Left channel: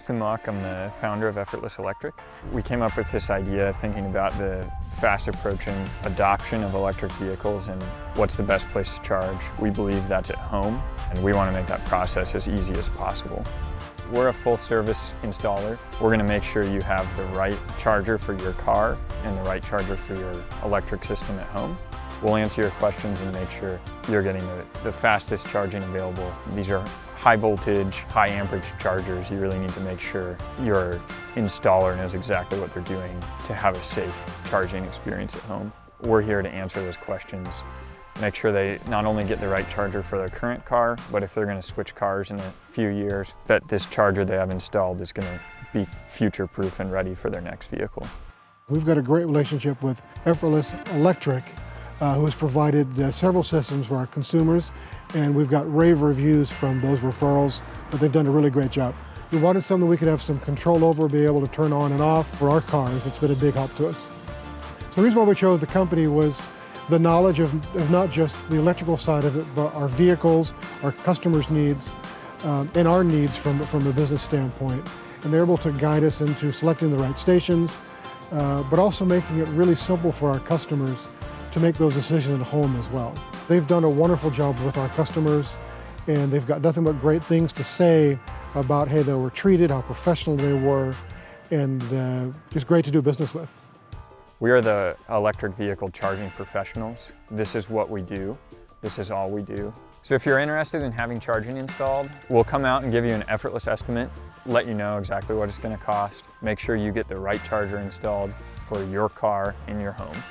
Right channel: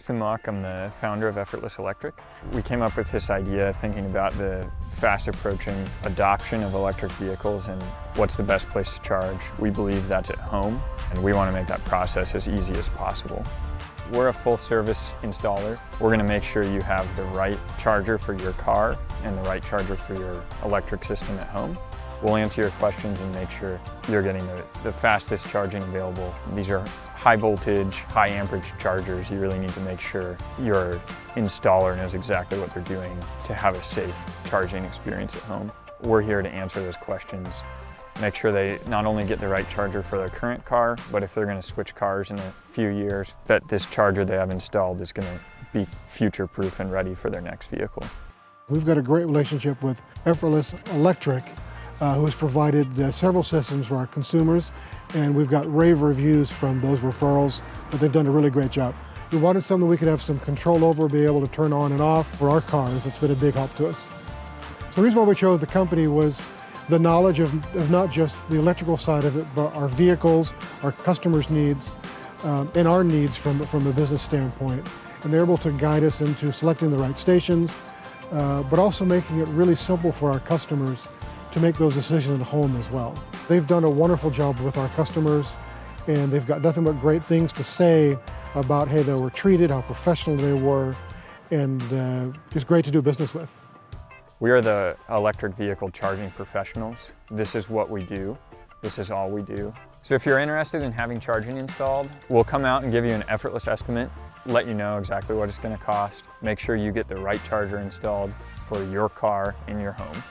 Justin Mock. I'm the founder of Effortless Electric. We came up with this idea thinking about the fast approaching adoption of electric vehicles and what's the best place to charge. We believe that's at home, and we want to make that process as easy as possible. We're a full service installer. We're going to make sure you have the right charger for your car and the right charger for your electric system at home. We'll answer your questions and make sure you're getting the fastest charging available. These are high voltage, high amperage chargers. You really need to make sure your installer knows exactly what they're doing to have a safe charging experience at home. We're here to answer those questions, make sure they not only get the right charger for their current car, but if they're going to switch cars in a few years, that this charger they have installed is going to be future-proof and ready for their next vehicle. We've got a great relationship with Effortless Electric, who has provided several systems for our consumers, and we've got rave reviews from those referrals that they've done a really great job. We wanted something we could have some control over, be able to turn on and off for our cars. It's been a big help to us. So the reason why we chose the company was the knowledge of not just the electrical side of it, but our vehicles, our customers' needs, and our needs from a business standpoint. And they're able to guide us into selecting the right stations, but also making it really simple for our customers to make those decisions at home as well. They've done a wonderful job with our customers, and they've got nothing but great things to say about how they were treated, how professional they were, and just great to do business with. We are the electric vehicle charging professionals. This is what we do. This is all we do. So if you're interested in having charging installed, we'll come out and give you an effortless estimate, let you know exactly what it's going to cost, make sure you get the right charger installed for your car in your home.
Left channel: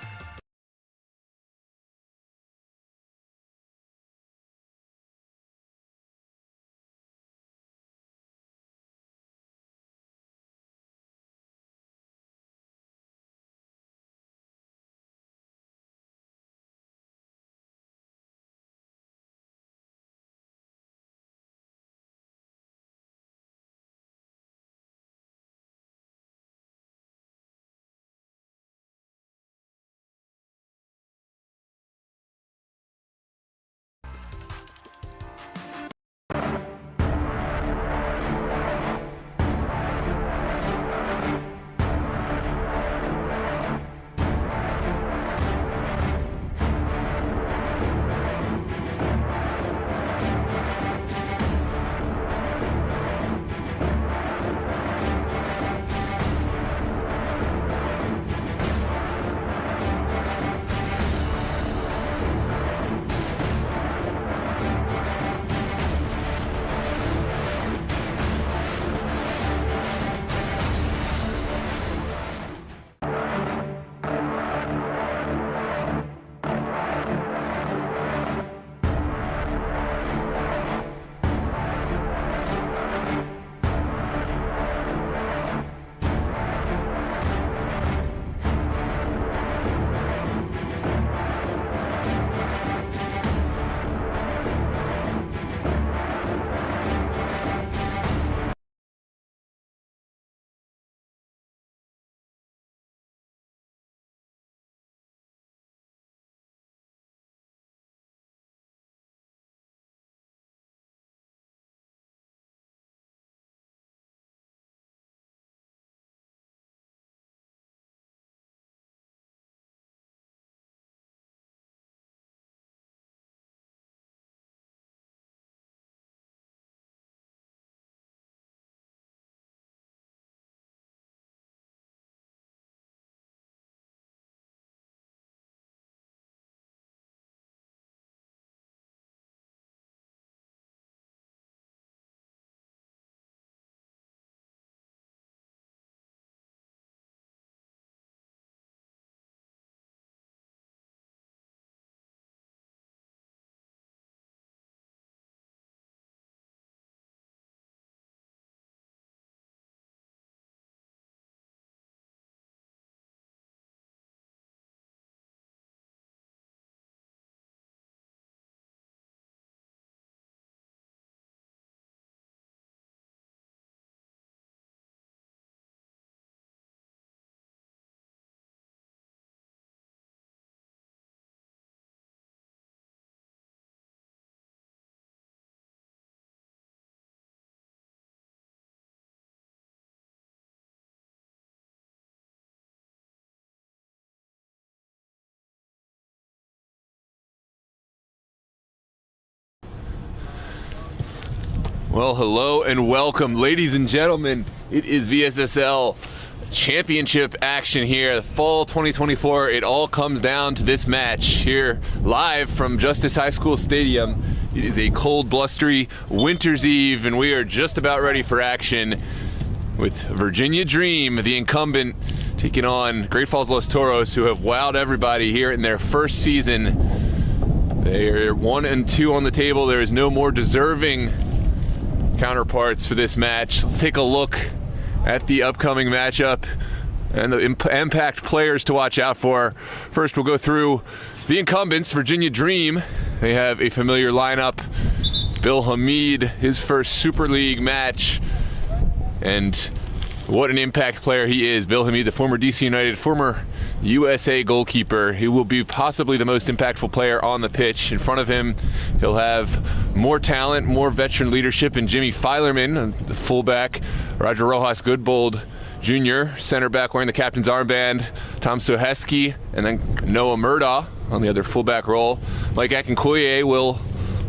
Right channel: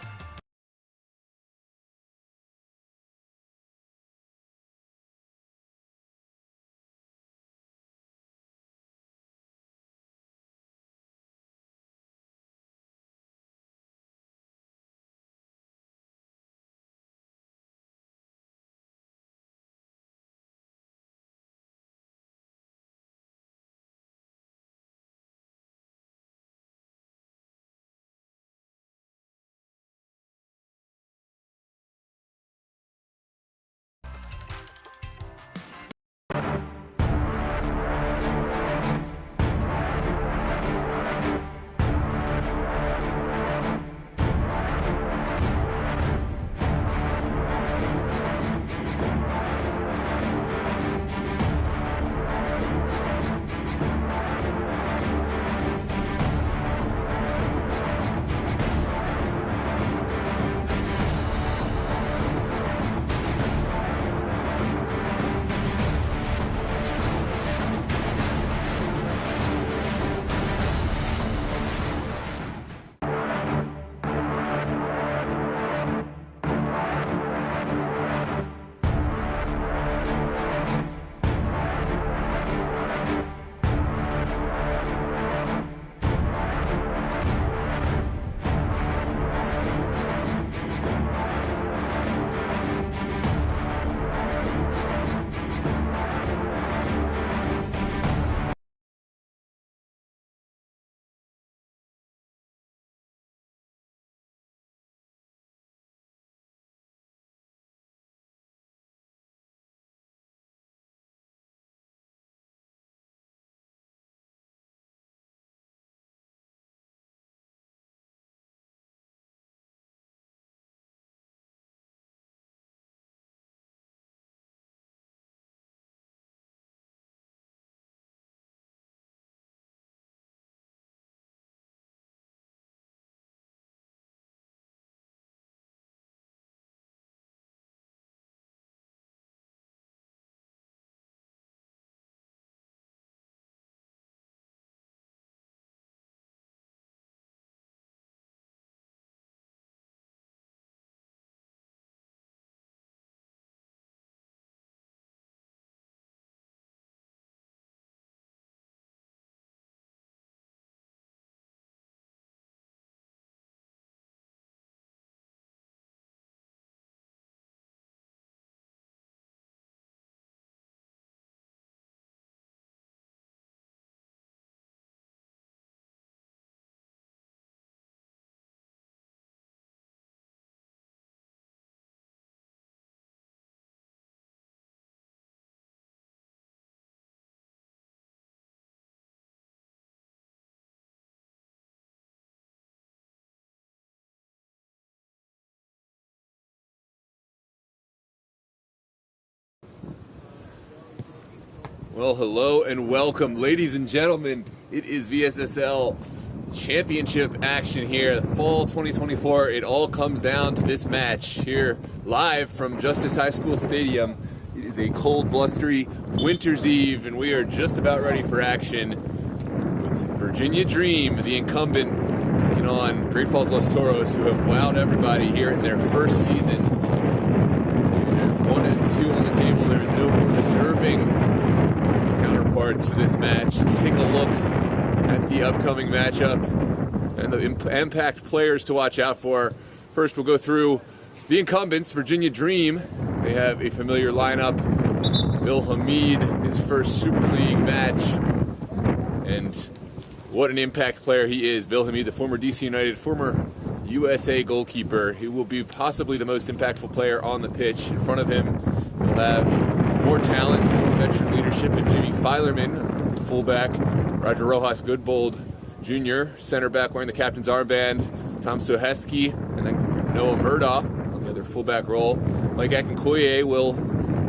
Well, hello and welcome, ladies and gentlemen. It is VSSL Championship action here, fall 2024. It all comes down to this match here, live from Justice High School Stadium. It is a cold, blustery winter's eve, and we are just about ready for action with Virginia Dream, the incumbent, taking on Great Falls Los Toros, who have wowed everybody here in their first season. They're 1-2 on the table. There is no more deserving counterparts for this match. Let's take a look at the upcoming matchup and the impact players to watch out for. First, we'll go through the incumbents, Virginia Dream. They have a familiar lineup. Bill Hamid, his first Super League match, and what an impact player he is. Bill Hamid, the former DC United, former USA goalkeeper. He will be possibly the most impactful player on the pitch. In front of him, he'll have more talent, more veteran leadership in Jimmy Filerman, the fullback, Roger Rojas Goodbold Jr., center back wearing the captain's armband, Tom Soheski, and then Noah Murdaugh on the other fullback role. Mike Akinkoye will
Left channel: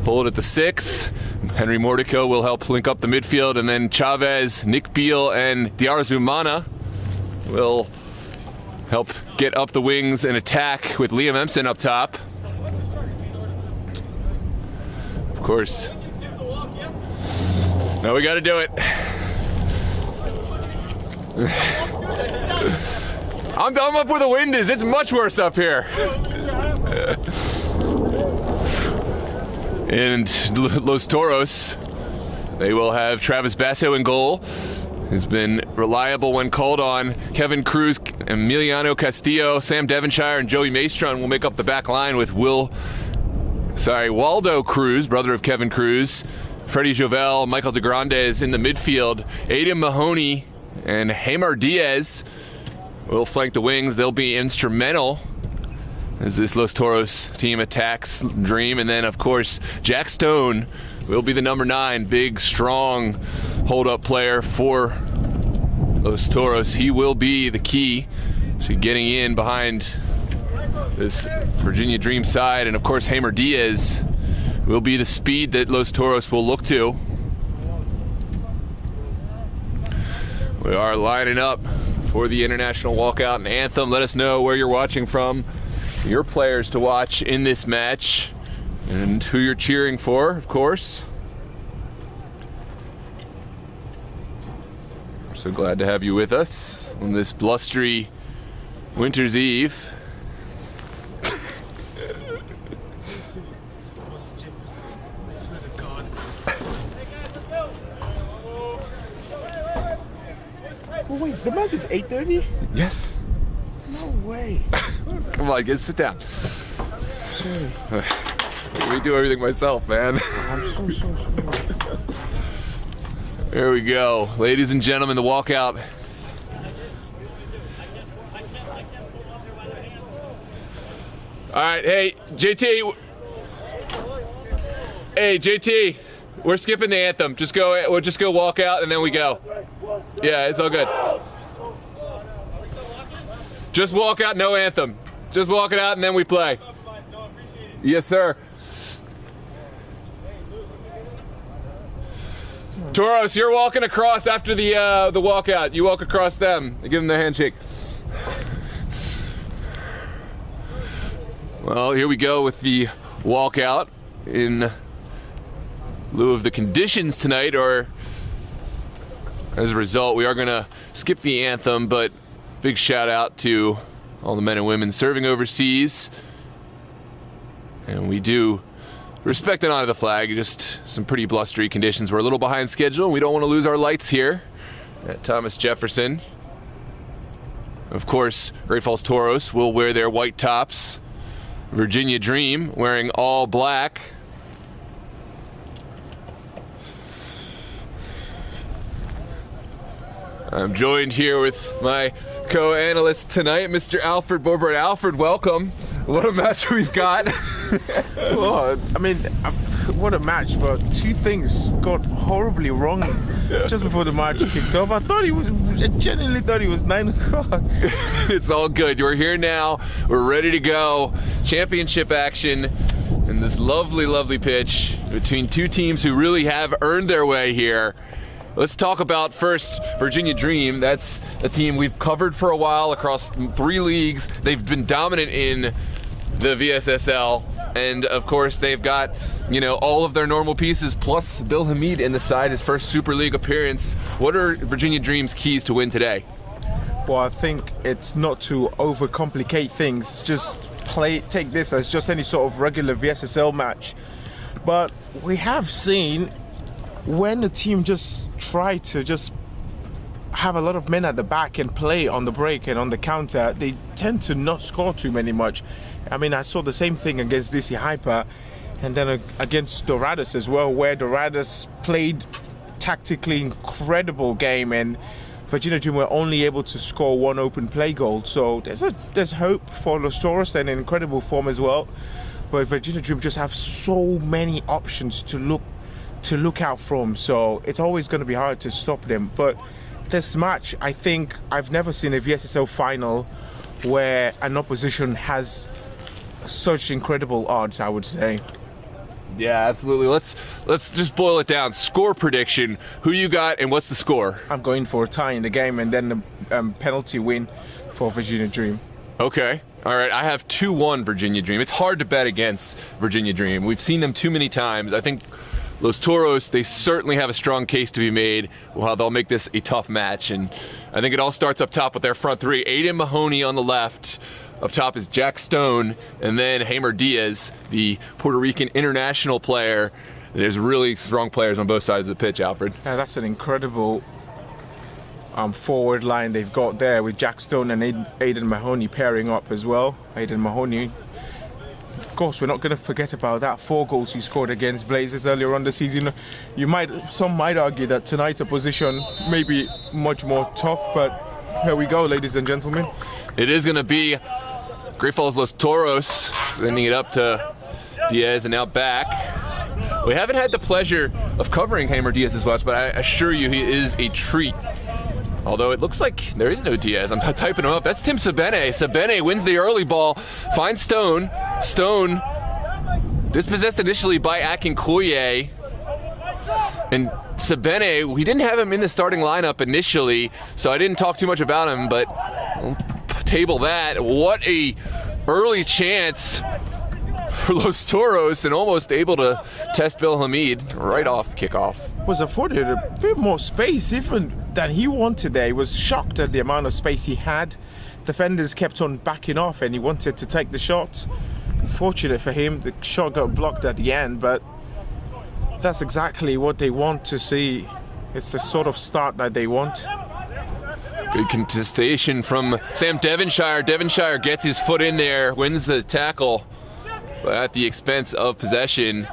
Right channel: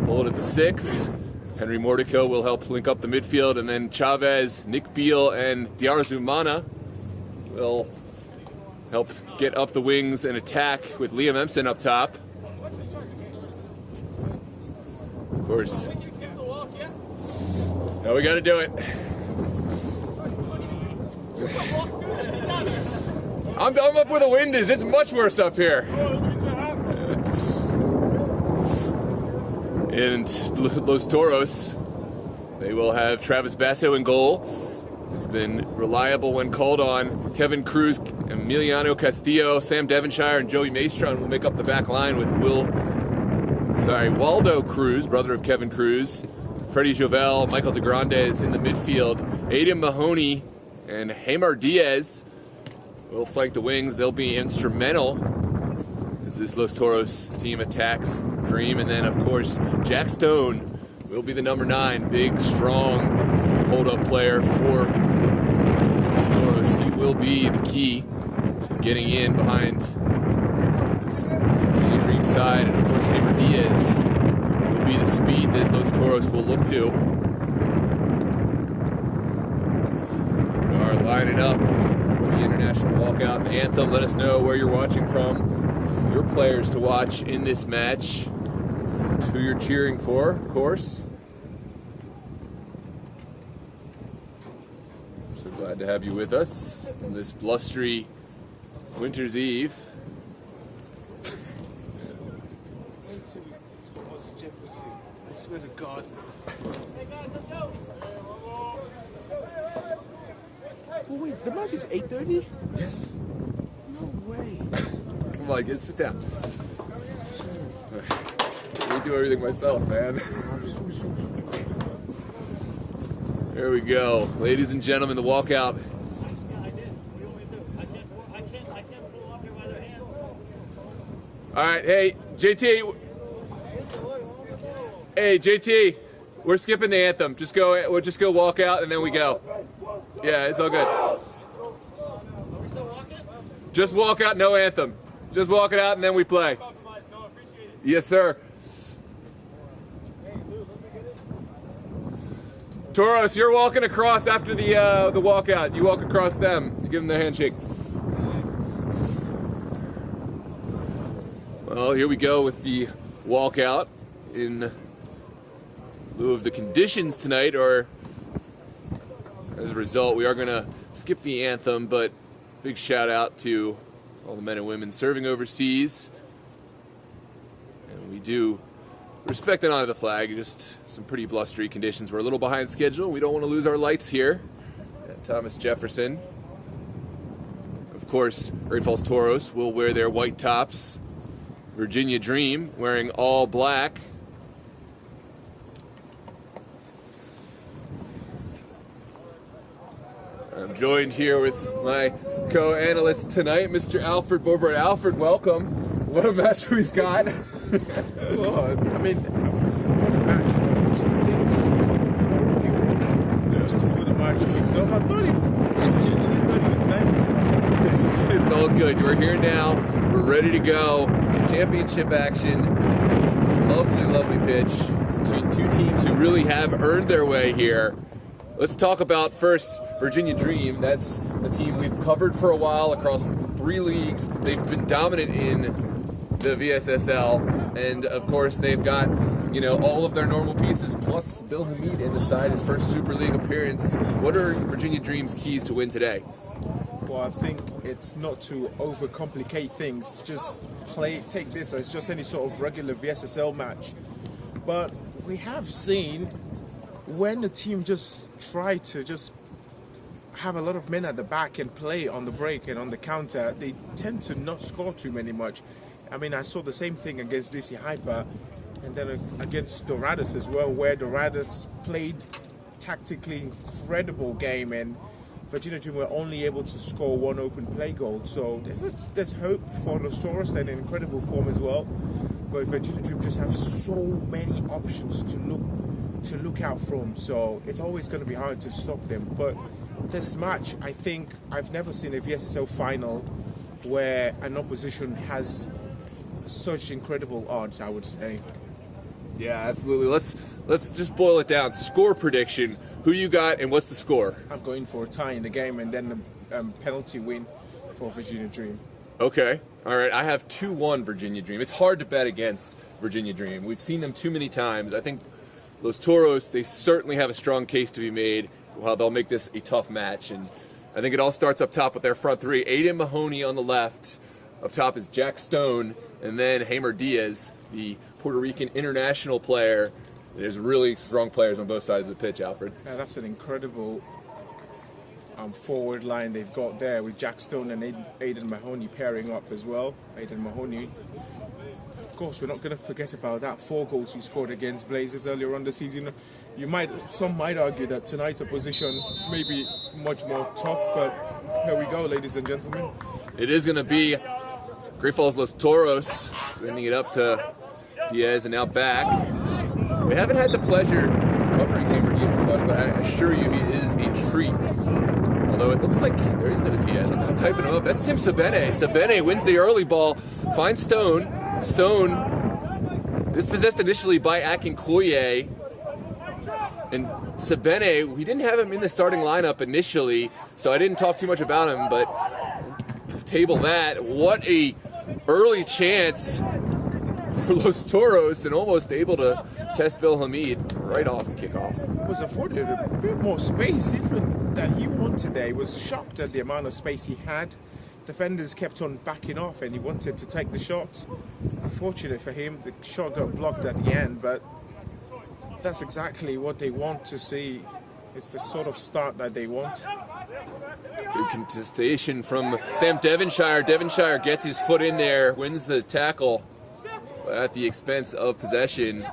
hold at the 6. Henry Mordico will help link up the midfield, and then Chavez, Nick Beal, and Diarzumana will help get up the wings and attack with Liam Empson up top. Of course. Now we gotta do it. I'm up where the wind is. It's much worse up here. And Los Toros, they will have Travis Basso in goal. Has been reliable when called on. Kevin Cruz, Emiliano Castillo, Sam Devonshire, and Joey Maestron will make up the back line with Waldo Cruz, brother of Kevin Cruz, Freddie Jovel, Michael DeGrandes in the midfield. Aiden Mahoney and Hamar Diaz will flank the wings. They'll be instrumental as this Los Toros team attacks Dream. And then, of course, Jack Stone will be the number 9, big, strong hold-up player for Los Toros. He will be the key to getting in behind this Virginia Dream side. And, of course, Hamar Diaz will be the speed that Los Toros will look to. We are lining up for the international walkout and anthem. Let us know where you're watching from, your players to watch in this match, and who you're cheering for, of course. We're so glad to have you with us on this blustery winter's eve. Oh, wait, the match is 8:30? Yes. No way. Come on, sit down. Sorry. We do everything myself, man. I'm so sorry. There we go. Ladies and gentlemen, the walkout. All right, hey, JT. Hey, JT, we're skipping the anthem. We'll just go walk out and then we go. Yeah, it's all good. Just walk out, no anthem. Just walk it out and then we play. Yes, sir. Toros, you're walking across after the walkout. You walk across them. You give them the handshake. Well, here we go with the walkout in lieu of the conditions tonight, or as a result, we are going to skip the anthem, but big shout out to all the men and women serving overseas. And we do respect and honor the flag. Just some pretty blustery conditions. We're a little behind schedule, and we don't want to lose our lights here at Thomas Jefferson. Of course, Great Falls Toros will wear their white tops. Virginia Dream wearing all black. I'm joined here with my co-analyst tonight, Mr. Alfred Bobert. Alfred, welcome. What a match we've got. Oh, I mean, what a match, but two things got horribly wrong just before the match kicked off. I genuinely thought he was 9 o'clock. It's all good. We're here now. We're ready to go. Championship action. And this lovely, lovely pitch. between two teams who really have earned their way here. Let's talk about first Virginia Dream. That's a team we've covered for a while across 3 leagues. They've been dominant in the VSSL, and of course they've got, you know, all of their normal pieces plus Bill Hamid in the side, his first Super League appearance. What are Virginia Dream's keys to win today? Well, I think it's not to overcomplicate things. Just take this as just any sort of regular VSSL match. But we have seen when the team just try to just have a lot of men at the back and play on the break and on the counter, they tend to not score too much. I mean, I saw the same thing against DC Hyper and then against Dorados as well, where Dorados played tactically incredible game and Virginia Dream were only able to score 1 open play goal. So there's hope for Los Toros and incredible form as well. But Virginia Dream just have so many options to look out from. So it's always going to be hard to stop them. But this match, I think I've never seen a VSSL final where an opposition has such incredible odds, I would say. Yeah, absolutely. Let's just boil it down. Score prediction. Who you got and what's the score? I'm going for a tie in the game and then a penalty win for Virginia Dream. Okay. All right. I have 2-1 Virginia Dream. It's hard to bet against Virginia Dream. We've seen them too many times. I think Los Toros, they certainly have a strong case to be made. Well, they'll make this a tough match. And I think it all starts up top with their front 3. Aiden Mahoney on the left. Up top is Jack Stone, and then Hamer Diaz, the Puerto Rican international player. There's really strong players on both sides of the pitch, Alfred. Yeah, that's an incredible forward line they've got there with Jack Stone and Aiden Mahoney pairing up as well. Aiden Mahoney, of course, we're not going to forget about that 4 goals he scored against Blazers earlier on the season. Some might argue that tonight's opposition may be much more tough, but here we go, ladies and gentlemen. It is going to be Great Falls Los Toros sending it up to Diaz and now back. We haven't had the pleasure of covering Hamer Diaz's watch, but I assure you he is a treat. Although it looks like there is no Diaz. I'm typing him up. That's Tim Sabene. Sabene wins the early ball, finds Stone. Stone dispossessed initially by Akinkoye. And Sabene, we didn't have him in the starting lineup initially, so I didn't talk too much about him, but we'll table that. What a early chance for Los Toros, and almost able to test Bill Hamid right off the kickoff. Was afforded a bit more space even than he wanted there. He was shocked at the amount of space he had. Defenders kept on backing off and he wanted to take the shot. Fortunate for him, the shot got blocked at the end, but that's exactly what they want to see. It's the sort of start that they want. Good contestation from Sam Devonshire. Devonshire gets his foot in there, wins the tackle, but at the expense of possession.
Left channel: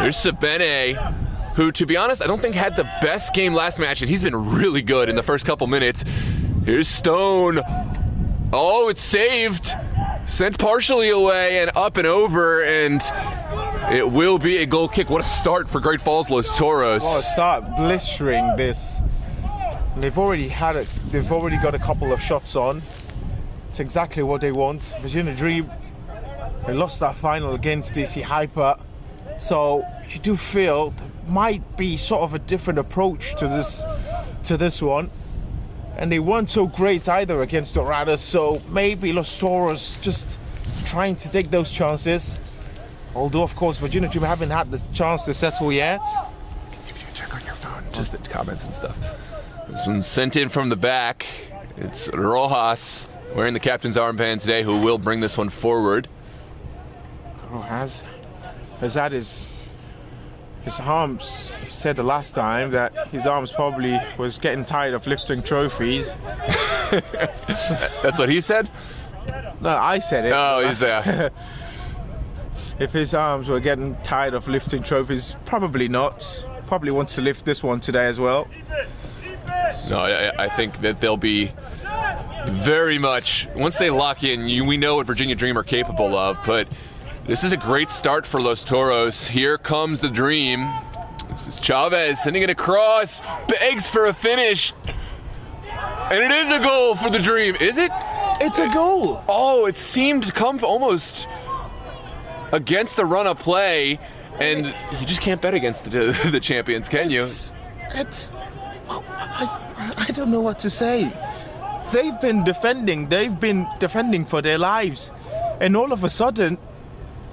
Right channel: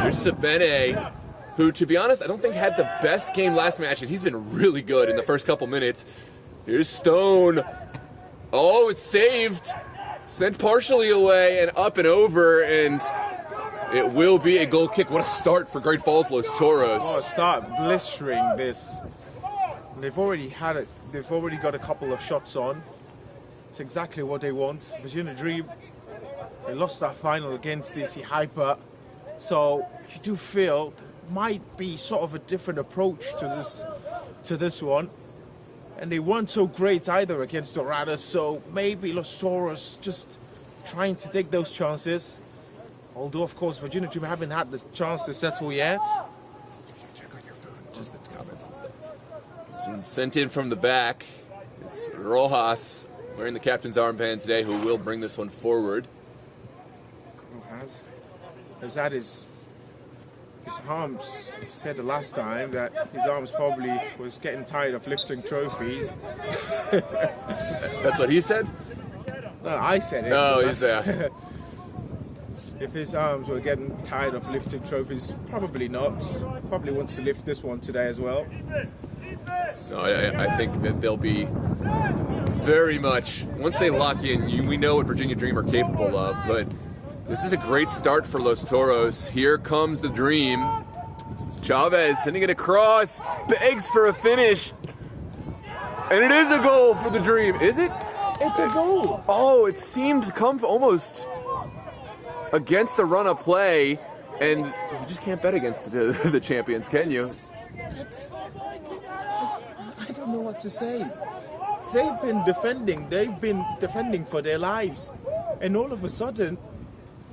There's Sabene, who, to be honest, I don't think had the best game last match, and he's been really good in the first couple minutes. Here's Stone. Oh, it's saved. Sent partially away and up and over, and it will be a goal kick. What a start for Great Falls Los Toros. What a start, blistering this. They've already got a couple of shots on. It's exactly what they want. Virginia Dream, they lost that final against DC Hyper, so you do feel there might be sort of a different approach to this one. And they weren't so great either against Dorados, so maybe Los Toros just trying to take those chances. Although, of course, Virginia Dream haven't had the chance to settle yet. You should check on your phone, just the comments and stuff. This one's sent in from the back. It's Rojas wearing the captain's armband today, who will bring this one forward. Rojas has had his arms. He said the last time that his arms probably was getting tired of lifting trophies. That's what he said? No, I said it. Oh, he said. If his arms were getting tired of lifting trophies, probably not. Probably wants to lift this one today as well. No, I think that they'll be very much, once they lock in, we know what Virginia Dream are capable of, but this is a great start for Los Toros. Here comes the Dream. This is Chavez sending it across, begs for a finish, and it is a goal for the Dream. Is it? It's a goal. Oh, it seemed to come almost against the run of play, and you just can't bet against the champions, can you? I don't know what to say. They've been defending for their lives, and all of a sudden,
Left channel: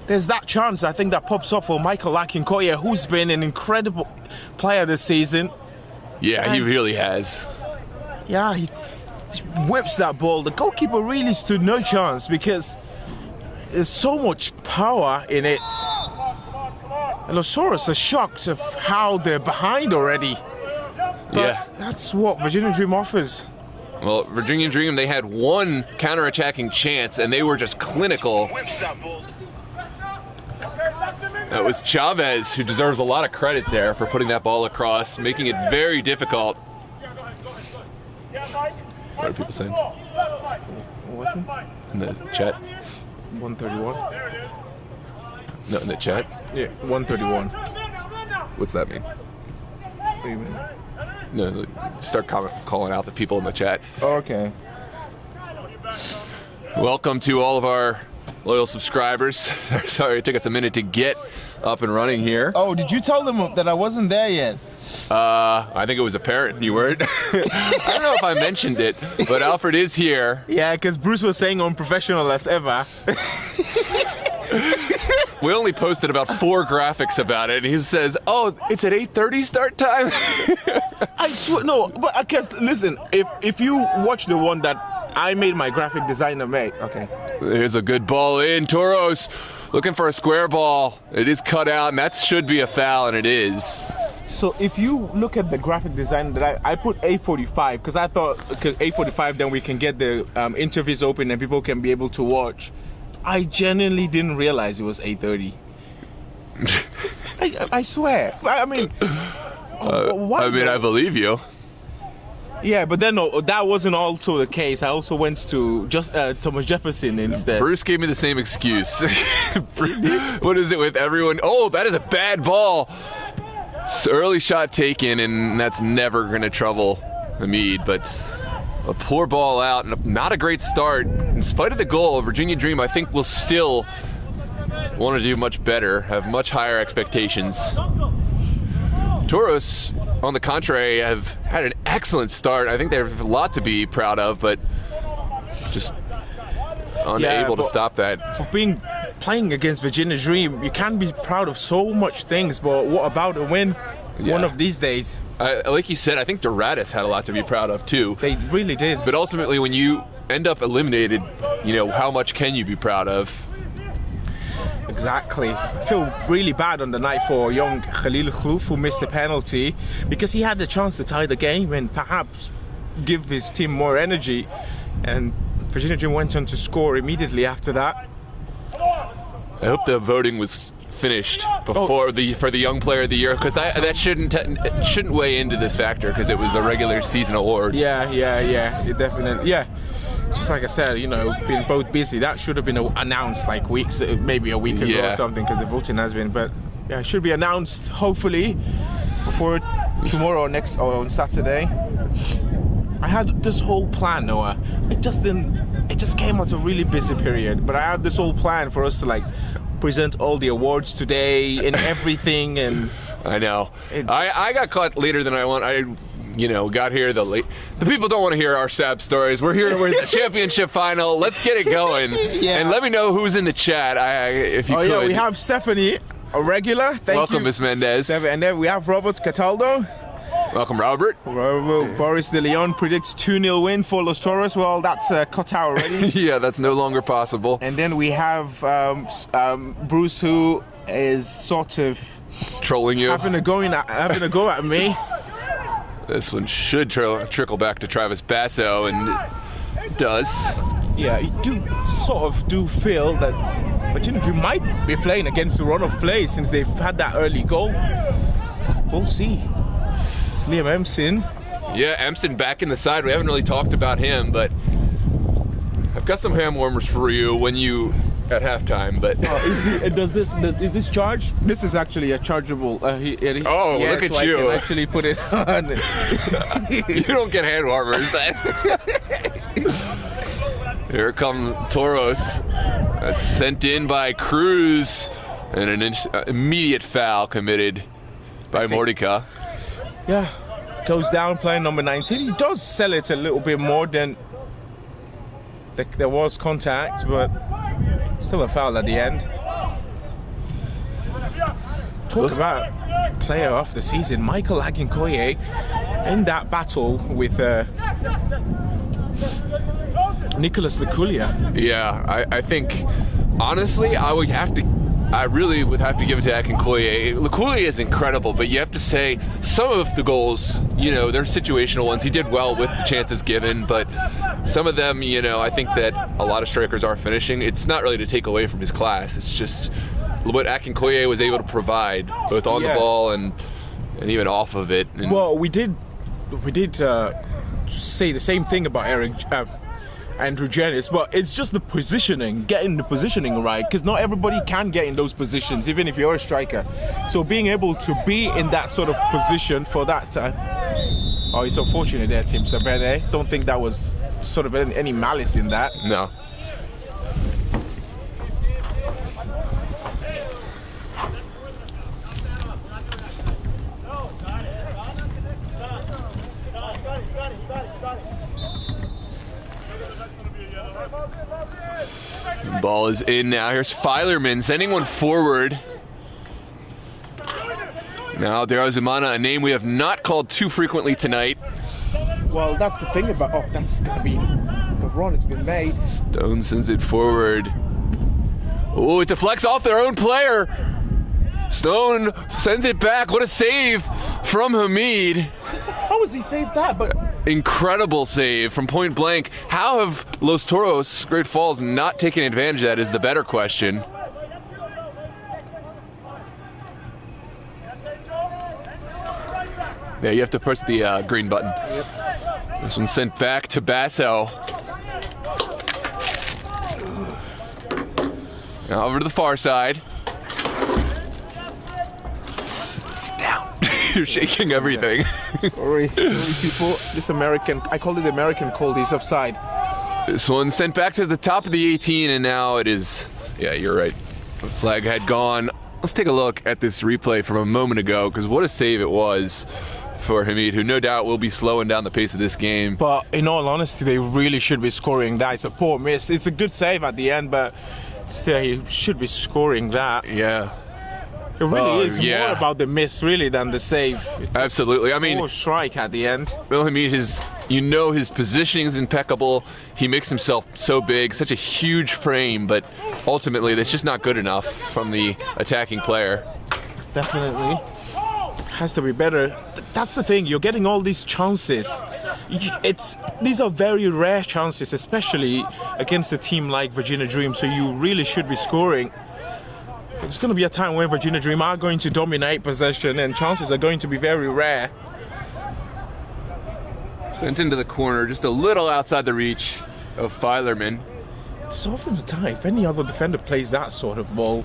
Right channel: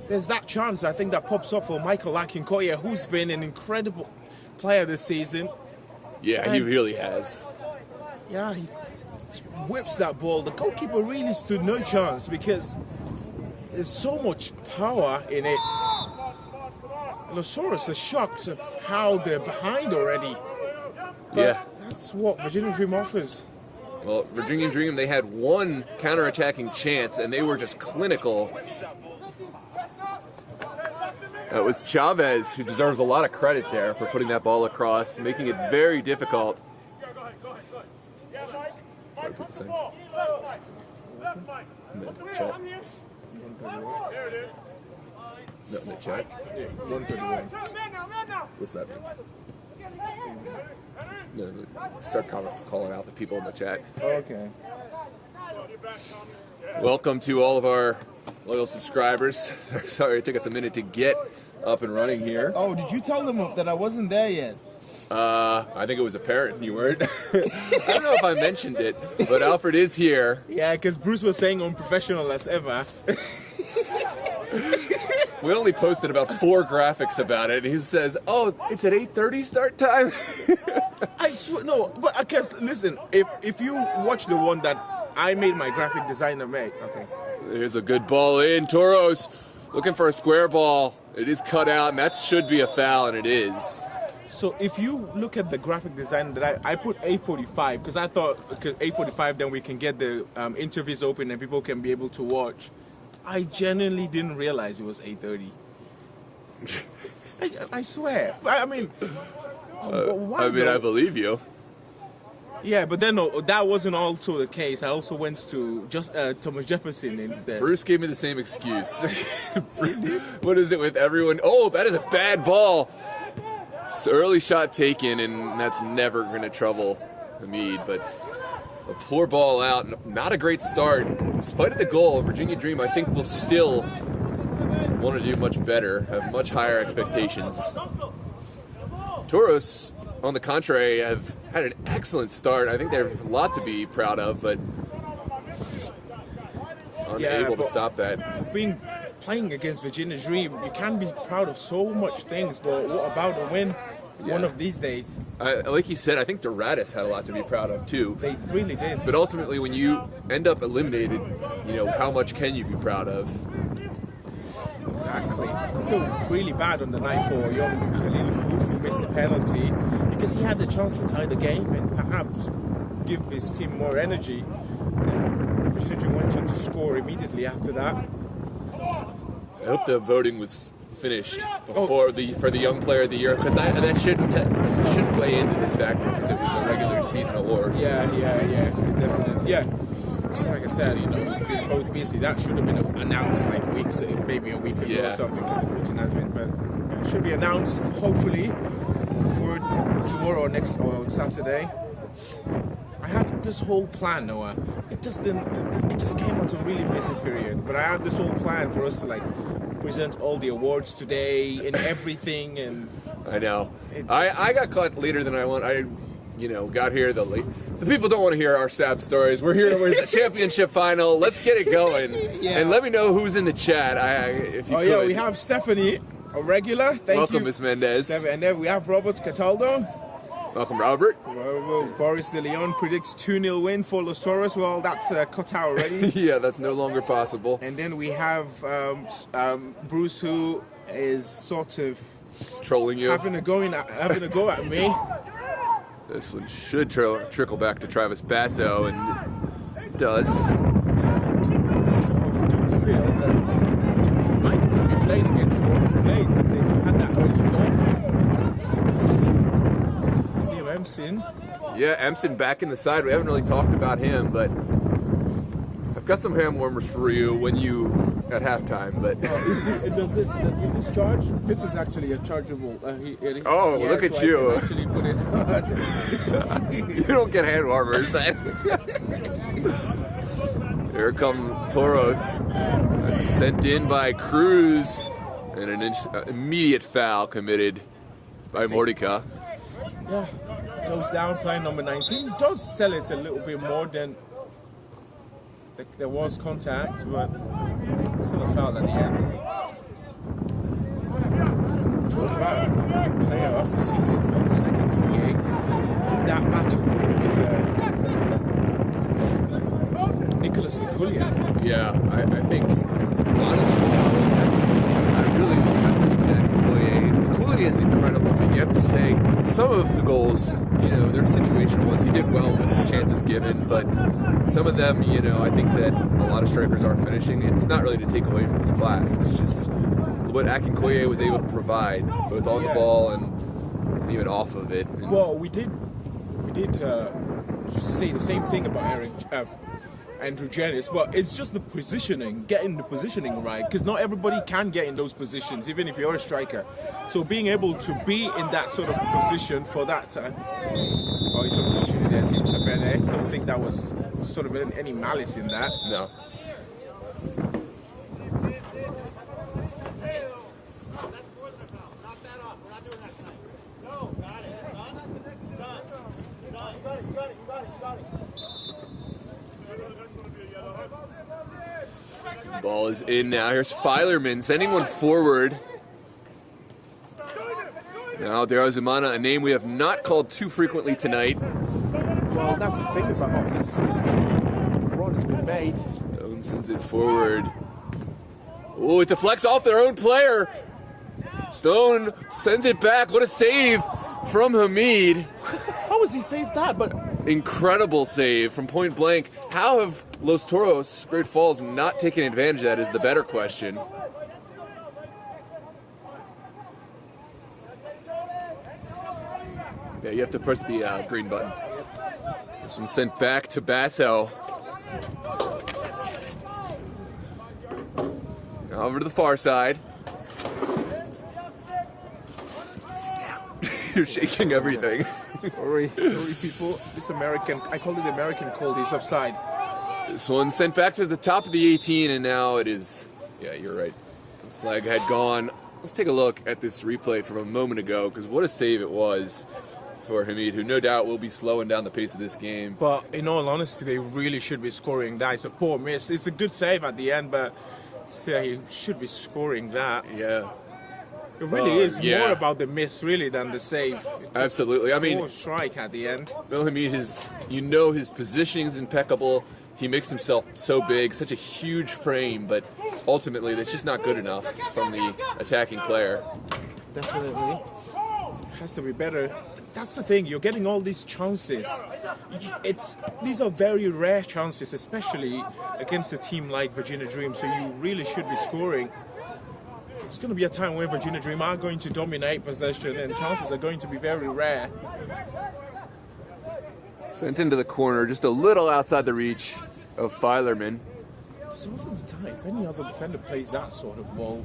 there's that chance I think that pops up for Michael Akinkoya, who's been an incredible player this season. Yeah, he really has. Yeah, he whips that ball. The goalkeeper really stood no chance because there's so much power in it. And Los Toros are shocked of how they're behind already. But yeah, that's what Virginia Dream offers. Well, Virginia Dream, they had one counter-attacking chance, and they were just clinical. That was Chavez, who deserves a lot of credit there for putting that ball across, making it very difficult. What are people saying? What's it? In the chat? 131. No, in the chat? Yeah, 131. What's that mean? What do you mean? No, like, start calling out the people in the chat. Oh, okay. Welcome to all of our loyal subscribers. Sorry, it took us a minute to get up and running here. Oh, did you tell them that I wasn't there yet? I think it was apparent you weren't. I don't know if I mentioned it, but Alfred is here. Yeah, because Bruce was saying unprofessional as ever. We only posted about 4 graphics about it, and he says, "Oh, it's at 8:30 start time." I swear, no, but I guess listen. If you watch the one that I made my graphic designer make, okay. There's a good ball in. Toros looking for a square ball. It is cut out, and that should be a foul, and it is. So if you look at the graphic design that I put 8:45 because I thought 8:45 then we can get the interviews open and people can be able to watch. I genuinely didn't realize it was 8:30. I swear. I mean, why? I mean, I believe you. Yeah, but then no, that wasn't also the case. I also went to just Thomas Jefferson instead. Bruce gave me the same excuse. What is it with everyone? Oh, that is a bad ball. Early shot taken, and that's never going to trouble Hamid, but a poor ball out and not a great start. In spite of the goal, Virginia Dream, I think, will still want to do much better, have much higher expectations. Toros, on the contrary, have had an excellent start. I think they have a lot to be proud of, but just unable to stop that. Playing against Virginia Dream, you can be proud of so much things, but what about a win one of these days? Like you said, I think Doratus had a lot to be proud of too. They really did. But ultimately, when you end up eliminated, you know, how much can you be proud of? Exactly. I feel really bad on the night for young Khalil Khlouf, who missed the penalty, because he had the chance to tie the game and perhaps give his team more energy. And Virginia Dream went on to score immediately after that. I hope the voting was finished before for the Young Player of the Year, because that shouldn't weigh into this factor, because it was a regular season award. Yeah, it definitely. Yeah, just like I said, you know, been both busy. That should have been announced like maybe a week ago or something, because the voting has been. But yeah, it should be announced hopefully for tomorrow or on Saturday. I had this whole plan, Noah. It just came out a really busy period, but I had this whole plan for us to like present all the awards today and everything, and I know. I got caught later than I want. I got here the people don't want to hear our sad stories. We're here with the championship final. Let's get it going. And let me know who's in the chat if you could. Yeah, we have Stephanie, a regular. Thank you. Welcome, Miss Mendez. And then we have Robert Cataldo. Welcome, Robert. Boris De Leon predicts 2-0 win for Los Toros. Well, that's cut out already. Yeah, that's no longer possible. And then we have Bruce, who is sort of trolling you, having a go at me. This one should trickle back to Travis Basso, and it does. Yeah, you do feel that Virginia Dream might be playing against the run of play since they've had that early goal. We'll see. Liam Empson. Yeah, Empson back in the side. We haven't really talked about him, but I've got some ham warmers for you at halftime. But is this charged? This is actually a chargeable. Look at you! I can actually put it on. You don't get hand warmers. Here come Toros. That's sent in by Cruz, and an immediate foul committed by Mordika. Yeah, goes down playing number 19. He does sell it a little bit more than there was contact, but still a foul at the end. Talk about player of the season, Michael Akinkoye, in that battle with Nicholas Luculia. Yeah, I think, honestly, I really would have to give it to Akinkoye. Luculia is incredible, but you have to say some of the goals, you know, they're situational ones. He did well with the chances given, but some of them, you know, I think that a lot of strikers are finishing. It's not really to take away from his class. It's just what Akinkoye was able to provide, both on the ball and even off of it. And well, we did say the same thing about Andrew Janis, but it's just the positioning, getting the positioning right, because not everybody can get in those positions, even if you're a striker. So being able to be in that sort of position for that time. Oh, it's unfortunate there, Team Sapede. Don't think that was sort of any malice in that. No. Ball is in now. Here's Filerman sending one forward. Now Derazumana, a name we have not called too frequently tonight. Well, that's the thing about that's going to be the run has been made. Stone sends it forward. Oh, it deflects off their own player. Stone sends it back. What a save from Hamid. How has he saved that? But incredible save from point blank. How have Los Toros, Great Falls, not taken advantage of that is the better question. Yeah, you have to push the green button. Yep. This one's sent back to Basso. Now over to the far side. Sit down. You're shaking everything. Sorry, people. This American, I call it American cold, he's offside. This one sent back to the top of the 18, and now it is, yeah, you're right. The flag had gone. Let's take a look at this replay from a moment ago, because what a save it was for Hamid, who no doubt will be slowing down the pace of this game. But in all honesty, they really should be scoring that. It's a poor miss. It's a good save at the end, but still, he should be scoring that. Yeah. It really is more about the miss, really, than the save. It's absolutely. I mean, poor strike at the end. Well, Hamid, his positioning is impeccable. He makes himself so big, such a huge frame, but ultimately, that's just not good enough from the attacking player. Definitely. Has to be better. That's the thing, you're getting all these chances. These are very rare chances, especially against a team like Virginia Dream, so you really should be scoring. It's going to be a time where Virginia Dream are going to dominate possession and chances are going to be very rare. Sent into the corner, just a little outside the reach of Filerman. So often the time, if any other defender plays that sort of ball,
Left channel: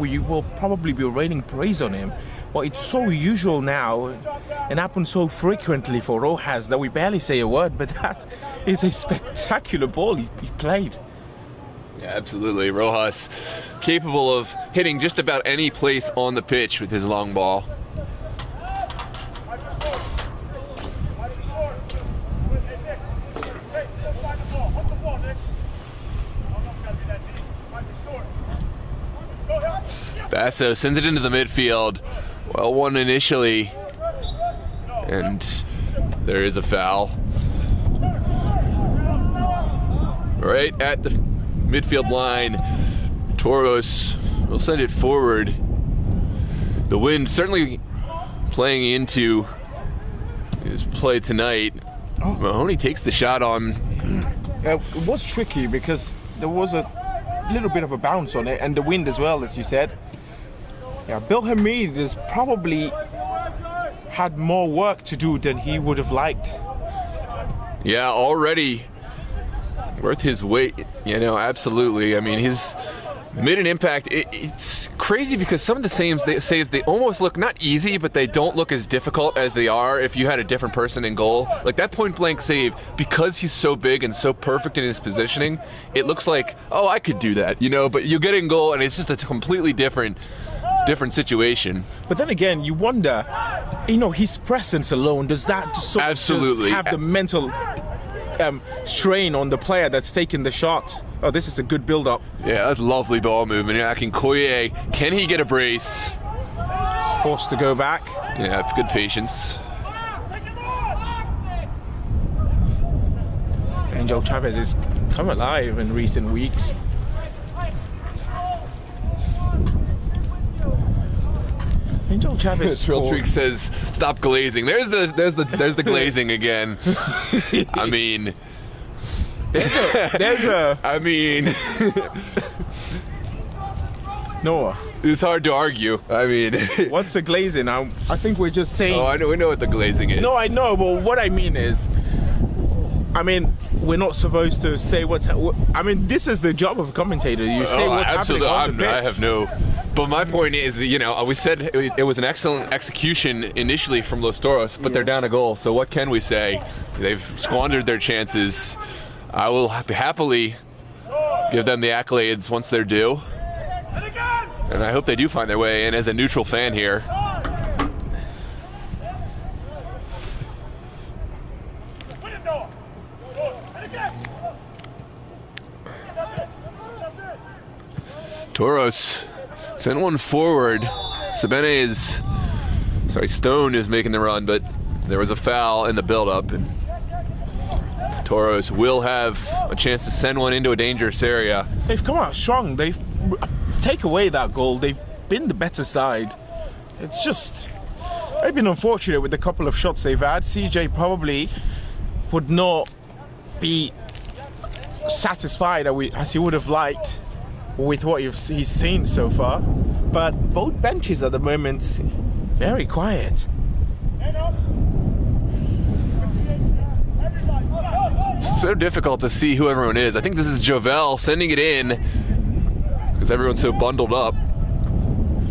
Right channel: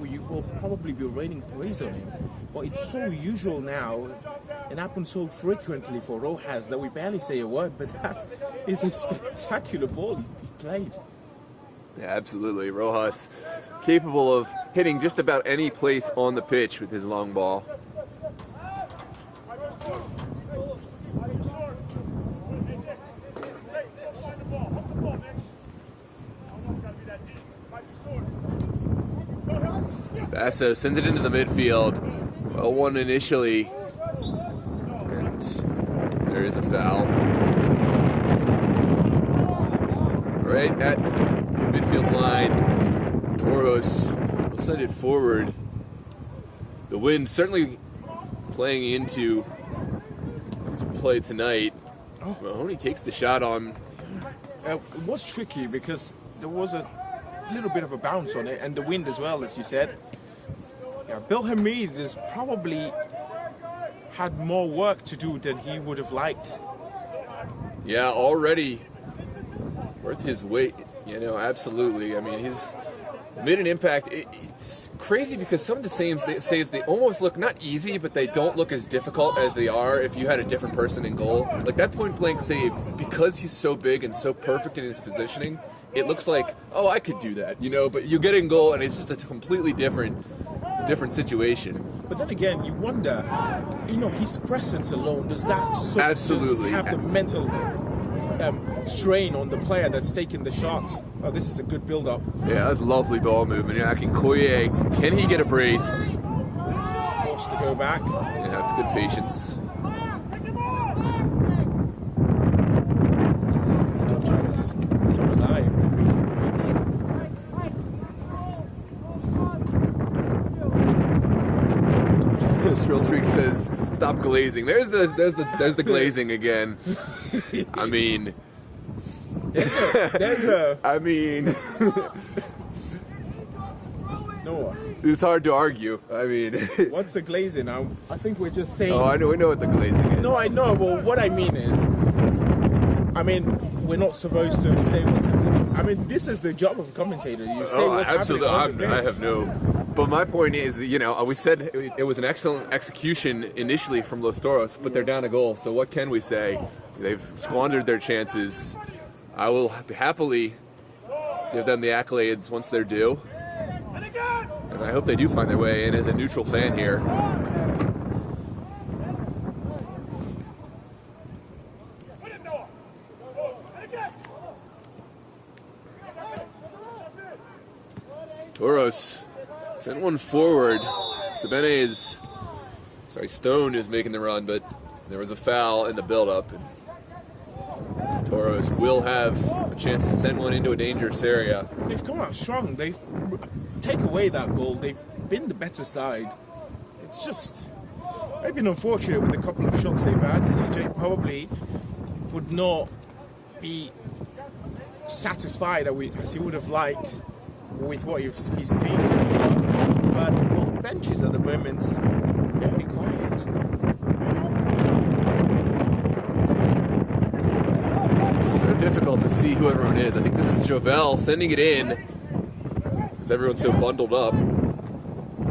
we will probably be raining praise on him. But it's so usual now and happens so frequently for Rojas that we barely say a word, but that is a spectacular ball he played. Yeah, absolutely. Rojas capable of hitting just about any place on the pitch with his long ball. Basso sends it into the midfield. Well won initially, and there is a foul. Right at the midfield line, Toros will send it forward. The wind certainly playing into his play tonight. Mahoney takes the shot on. It was tricky because there was a little bit of a bounce on it, and the wind as well, as you said. Yeah, Bill Hamid has probably had more work to do than he would have liked. Yeah, already worth his weight, you know, absolutely. I mean, Made an impact. It's crazy because some of the saves they almost look not easy, but they don't look as difficult as they are if you had a different person in goal. Like that point blank save, because he's so big and so perfect in his positioning, it looks like, oh, I could do that, you know, but you get in goal and it's just a completely different situation. But then again, you wonder, you know, his presence alone, does that Absolutely just have the mental strain on the player that's taking the shot? Oh, this is a good build-up. Yeah, that's lovely ball movement. Akinkoye, can he get a brace? He's forced to go back. Yeah, good patience. Angel Chavez has come alive in recent weeks. Angel Chavez. Trill Treek says, "Stop glazing." There's the glazing again. I mean. There's a I mean, Noah. it's hard to argue. I mean, What's the glazing? I think we're just saying. oh, I know. We know what the glazing is. No, I know, but what I mean is, I mean, we're not supposed to say I mean, this is the job of a commentator. You say what's absolutely. happening on the I pitch. have no. But my point is, you know, we said it was an excellent execution initially from Los Toros, but they're down a goal. So what can we say? They've squandered their chances. I will happily give them the accolades once they're due. And I hope they do find their way in as a neutral fan here. Toros sent one forward. Stone is making the run, but there was a foul in the build-up. And Toros will have a chance to send one into a dangerous area. They've come out strong. They've take away that goal. They've been the better side. It's just they've been unfortunate with the couple of shots they've had. CJ probably would not be satisfied as he would have liked with what he's seen so far. But both benches at the moment very quiet. It's so difficult to see who everyone is. I think this is Jovel sending it in because everyone's so bundled up.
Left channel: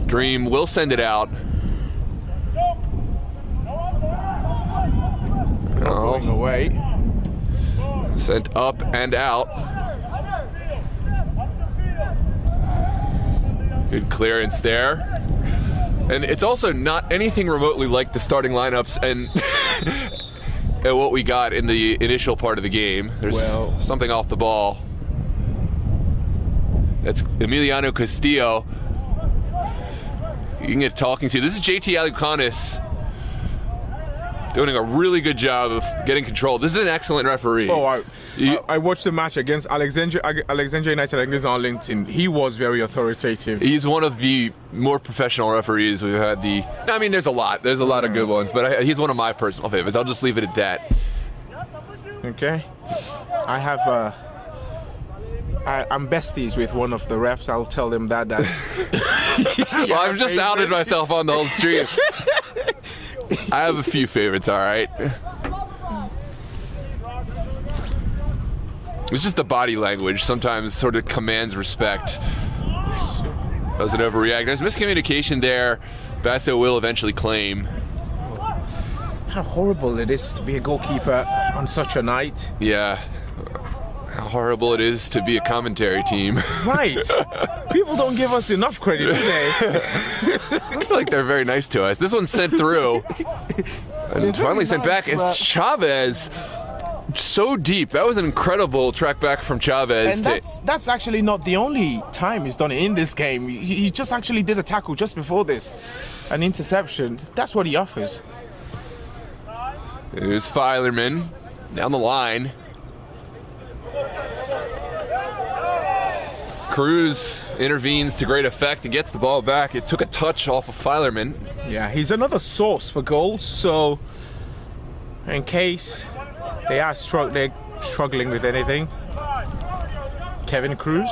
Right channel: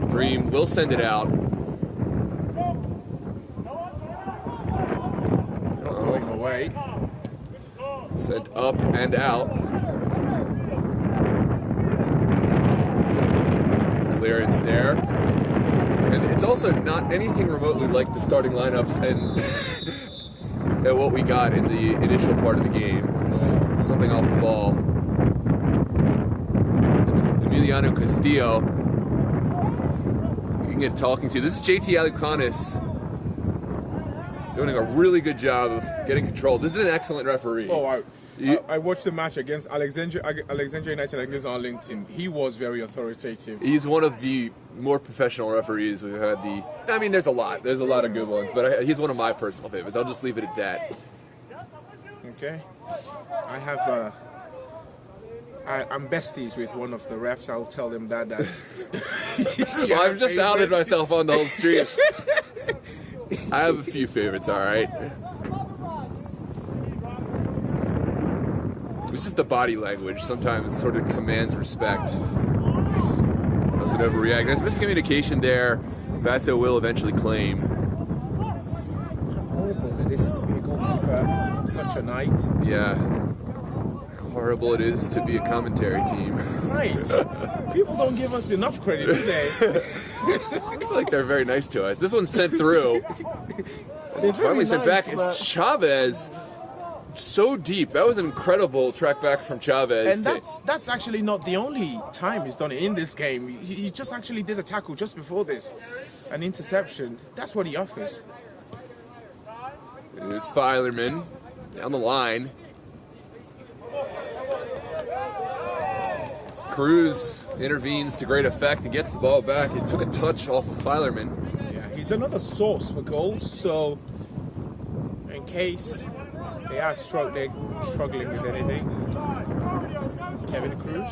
Dream will send it out. Going away. Sent up and out. Good clearance there. And it's also not anything remotely like the starting lineups and and what we got in the initial part of the game. There's something off the ball. That's Emiliano Castillo. You can get talking to. This is JT Alucanis doing a really good job of getting control. This is an excellent referee. Oh, I watched the match against Alexandria United against Arlington. He was very authoritative. He's one of the more professional referees we've had. I mean, there's a lot of good ones, but he's one of my personal favorites. I'll just leave it at that. Okay. I have I'm besties with one of the refs. I'll tell him that. Well, I've just outed myself on the whole stream. I have a few favorites, all right. It's just the body language sometimes sort of commands respect. Doesn't overreact. There's miscommunication there. Basso will eventually claim. How horrible it is to be a goalkeeper on such a night. Yeah. How horrible it is to be a commentary team. Right. People don't give us enough credit, do they? I feel like they're very nice to us. This one's sent through. And finally sent back. It's Chavez. So deep. That was an incredible track back from Chavez. And that's actually not the only time he's done it in this game. He just actually did a tackle just before this. An interception. That's what he offers. Here's Filerman down the line. Cruz intervenes to great effect and gets the ball back. It took a touch off of Filerman. Yeah, he's another source for goals. So in case they are struggling with anything, Kevin Cruz.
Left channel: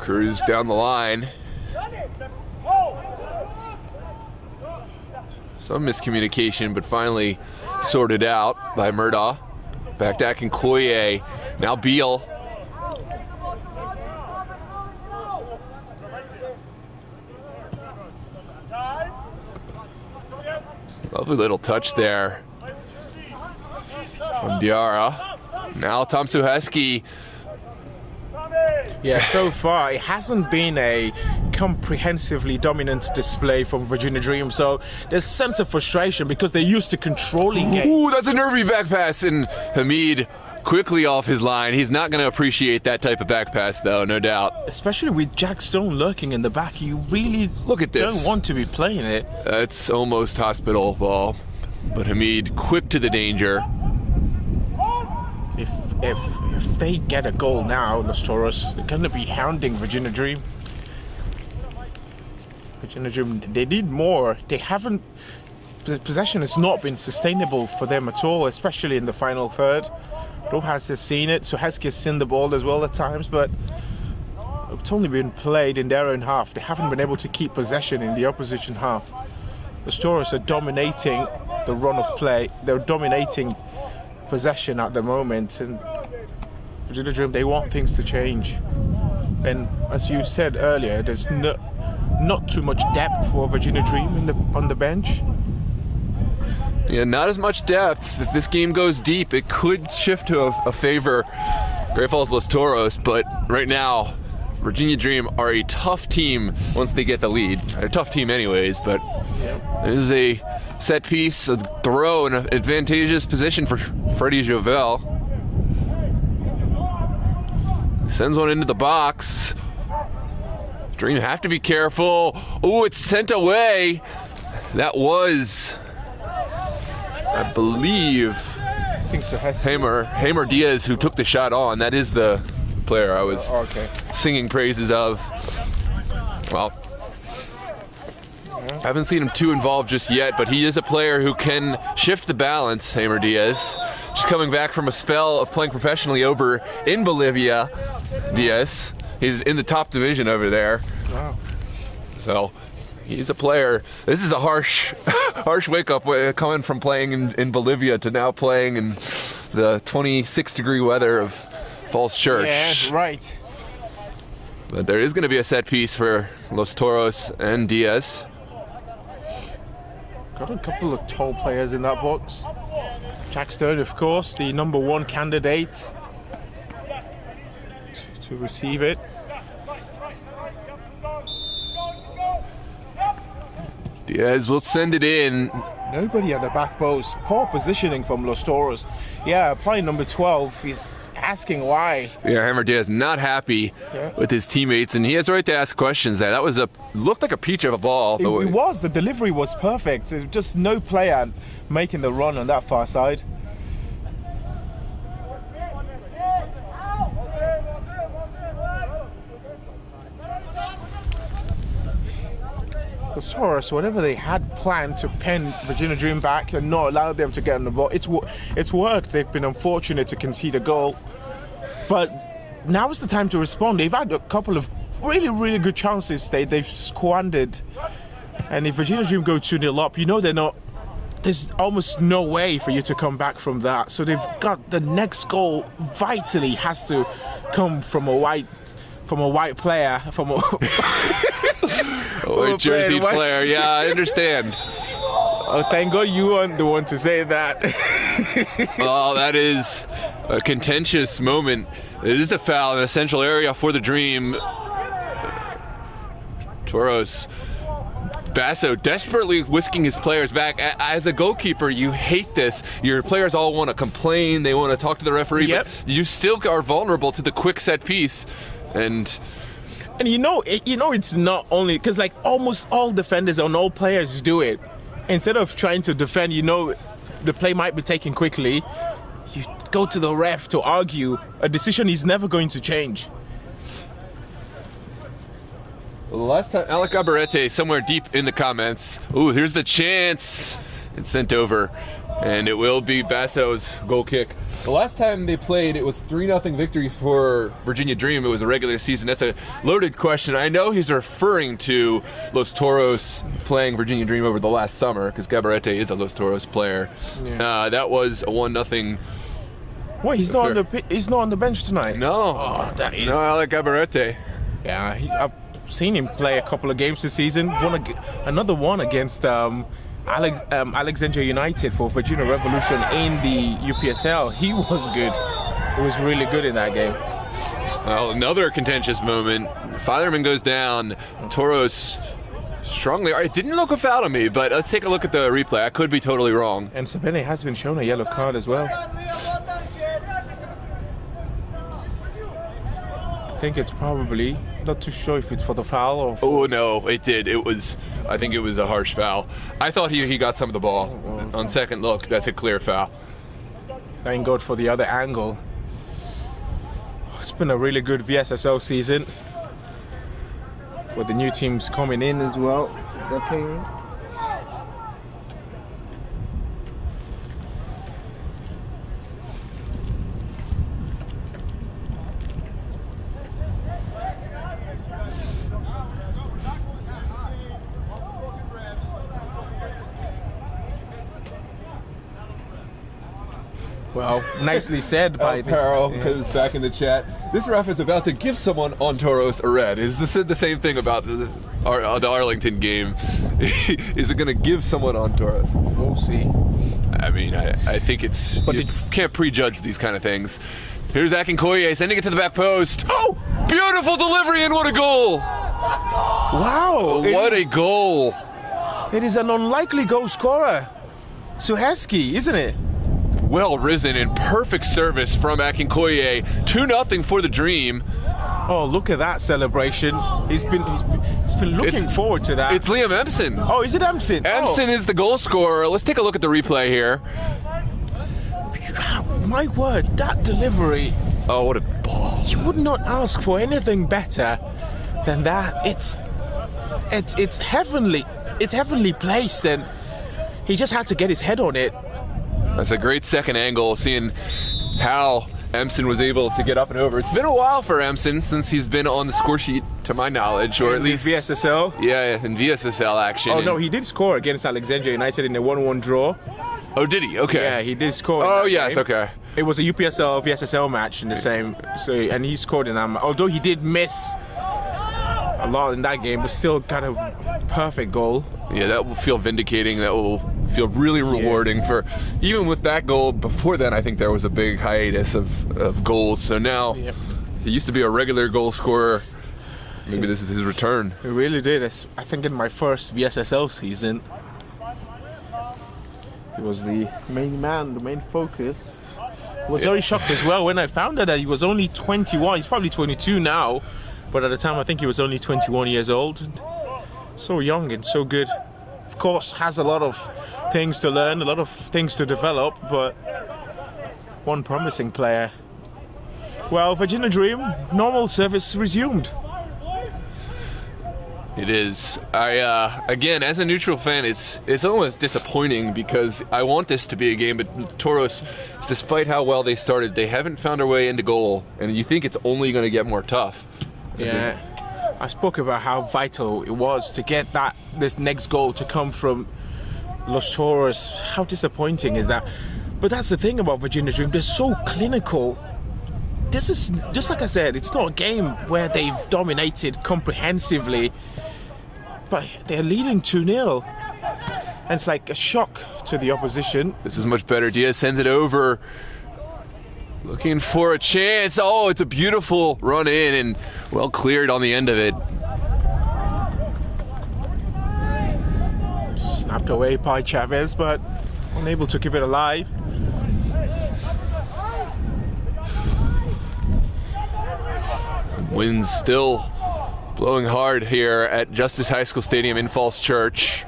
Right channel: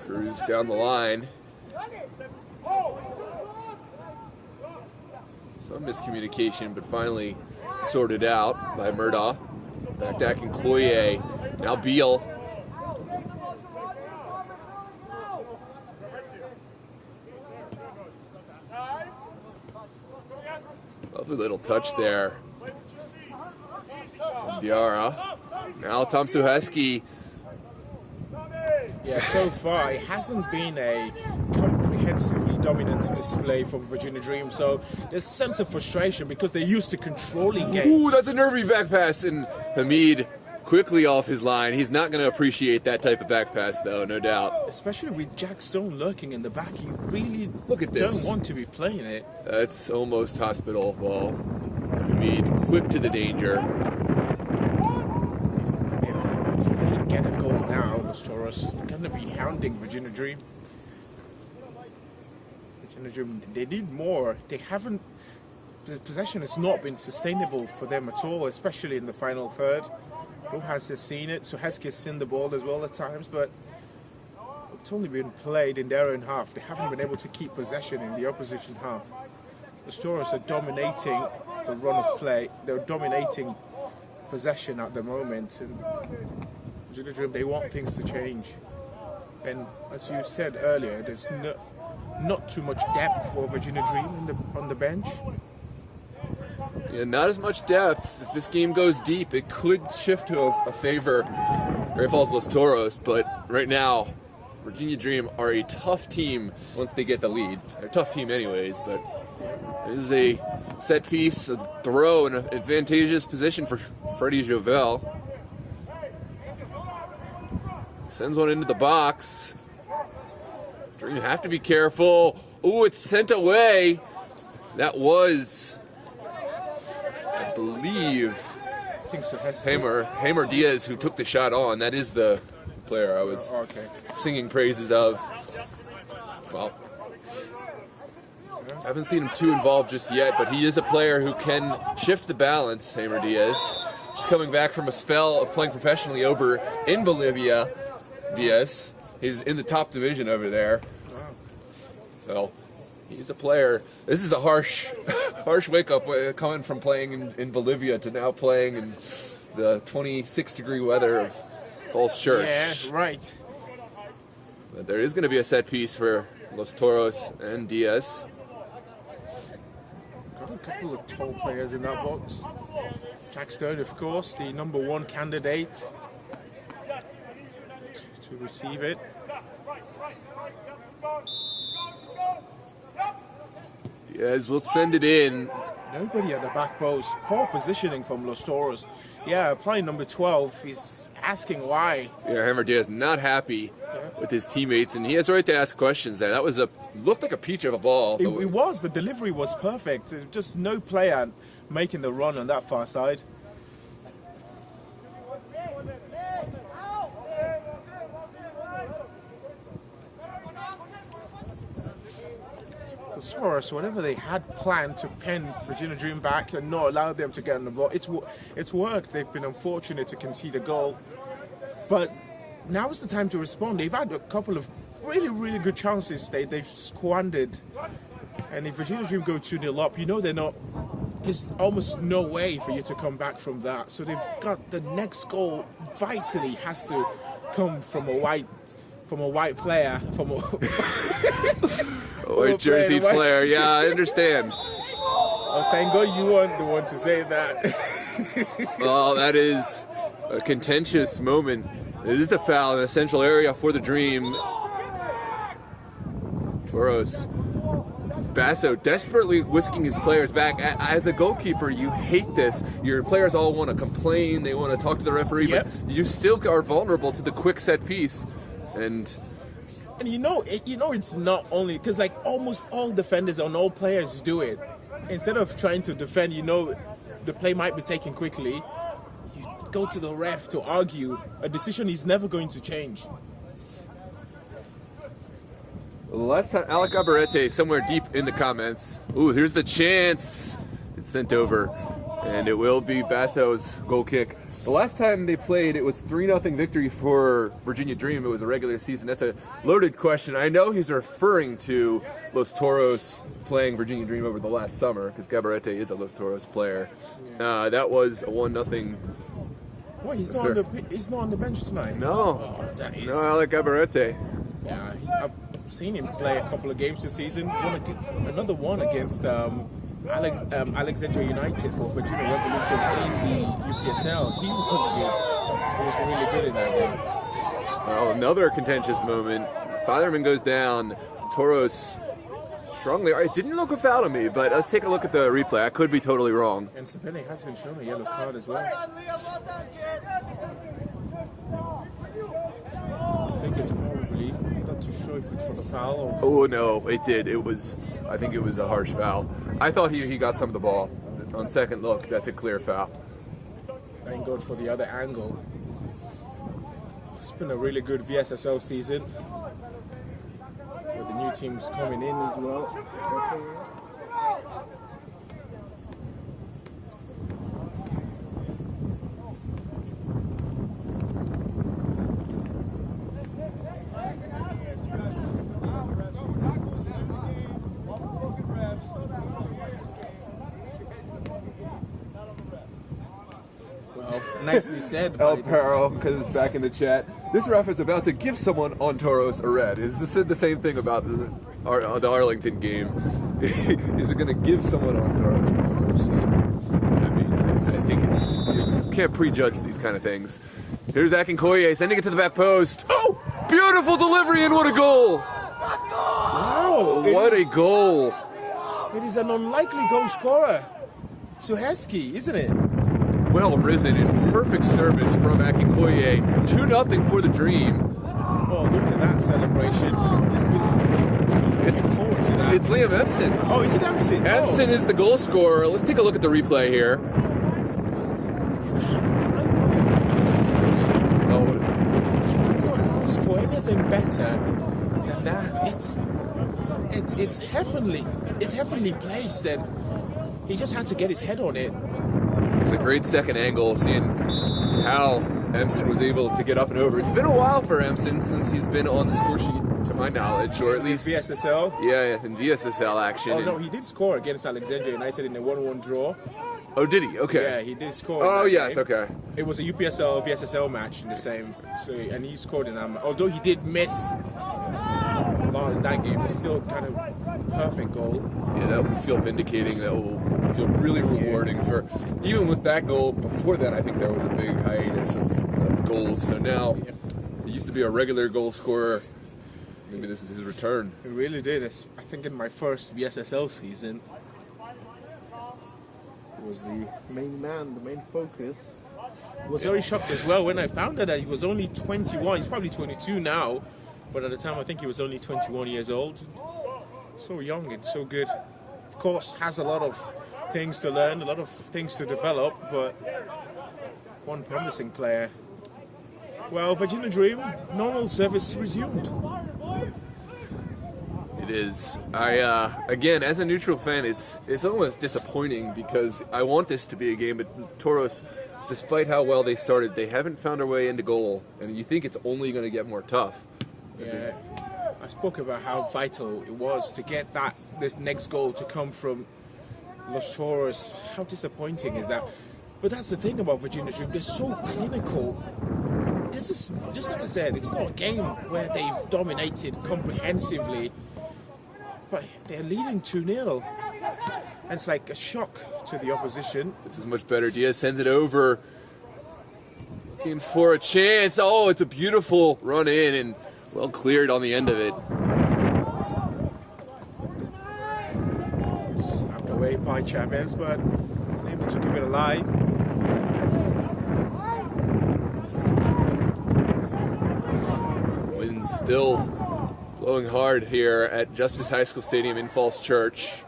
Cruz down the line. Some miscommunication, but finally sorted out by Murdaugh. Back to Akinkoye. Now Beal. Lovely little touch there from Diarra. Now Tom Suheski. Yeah, so far it hasn't been a comprehensively dominant display from Virginia Dream, so there's a sense of frustration because they're used to controlling it. Ooh, that's a nervy back pass, and Hamid quickly off his line. He's not going to appreciate that type of back pass, though, no doubt. Especially with Jack Stone lurking in the back, you really Look at this. don't want to be playing it. That's almost hospital ball, but Hamid quick to the danger. If they get a goal now, Los Toros, they're going to be hounding Virginia Dream. Virginia Dream, they need more. They haven't. The possession has not been sustainable for them at all, especially in the final third. Rojas has seen it, Suheski has seen the ball as well at times, but it's only been played in their own half. They haven't been able to keep possession in the opposition half. The Toros are dominating the run of play. They're dominating possession at the moment, and Virginia Dream, they want things to change. And as you said earlier, there's not too much depth for Virginia Dream on the bench. Yeah, not as much depth. If this game goes deep, it could shift to a favor Great Falls Los Toros, but right now, Virginia Dream are a tough team once they get the lead. They're a tough team anyways, but it is a set piece, a throw, in an advantageous position for Freddie Jovel. Sends one into the box. Dream have to be careful. Oh, it's sent away. That was, I believe, Hamer Diaz who took the shot on. That is the player I was singing praises of. Well, I haven't seen him too involved just yet, but he is a player who can shift the balance, Hamer Diaz. Just coming back from a spell of playing professionally over in Bolivia, Diaz. He's in the top division over there. Wow. So he's a player. This is a harsh wake up coming from playing in Bolivia to now playing in the 26-degree weather of Falls Church. Yeah, right. But there is going to be a set piece for Los Toros and Diaz. Got a couple of tall players in that box. Jack Stone, of course, the #1 candidate to receive it. Diaz will send it in. Nobody at the back post. Poor positioning from Los Toros. Yeah, player number 12. He's asking why. Yeah, Hammer Diaz not happy with his teammates, and he has a right to ask questions there. That was looked like a peach of a ball. It was. The delivery was perfect. There's just no player making the run on that far side. Los Toros, whatever they had planned to pen Virginia Dream back and not allow them to get on the ball, it's worked. They've been unfortunate to concede a goal, but now is the time to respond. They've had a couple of really good chances they've squandered, and if Virginia Dream go 2-0 up, you know there's almost no way for you to come back from that. So they've got the next goal vitally has to come from a white player, from a white jersey player. Yeah, I understand. Oh, thank God you weren't the one to say that. Oh, that is a contentious moment. It is a foul in a central area for the Dream. Toros. Basso desperately whisking his players back. As a goalkeeper, you hate this. Your players all want to complain. They want to talk to the referee, but you still are vulnerable to the quick set piece. And you know it's not only because like almost all defenders and all players do it. Instead of trying to defend, the play might be taken quickly. You go to the ref to argue a decision he's never going to change. Last time, Alec Abarete somewhere deep in the comments. Ooh, here's the chance. It's sent over, and it will be Basso's goal kick. The last time they played, it was 3-0 victory for Virginia Dream. It was a regular season. That's a loaded question. I know he's referring to Los Toros playing Virginia Dream over the last summer, because Gabarete is a Los Toros player. Yeah. That was a 1-0. Wait, he's not on the bench tonight. No, no, Alec Gabarete. Yeah, I've seen him play a couple of games this season. Another one against Alexandria United for Virginia Revolution in the UPSL. He was good. He was really good in that game. Well, another contentious moment. Fireman goes down. Toros strongly. It didn't look a foul to me, but let's take a look at the replay. I could be totally wrong. And Sabene has been shown a yellow card as well. I think it's probably, not too sure if it's for the foul or... Oh, no, it did. I think it was a harsh foul. I thought he got some of the ball. On second look, that's a clear foul. Thank God for the other angle. It's been a really good VSSL season. For the new teams coming in as well. Okay. Well, nicely said by Peril, because it's back in the chat. This ref is about to give someone on Toros a red. Is this the same thing about the Arlington game? Is it going to give someone on Toros? We'll see. I mean, I think you can't prejudge these kind of things. Here's Akinkoye sending it to the back post. Oh! Beautiful delivery, and what a goal! Wow! What a goal! It is an unlikely goal scorer. Suheski, isn't it? Well risen and perfect service from Akinkoye. 2-0 for the Dream. Oh, look at that celebration. He's been looking forward to that. It's Liam Empson. Oh, is it Empson? Empson is the goal scorer. Let's take a look at the replay here. My word, that delivery. Oh, what a ball. You would not ask for anything better than that. It's heavenly. It's heavenly placed, and he just had to get his head on it. That's a great second angle, seeing how Empson was able to get up and over. It's been a while for Empson since he's been on the score sheet, to my knowledge, or at least VSSL. Yeah, in VSSL action. Oh no, he did score against Alexandria United in a 1-1 draw. Oh, did he? Okay. Yeah, he did score. Oh yes, game. okay. It was a UPSL VSSL match in the same. So and he scored in that. Although he did miss a lot in that game, but still kind of perfect goal. Yeah, that will feel vindicating. That will feel really rewarding for, even with that goal. Before then, I think there was a big hiatus of goals. So now, he used to be a regular goal scorer. Maybe this is his return. It really did. I think in my first VSSL season, he was the main man, the main focus. I was very shocked as well when I found out that he was only 21. He's probably 22 now, but at the time I think he was only 21 years old. And so young and so good. Of course, has a lot of things to learn, a lot of things to develop, but one promising player. Well, Virginia Dream, normal service resumed. It is. Again, as a neutral fan, it's almost disappointing because I want this to be a game, but Toros, despite how well they started, they haven't found their way into goal, and you think it's only going to get more tough. Yeah, I spoke about how vital it was to get this next goal to come from Los Toros. How disappointing is that? But that's the thing about Virginia Dream, they're so clinical. This is, just like I said, it's not a game where they've dominated comprehensively, but they're leading 2-0. And it's like a shock to the opposition. This is much better. Diaz sends it over. Looking for a chance. Oh, it's a beautiful run in and well cleared on the end of it. Snapped away by Chavez, but unable to keep it alive. Wind's still blowing hard here at Justice High School Stadium in Falls Church.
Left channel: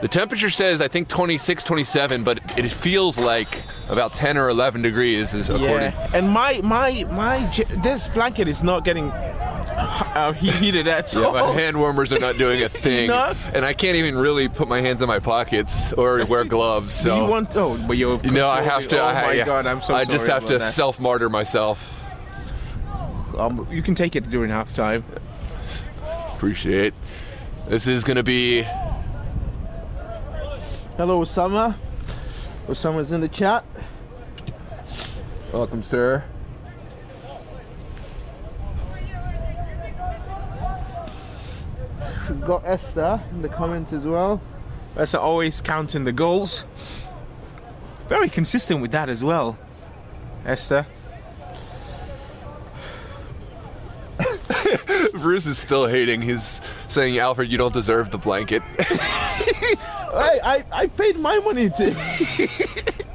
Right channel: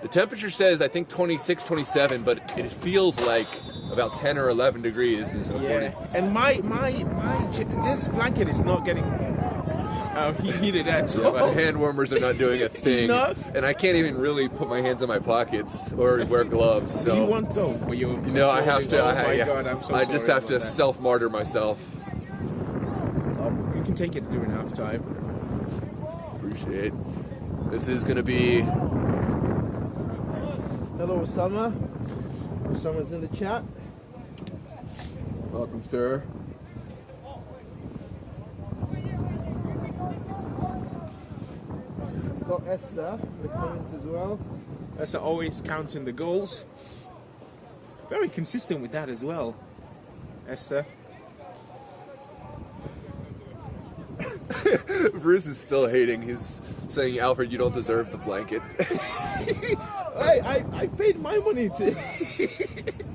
The temperature says, I think 26, 27, but it feels like about 10 or 11 degrees is according. Yeah, and this blanket is not getting heated at all. Yeah, my hand warmers are not doing a thing, and I can't even really put my hands in my pockets or wear gloves. So you want? Oh, but you're. You know, I have to. Oh my God, I'm so sorry. I just have to self-martyr myself. You can take it during halftime. Appreciate. This is going to be. Hello, Osama. Osama's in the chat. Welcome, sir. We've got Esther in the comments as well. That's always counting the goals. Very consistent with that as well, Esther. Bruce is still hating. He's saying, Alfred, you don't deserve the blanket. I paid my money to...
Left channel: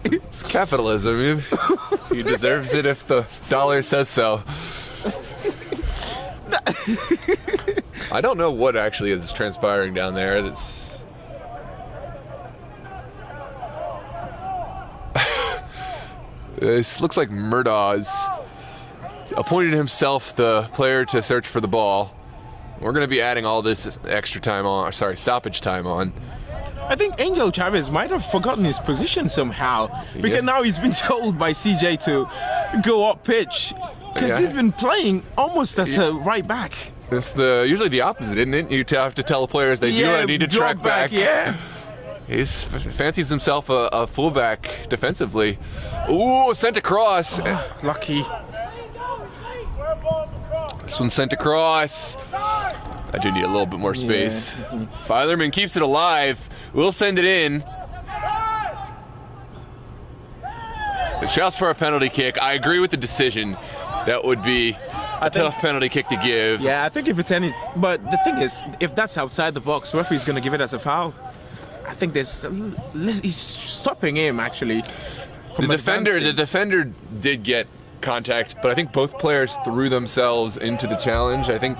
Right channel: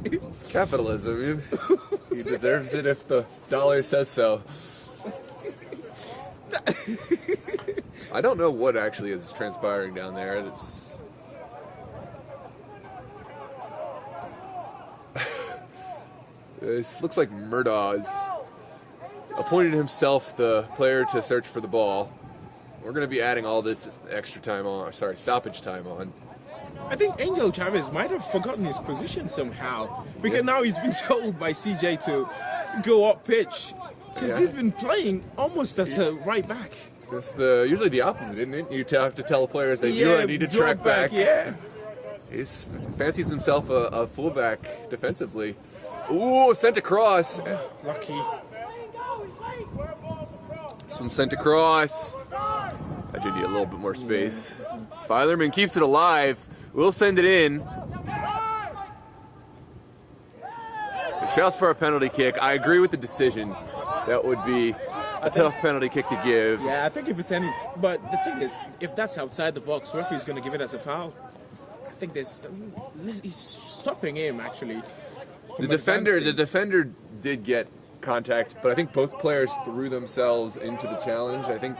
It's capitalism. He deserves it if the dollar says so. I don't know what actually is transpiring down there. It's... This looks like Murdaw's appointed himself the player to search for the ball. We're going to be adding all this extra time on, sorry, stoppage time on. I think Angel Chavez might have forgotten his position somehow, because now he's been told by CJ to go up pitch, because he's been playing almost as a right back. It's usually the opposite, isn't it? You have to tell the players they do need to track back. Yeah. He fancies himself a fullback defensively. Ooh, sent across. Lucky. This one's sent across. I do need a little bit more space. Yeah. Filerman keeps it alive. We'll send it in. The shouts for a penalty kick. I agree with the decision. That would be a tough penalty kick to give. Yeah, I think if it's any... But the thing is, if that's outside the box, the referee's going to give it as a foul. I think he's stopping him, actually. The defender did get contact, but I think both players threw themselves into the challenge. I think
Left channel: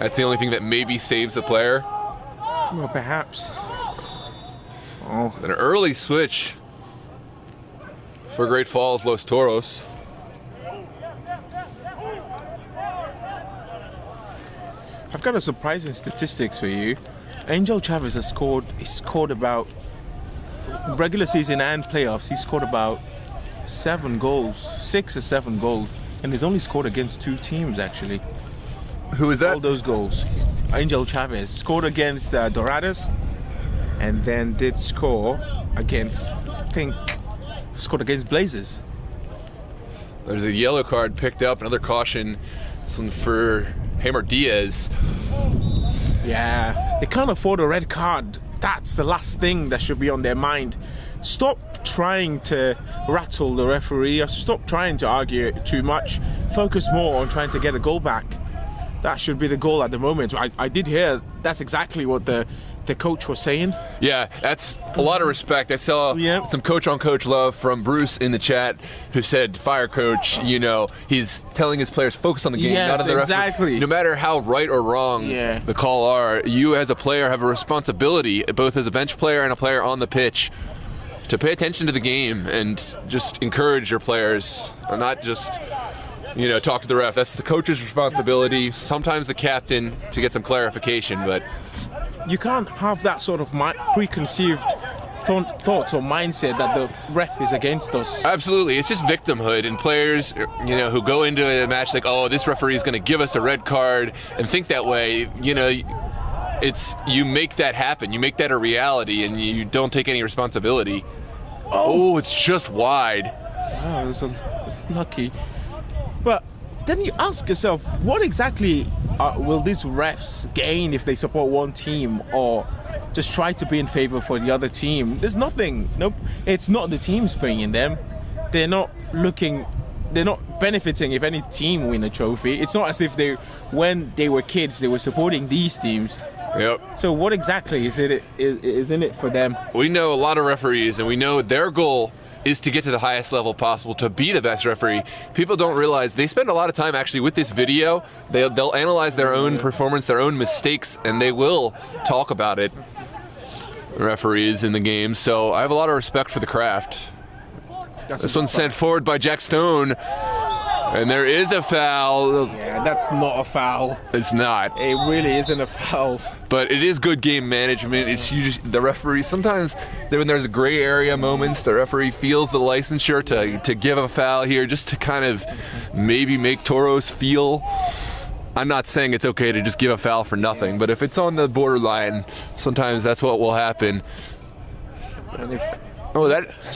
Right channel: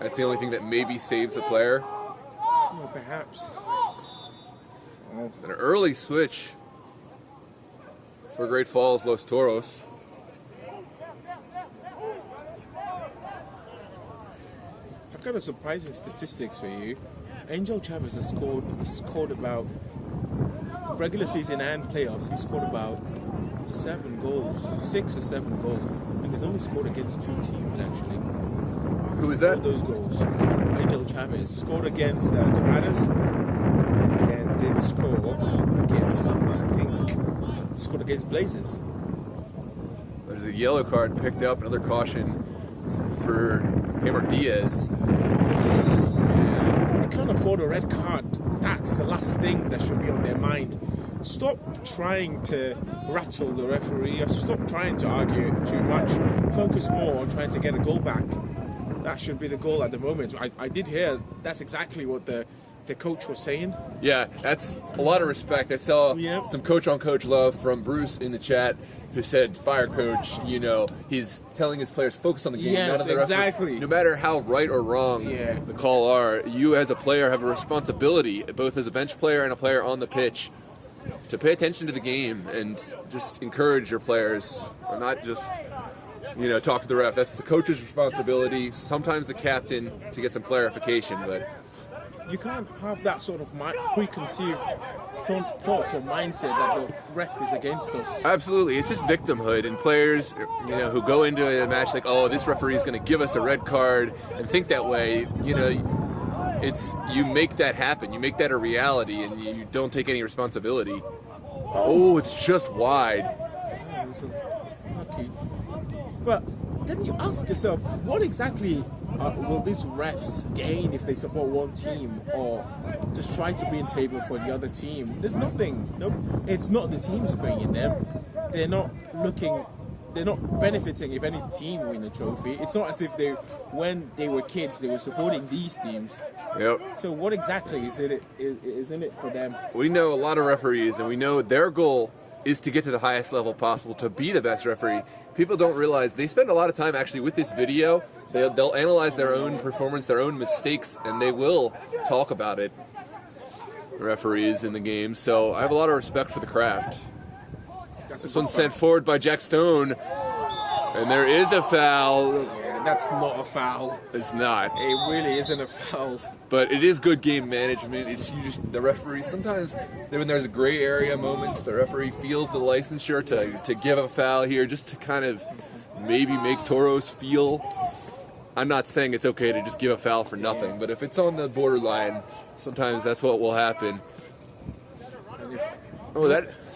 that's the only thing that maybe saves the player. Well, perhaps. Oh. An early switch for Great Falls Los Toros. I've got a surprising statistics for you. Angel Chavez has scored about, regular season and playoffs, he scored about 7 goals, 6 or 7 goals, and he's only scored against 2 teams actually. Who is that? All those goals. Angel Chavez scored against the Dorados, and then did score against, scored against Blazers. There's a yellow card picked up, another caution for Hammer Diaz. Yeah, they can't afford a red card. That's the last thing that should be on their mind. Stop trying to rattle the referee, or stop trying to argue it too much. Focus more on trying to get a goal back. That should be the goal at the moment. I did hear that's exactly what the coach was saying. Yeah, that's a lot of respect. I saw some coach-on-coach love from Bruce in the chat, who said, fire coach, you know, he's telling his players focus on the game, not on the referee. No matter how right or wrong the call are, you as a player have a responsibility, both as a bench player and a player on the pitch, to pay attention to the game and just encourage your players, and not just, you know, talk to the ref. That's the coach's responsibility, sometimes the captain, to get some clarification, but you can't have that sort of preconceived thoughts or mindset that the ref is against us. Absolutely, it's just victimhood, and players, you know, who go into a match like, oh, this referee is going to give us a red card, and think that way, you know, you make that happen, you make that a reality, and you don't take any responsibility. Oh, it's just wide. Oh, it's lucky. But then you ask yourself, what exactly will these refs gain if they support one team, or just try to be in favor for the other team? There's nothing. Nope. It's not the teams paying them. They're not benefiting if any team win a trophy. It's not as if when they were kids, they were supporting these teams. Yep. So what exactly is in it for them? We know a lot of referees, and we know their goal is to get to the highest level possible, to be the best referee. People don't realize they spend a lot of time actually with this video. They'll analyze their own performance, their own mistakes, and they will talk about it, referees in the game. So I have a lot of respect for the craft. This one's sent forward by Jack Stone, and there is a foul. Yeah, that's not a foul. It's not. It really isn't a foul. But it is good game management. It's usually the referee. Sometimes when there's gray area moments, the referee feels the licensure to give a foul here, just to kind of maybe make Toros feel. I'm not saying it's okay to just give a foul for nothing, but if it's on the borderline, sometimes that's what will happen.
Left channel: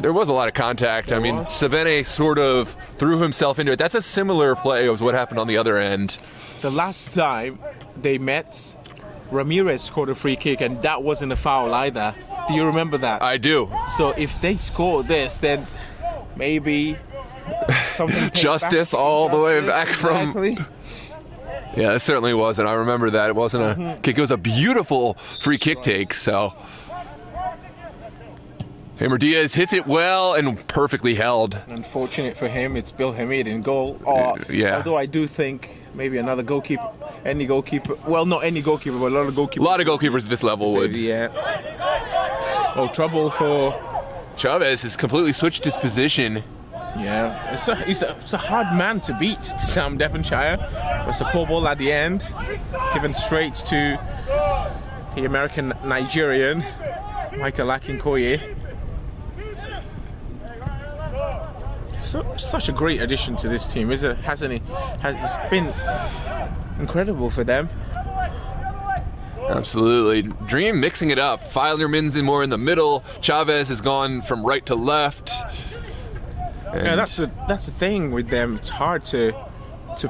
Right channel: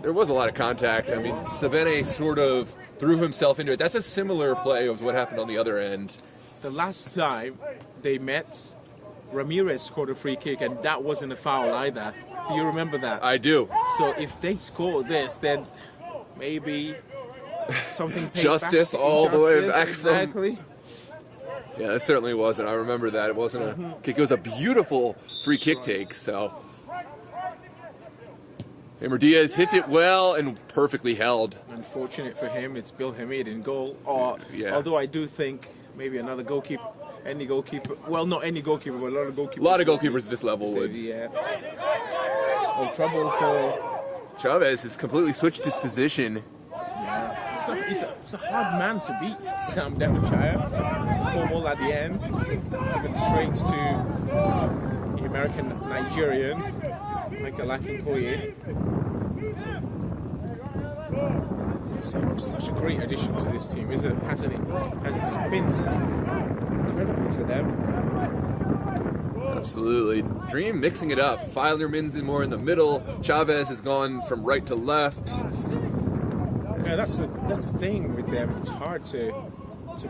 There was a lot of contact. I mean, Sabene sort of threw himself into it. That's a similar play as what happened on the other end. The last time they met, Ramirez scored a free kick, and that wasn't a foul either. Do you remember that? I do. So if they score this, then maybe something Justice all the way back exactly. from... Yeah, it certainly wasn't. I remember that. It wasn't a kick. It was a beautiful free kick take, so... Hammer Diaz hits it well and perfectly held. Unfortunate for him, it's Bill Hamid in goal. Yeah. Although I do think maybe another goalkeeper, any goalkeeper, well, not any goalkeeper, but a lot of goalkeepers. A lot of goalkeepers at this level would. Yeah. Oh, trouble for... Chavez has completely switched his position. Yeah, it's a hard man to beat, Sam Devonshire. It's a pull ball at the end, given straight to the American Nigerian, Michael Akinkoye. Such a great addition to this team, hasn't he? It's been incredible for them. Absolutely. Dream mixing it up. Filerman's in more in the middle. Chavez has gone from right to left. Yeah, that's the thing with them. It's hard to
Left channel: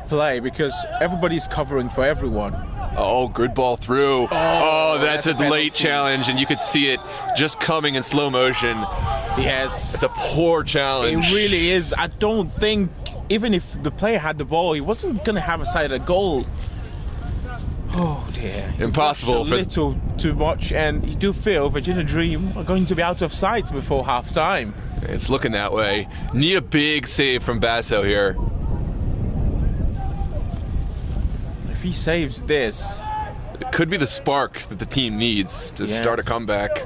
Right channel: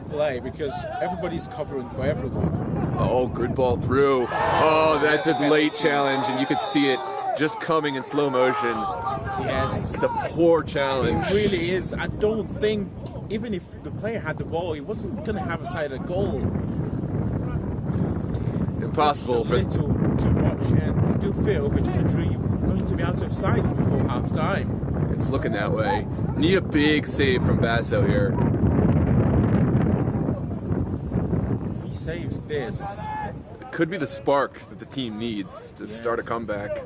play because everybody's covering for everyone. Oh, good ball through. Oh, that's a late challenge, and you could see it just coming in slow motion. Yes. It's a poor challenge. It really is. I don't think, even if the player had the ball, he wasn't going to have a side of goal. Oh, dear. Impossible. A little too much, and you do feel Virginia Dream are going to be out of sight before half-time. It's looking that way. Need a big save from Basso here. If he saves this... It could be the spark that the team needs to start a comeback.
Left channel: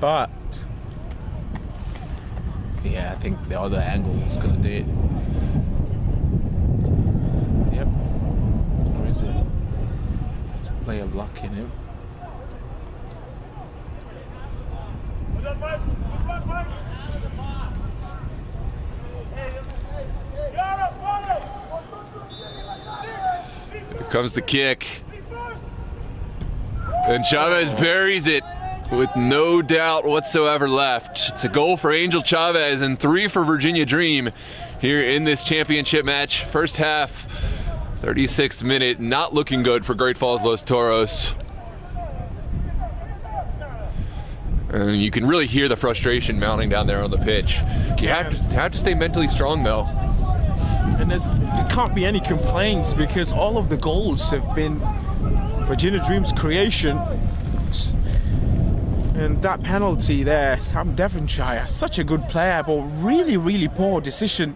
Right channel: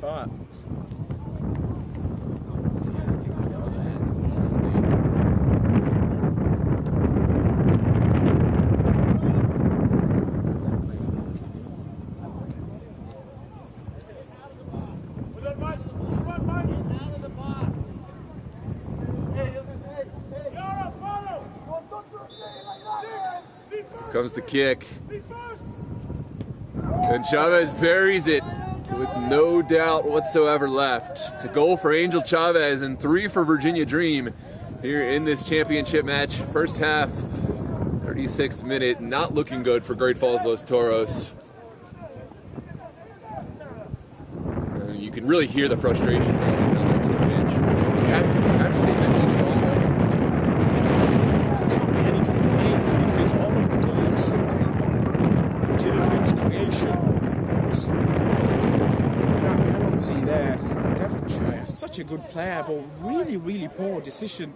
But... yeah, I think the other angle is going to do it. Yep. There's a player blocking him. Here comes the kick. And Chavez buries it with no doubt whatsoever left. It's a goal for Angel Chavez and 3 for Virginia Dream here in this championship match. First half, 36th minute, not looking good for Great Falls Los Toros. And you can really hear the frustration mounting down there on the pitch. You have to stay mentally strong though. And there can't be any complaints because all of the goals have been Virginia Dream's creation. And that penalty there, Sam Devonshire, such a good player, but really, really poor decision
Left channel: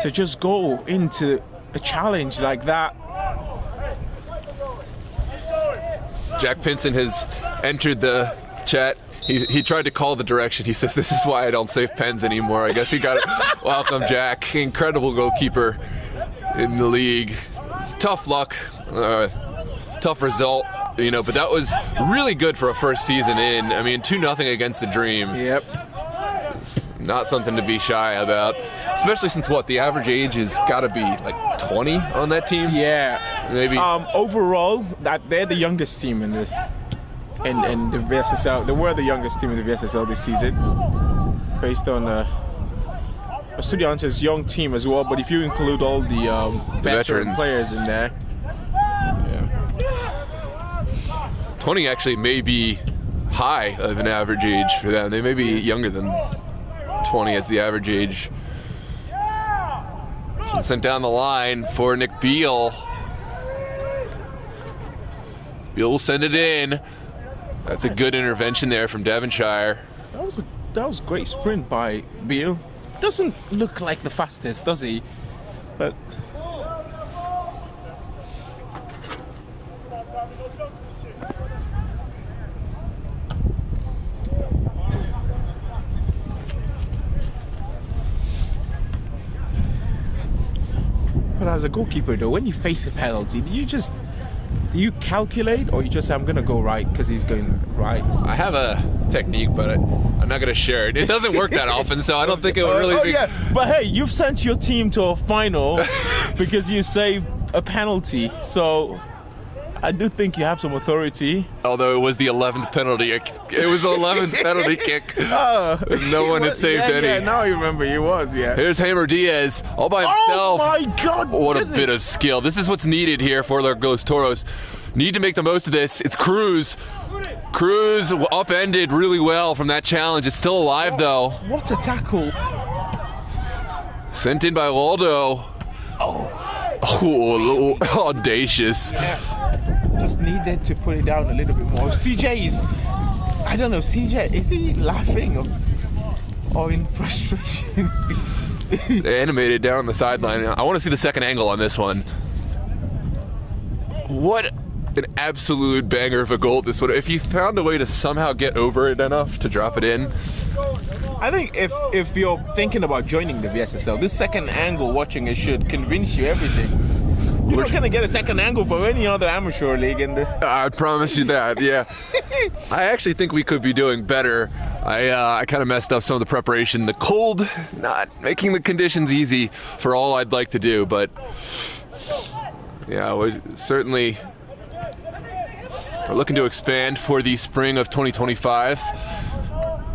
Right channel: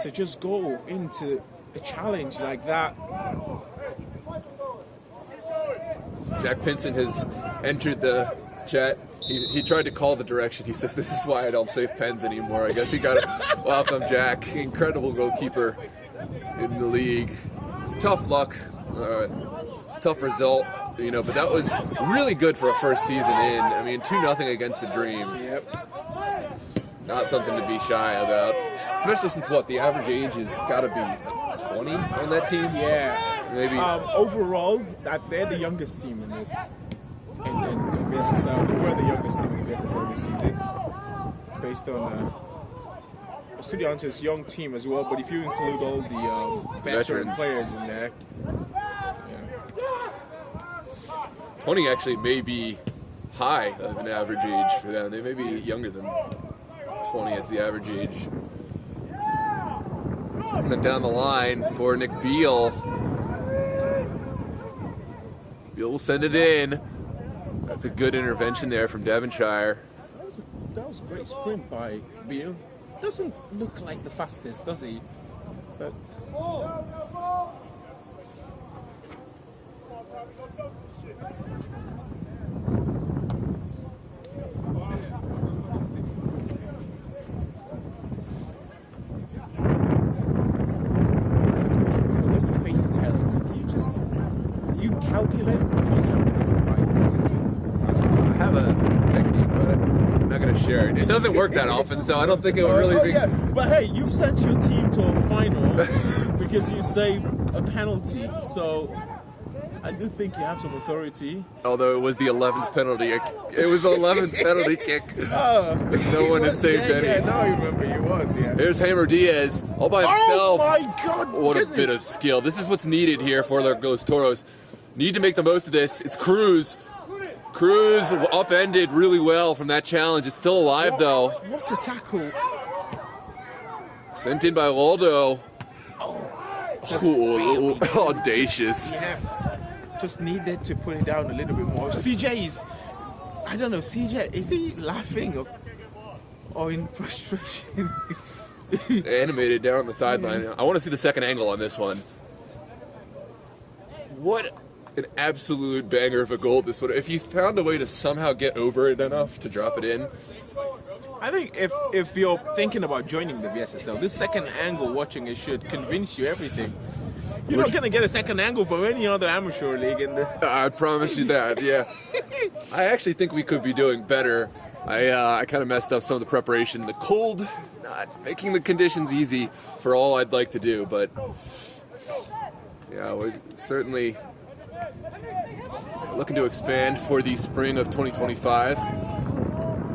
to just go into a challenge like that. Jack Pinson has entered the chat. He tried to call the direction. He says, "This is why I don't save pens anymore." I guess he got it. Welcome, Jack. Incredible goalkeeper in the league. It's tough luck, tough result, you know, but that was really good for a first season in. I mean, 2-0 against the Dream. Yep. It's not something to be shy about, especially since the average age has got to be like 20 on that team. Yeah. Maybe. Overall, they're the youngest team in this. In the VSSL, they were the youngest team in the VSSL this season, based on Estudiantes' young team as well. But if you include all the veteran players in there, 20 actually may be high of an average age for them. They may be younger than 20 as the average age. Sent down the line for Nick Beal. Beal will send it in. That's a good intervention there from Devonshire. That was a great sprint by Beal. Doesn't look like the fastest, does he? But as a goalkeeper, though, when you face a penalty, do you calculate, or you just say, I'm going to go right because he's going right? I have a technique, but I'm not going to share it. It doesn't work that often, so I don't think it would really be... Yeah. But hey, you've sent your team to a final because you saved a penalty, so I do think you have some authority. Although it was the 11th penalty. It was the 11th penalty kick. No one had saved any. Yeah, now you remember he was, yeah. Here's Hammer Diaz all by himself. Oh my God! What a bit of skill. This is what's needed here for Los Toros. need to make the most of this. It's Cruz. Cruz upended really well from that challenge. It's still alive though. What a tackle. Sent in by Waldo. Oh, a little audacious. Yeah. Just needed to put it down a little bit more. I don't know, CJ, is he laughing or in frustration? Animated down on the sideline. I want to see the second angle on this one. What an absolute banger of a goal this would. If you found a way to somehow get over it enough to drop it in. I think if you're thinking about joining the VSSL, this second angle watching it should convince you everything. You're not gonna get a second angle for any other amateur league in the. I promise you that. Yeah. I actually think we could be doing better. I kind of messed up some of the preparation. The cold, not making the conditions easy for all I'd like to do, but yeah, we certainly are looking to expand for the spring of 2025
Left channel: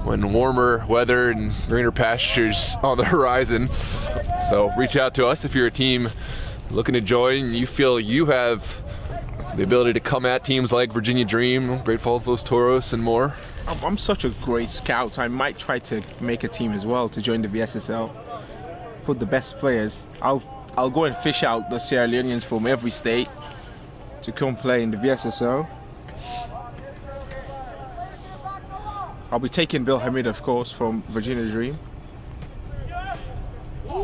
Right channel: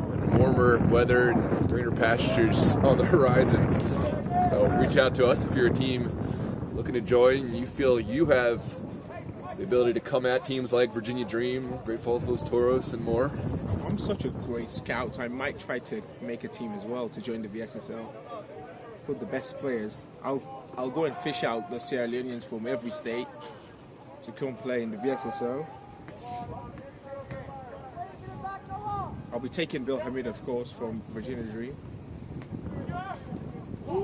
when warmer weather and greener pastures on the horizon. So reach out to us if you're a team looking to join and you feel you have the ability to come at teams like Virginia Dream, Great Falls Los Toros, and more. I'm such a great scout. I might try to make a team as well to join the VSSL. Put the best players. I'll go and fish out the Sierra Leoneans from every state to come play in the VSSL. I'll be taking Bill Hamid, of course, from Virginia Dream.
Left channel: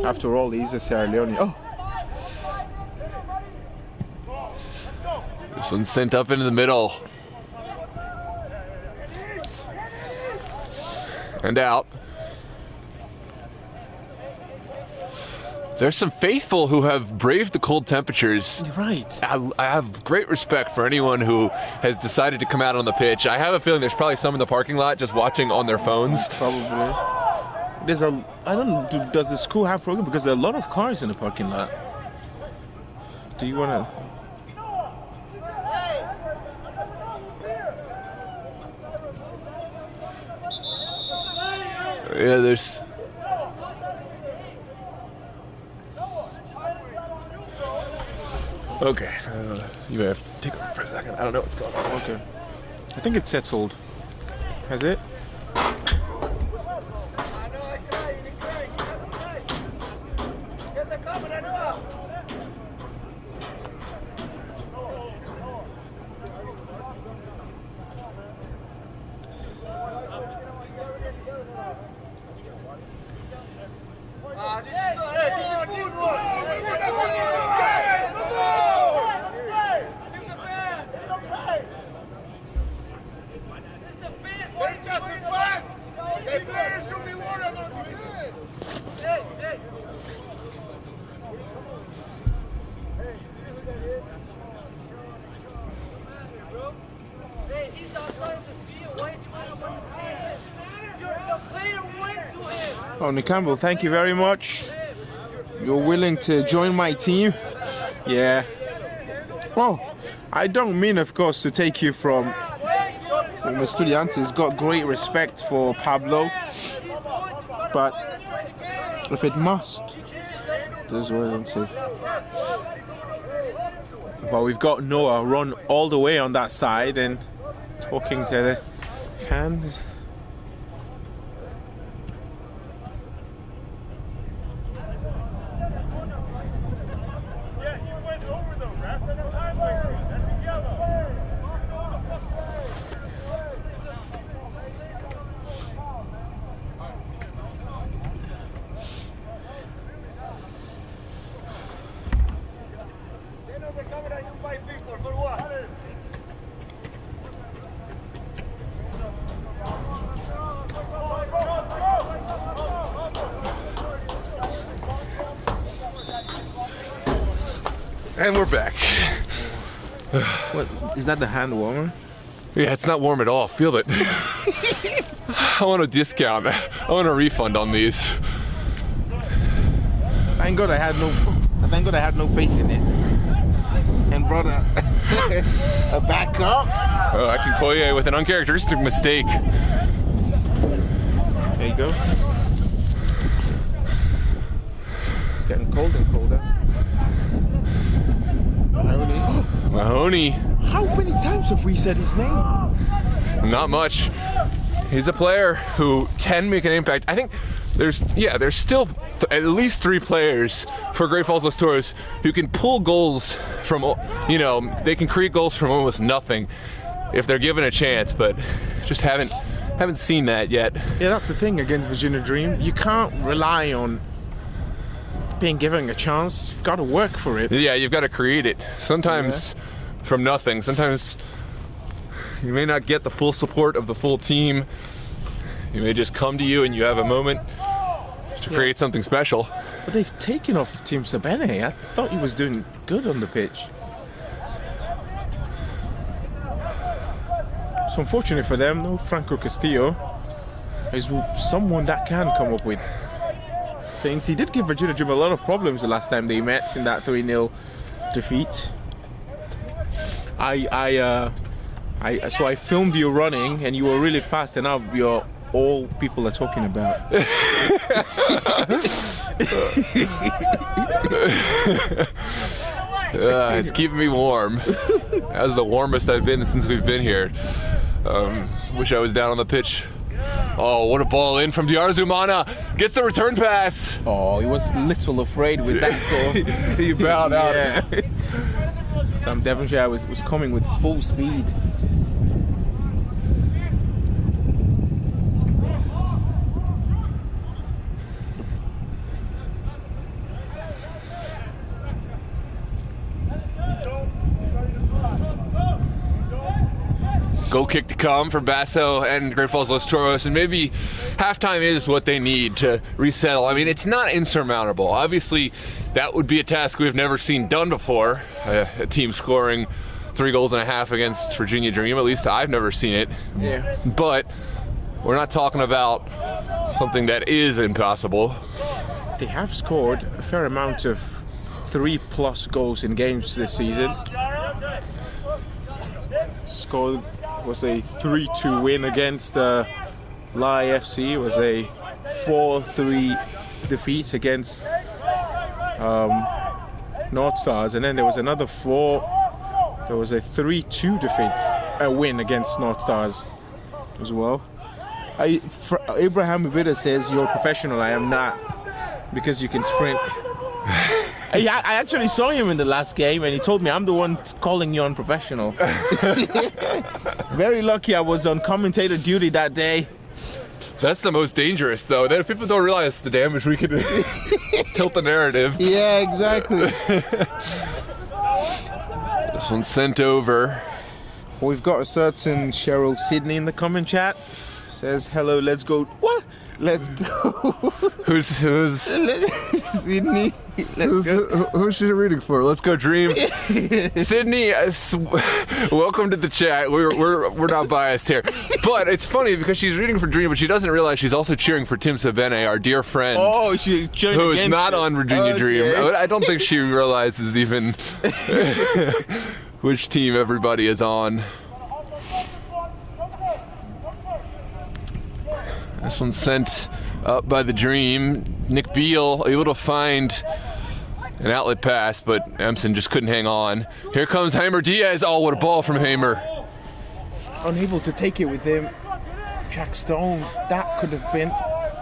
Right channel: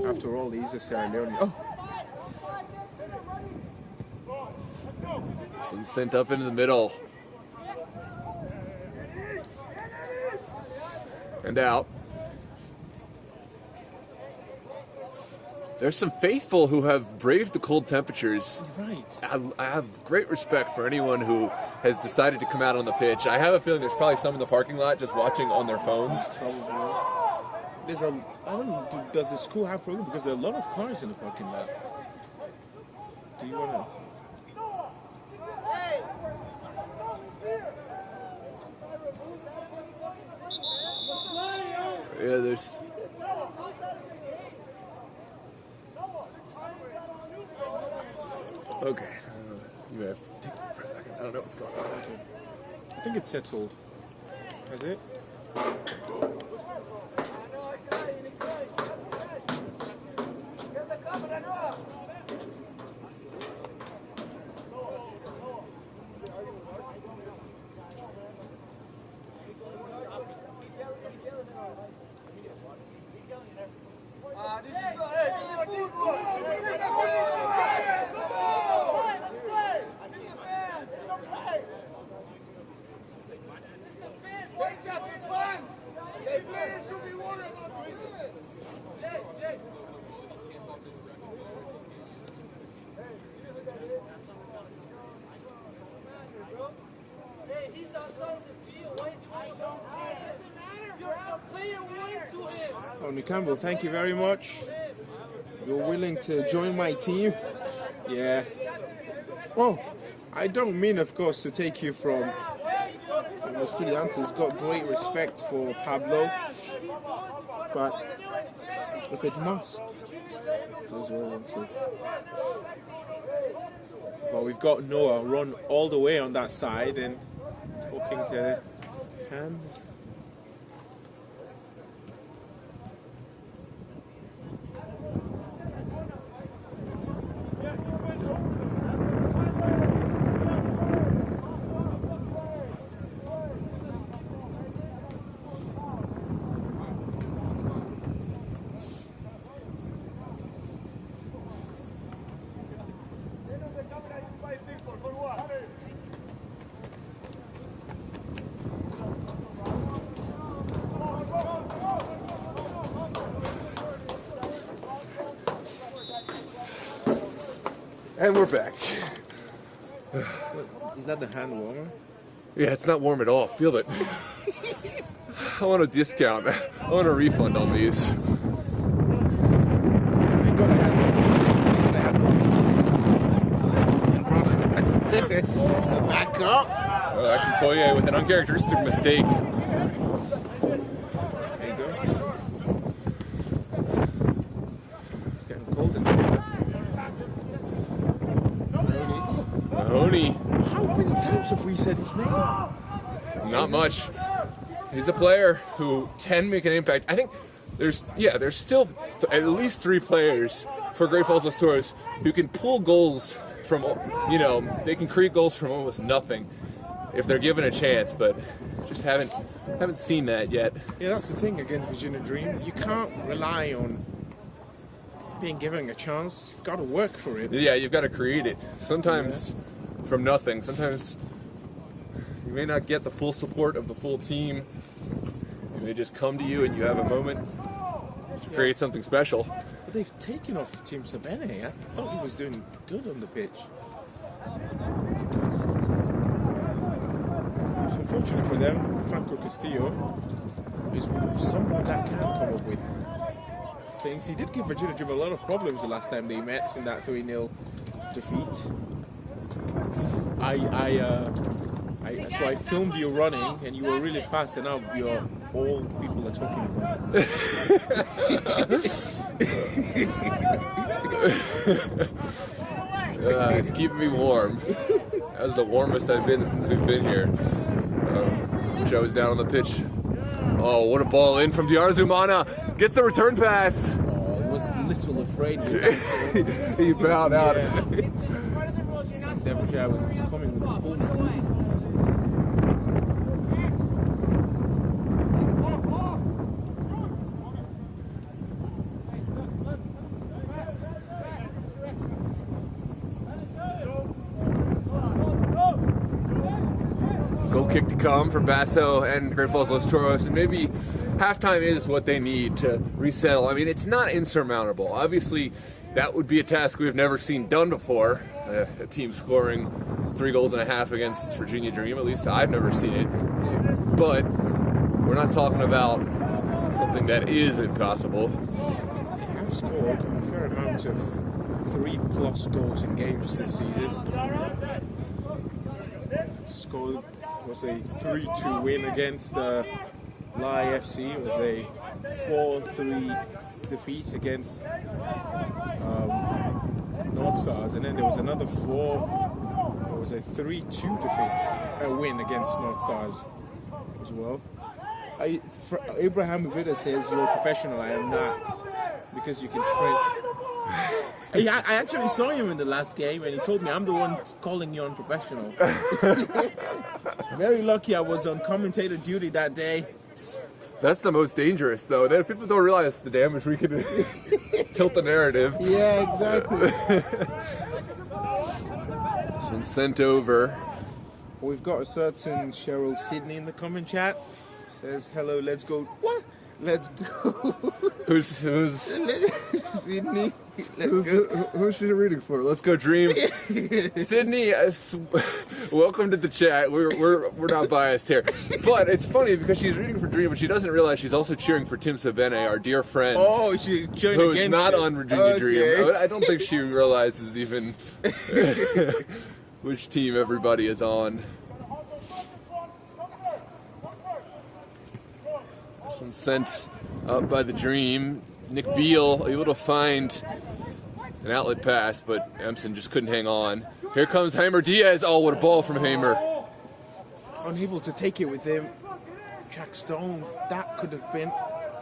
After all, he's a Sierra Leone. Oh. This one's sent up into the middle. And out. There's some faithful who have braved the cold temperatures. You're right. I have great respect for anyone who has decided to come out on the pitch. I have a feeling there's probably some in the parking lot just watching on their phones. Probably. I don't know, does the school have program? Because there are a lot of cars in the parking lot. Do you want to? Yeah, there's... Okay, you may have to take over for a second. I don't know what's going on. Okay. I think it's settled. Has it? Oh, Nick Campbell, thank you very much. You're willing to join my team? Yeah. Well, I don't mean, of course, to take you from Estudiantes. Got great respect for Pablo, but if it must, this is what I'm saying. Well, we've got Noah run all the way on that side and talking to the fans. And we're back. What, is that the hand warmer? Yeah, it's not warm at all. Feel it. I want a discount. I want a refund on these. Thank God I had no faith in it. And brought a backup. Oh, I can call you with an uncharacteristic mistake. There you go. It's getting cold in here. Mahoney. How many times have we said his name? Not much. He's a player who can make an impact. I think there's still at least 3 players for Great Falls Los Toros who can pull goals from, you know, they can create goals from almost nothing if they're given a chance, but just haven't seen that yet. Yeah, that's the thing against Virginia Dream. You can't rely on being given a chance. You've got to work for it. Yeah, you've got to create it. Sometimes from nothing. Sometimes you may not get the full support of the full team. It may just come to you and you have a moment to create something special. But they've taken off Tim Sabene. I thought he was doing good on the pitch. It's unfortunate for them, though. Franco Castillo is someone that can come up with things. He did give Virginia Dream a lot of problems the last time they met in that 3-0 defeat. So I filmed you running, and you were really fast, and now you're all people are talking about. It's keeping me warm. That's the warmest I've been since we've been here. Wish I was down on the pitch. Oh, what a ball in from Diarzumana. Gets the return pass. Oh, he was a little afraid with that, so he bowed out. Sam Devonshire was coming with full speed. Goal kick to come for Basso and Great Falls Los Toros, and maybe halftime is what they need to resettle. I mean, it's not insurmountable. Obviously, that would be a task we've never seen done before. A team scoring 3 goals and a half against Virginia Dream. At least I've never seen it. Yeah. But we're not talking about something that is impossible. They have scored a fair amount of 3+ goals in games this season. Scored was a 3-2 win against Lai FC. It was a 4-3 defeat against North Stars, and then there was another 4. There was a 3-2 win against North Stars as well. Abraham Ubida says you're a professional. I am not, because you can sprint. I actually saw him in the last game, and he told me I'm the one calling you unprofessional. Very lucky I was on commentator duty that day. That's the most dangerous, though. That people don't realize the damage we can tilt the narrative. Yeah, exactly. This one's sent over. We've got a certain Cheryl Sydney in the comment chat. Says, hello, let's go. What? Let's go. Who's Sydney? Who's she reading for? Let's go Dream. Sydney, welcome to the chat. We're not biased here, but it's funny because she's reading for Dream, but she doesn't realize she's also cheering for Tim Sabene, our dear friend. Oh, she's cheering who against is not it. on Virginia Dream. I don't think she realizes even which team everybody is on. This one's sent up by the Dream. Nick Beal able to find an outlet pass, but Empson just couldn't hang on. Here comes Hamer Diaz. Oh, what a ball from Hamer. Unable to take it with him. Jack Stone, that could have been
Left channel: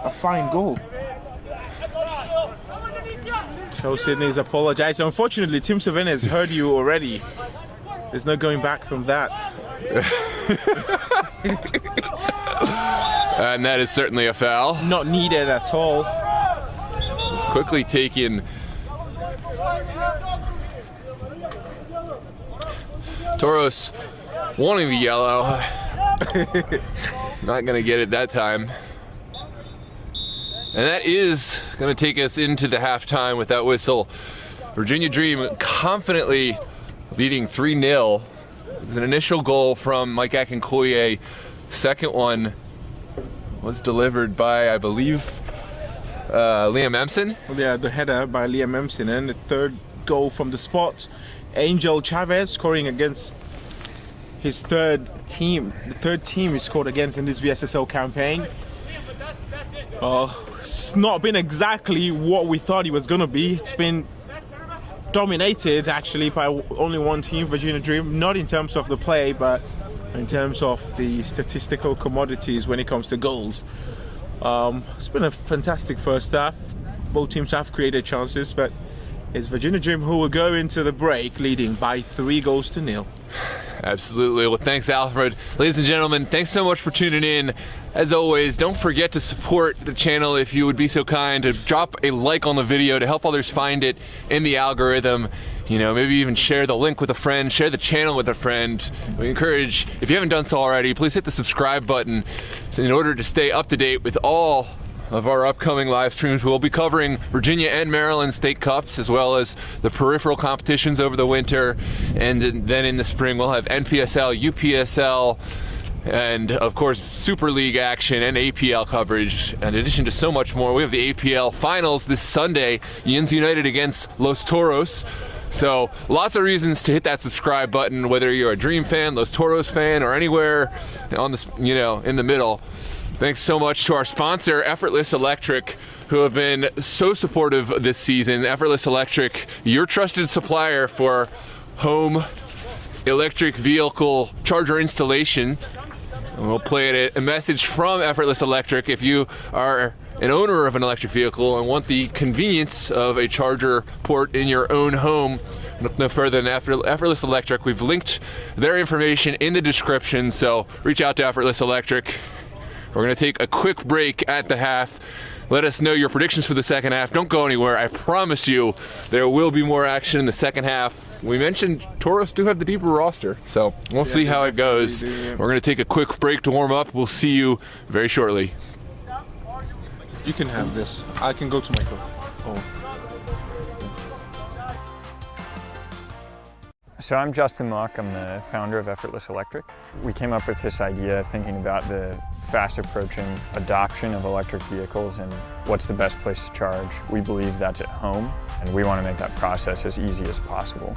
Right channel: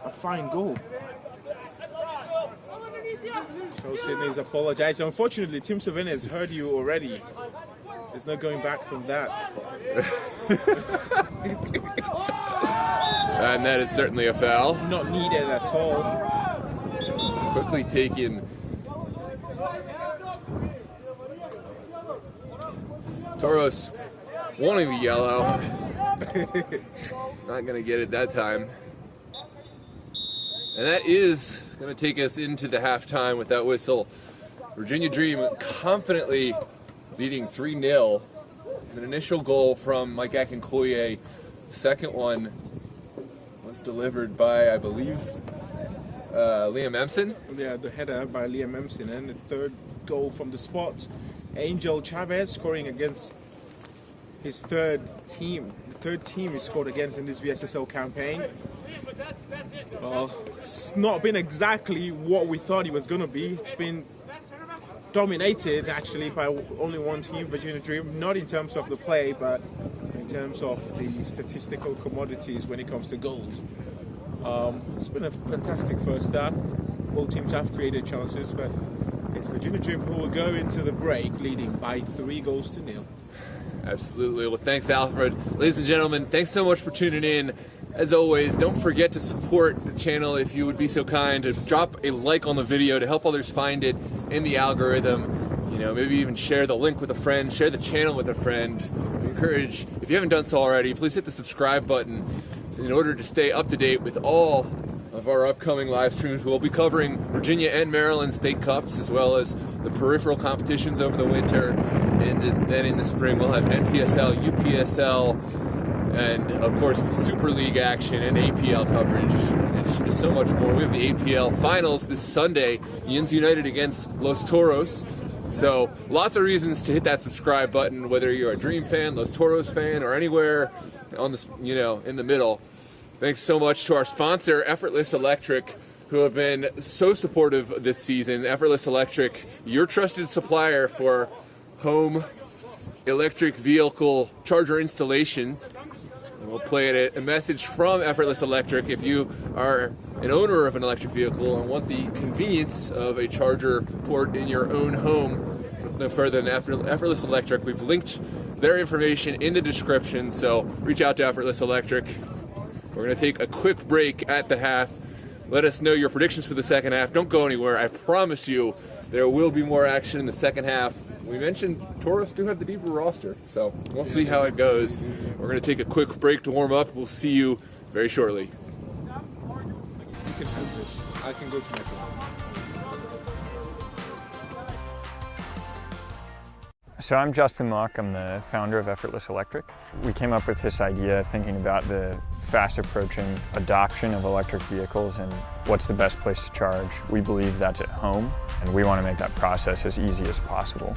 a fine goal. Joe Sydney is apologizing. Unfortunately, Tim Savannah has heard you already. There's no going back from that. And that is certainly a foul. Not needed at all. It's quickly taken. Toros wanting the yellow. Not gonna get it that time. And that is gonna take us into the halftime with that whistle. Virginia Dream confidently leading 3-0. It was an initial goal from Mike Akinkoye. Second one was delivered by, I believe, Liam Empson. Yeah, the header by Liam Empson, and the third goal from the spot, Angel Chavez scoring against his third team. The third team he scored against in this VSSL campaign. It's not been exactly what we thought he was going to be. It's been dominated actually by only one team, Virginia Dream, not in terms of the play, but in terms of the statistical commodities when it comes to goals. It's been a fantastic first half. Both teams have created chances, but it's Virginia Dream who will go into the break leading by 3-0. Absolutely. Well, thanks, Alfred. Ladies and gentlemen, thanks so much for tuning in. As always, don't forget to support the channel if you would be so kind to drop a like on the video to help others find it in the algorithm. You know, maybe even share the link with a friend, share the channel with a friend. We encourage, if you haven't done so already, please hit the subscribe button in order to stay up to date with all of our upcoming live streams. We'll be covering Virginia and Maryland state cups, as well as the peripheral competitions over the winter, and then in the spring we'll have NPSL, UPSL, and of course Super League action and APL coverage. In addition to so much more, we have the APL finals this Sunday, Yins United against Los Toros. So lots of reasons to hit that subscribe button, whether you're a Dream fan, Los Toros fan, or anywhere on this, you know, in the middle. Thanks so much to our sponsor, Effortless Electric, who have been so supportive this season. Effortless Electric, your trusted supplier for home electric vehicle charger installation. And we'll play a message from Effortless Electric if you are an owner of an electric vehicle and want the convenience of a charger port in your own home. Look no further than Effortless Electric. We've linked their information in the description, so reach out to Effortless Electric. We're going to take a quick break at the half. Let us know your predictions for the second half. Don't go anywhere. I promise you there will be more action in the second half. We mentioned Toros do have the deeper roster, so we'll see how it goes. We're going to take a quick break to warm up. We'll see you very shortly. You can have this. I can go to my phone. So I'm Justin Mock, I'm the founder of Effortless Electric. We came up with this idea thinking about the fast approaching adoption of electric vehicles and what's the best place to charge. We believe that's at home, and we want to make that process as easy as possible.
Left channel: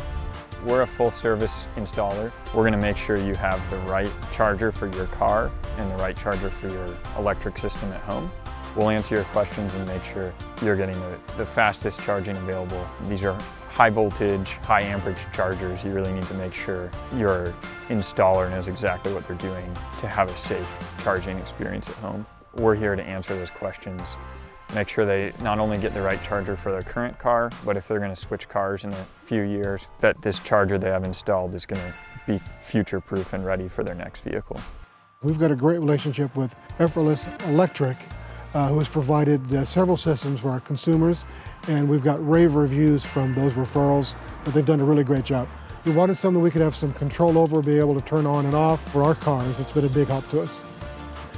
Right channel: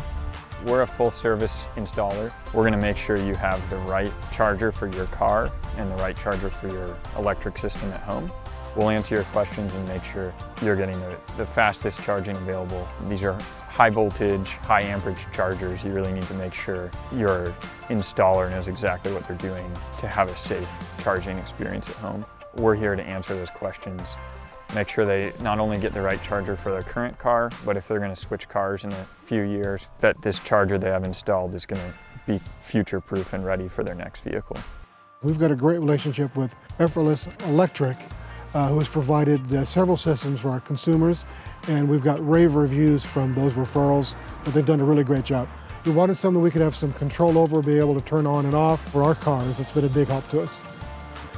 We're a full service installer. We're going to make sure you have the right charger for your car and the right charger for your electric system at home. We'll answer your questions and make sure you're getting the fastest charging available. These are high voltage, high amperage chargers. You really need to make sure your installer knows exactly what they're doing to have a safe charging experience at home. We're here to answer those questions. Make sure they not only get the right charger for their current car, but if they're going to switch cars in a few years, that this charger they have installed is going to be future-proof and ready for their next vehicle. We've got a great relationship with Effortless Electric, who has provided several systems for our consumers, and we've got rave reviews from those referrals that they've done a really great job. We wanted something we could have some control over, be able to turn on and off for our cars. It's been a big help to us.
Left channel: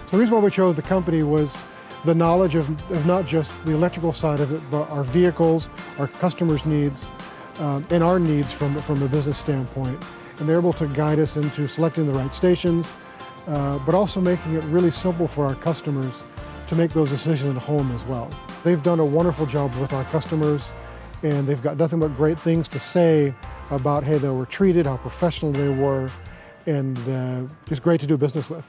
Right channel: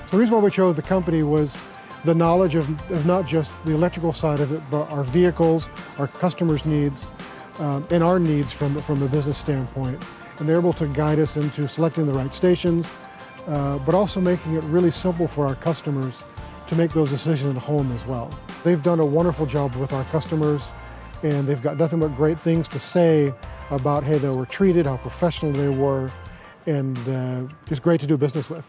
So the reason why we chose the company was the knowledge of not just the electrical side of it, but our vehicles, our customers' needs, and our needs from a business standpoint. And they're able to guide us into selecting the right stations, but also making it really simple for our customers to make those decisions at home as well. They've done a wonderful job with our customers, and they've got nothing but great things to say about how they were treated, how professional they were, and just great to do business with.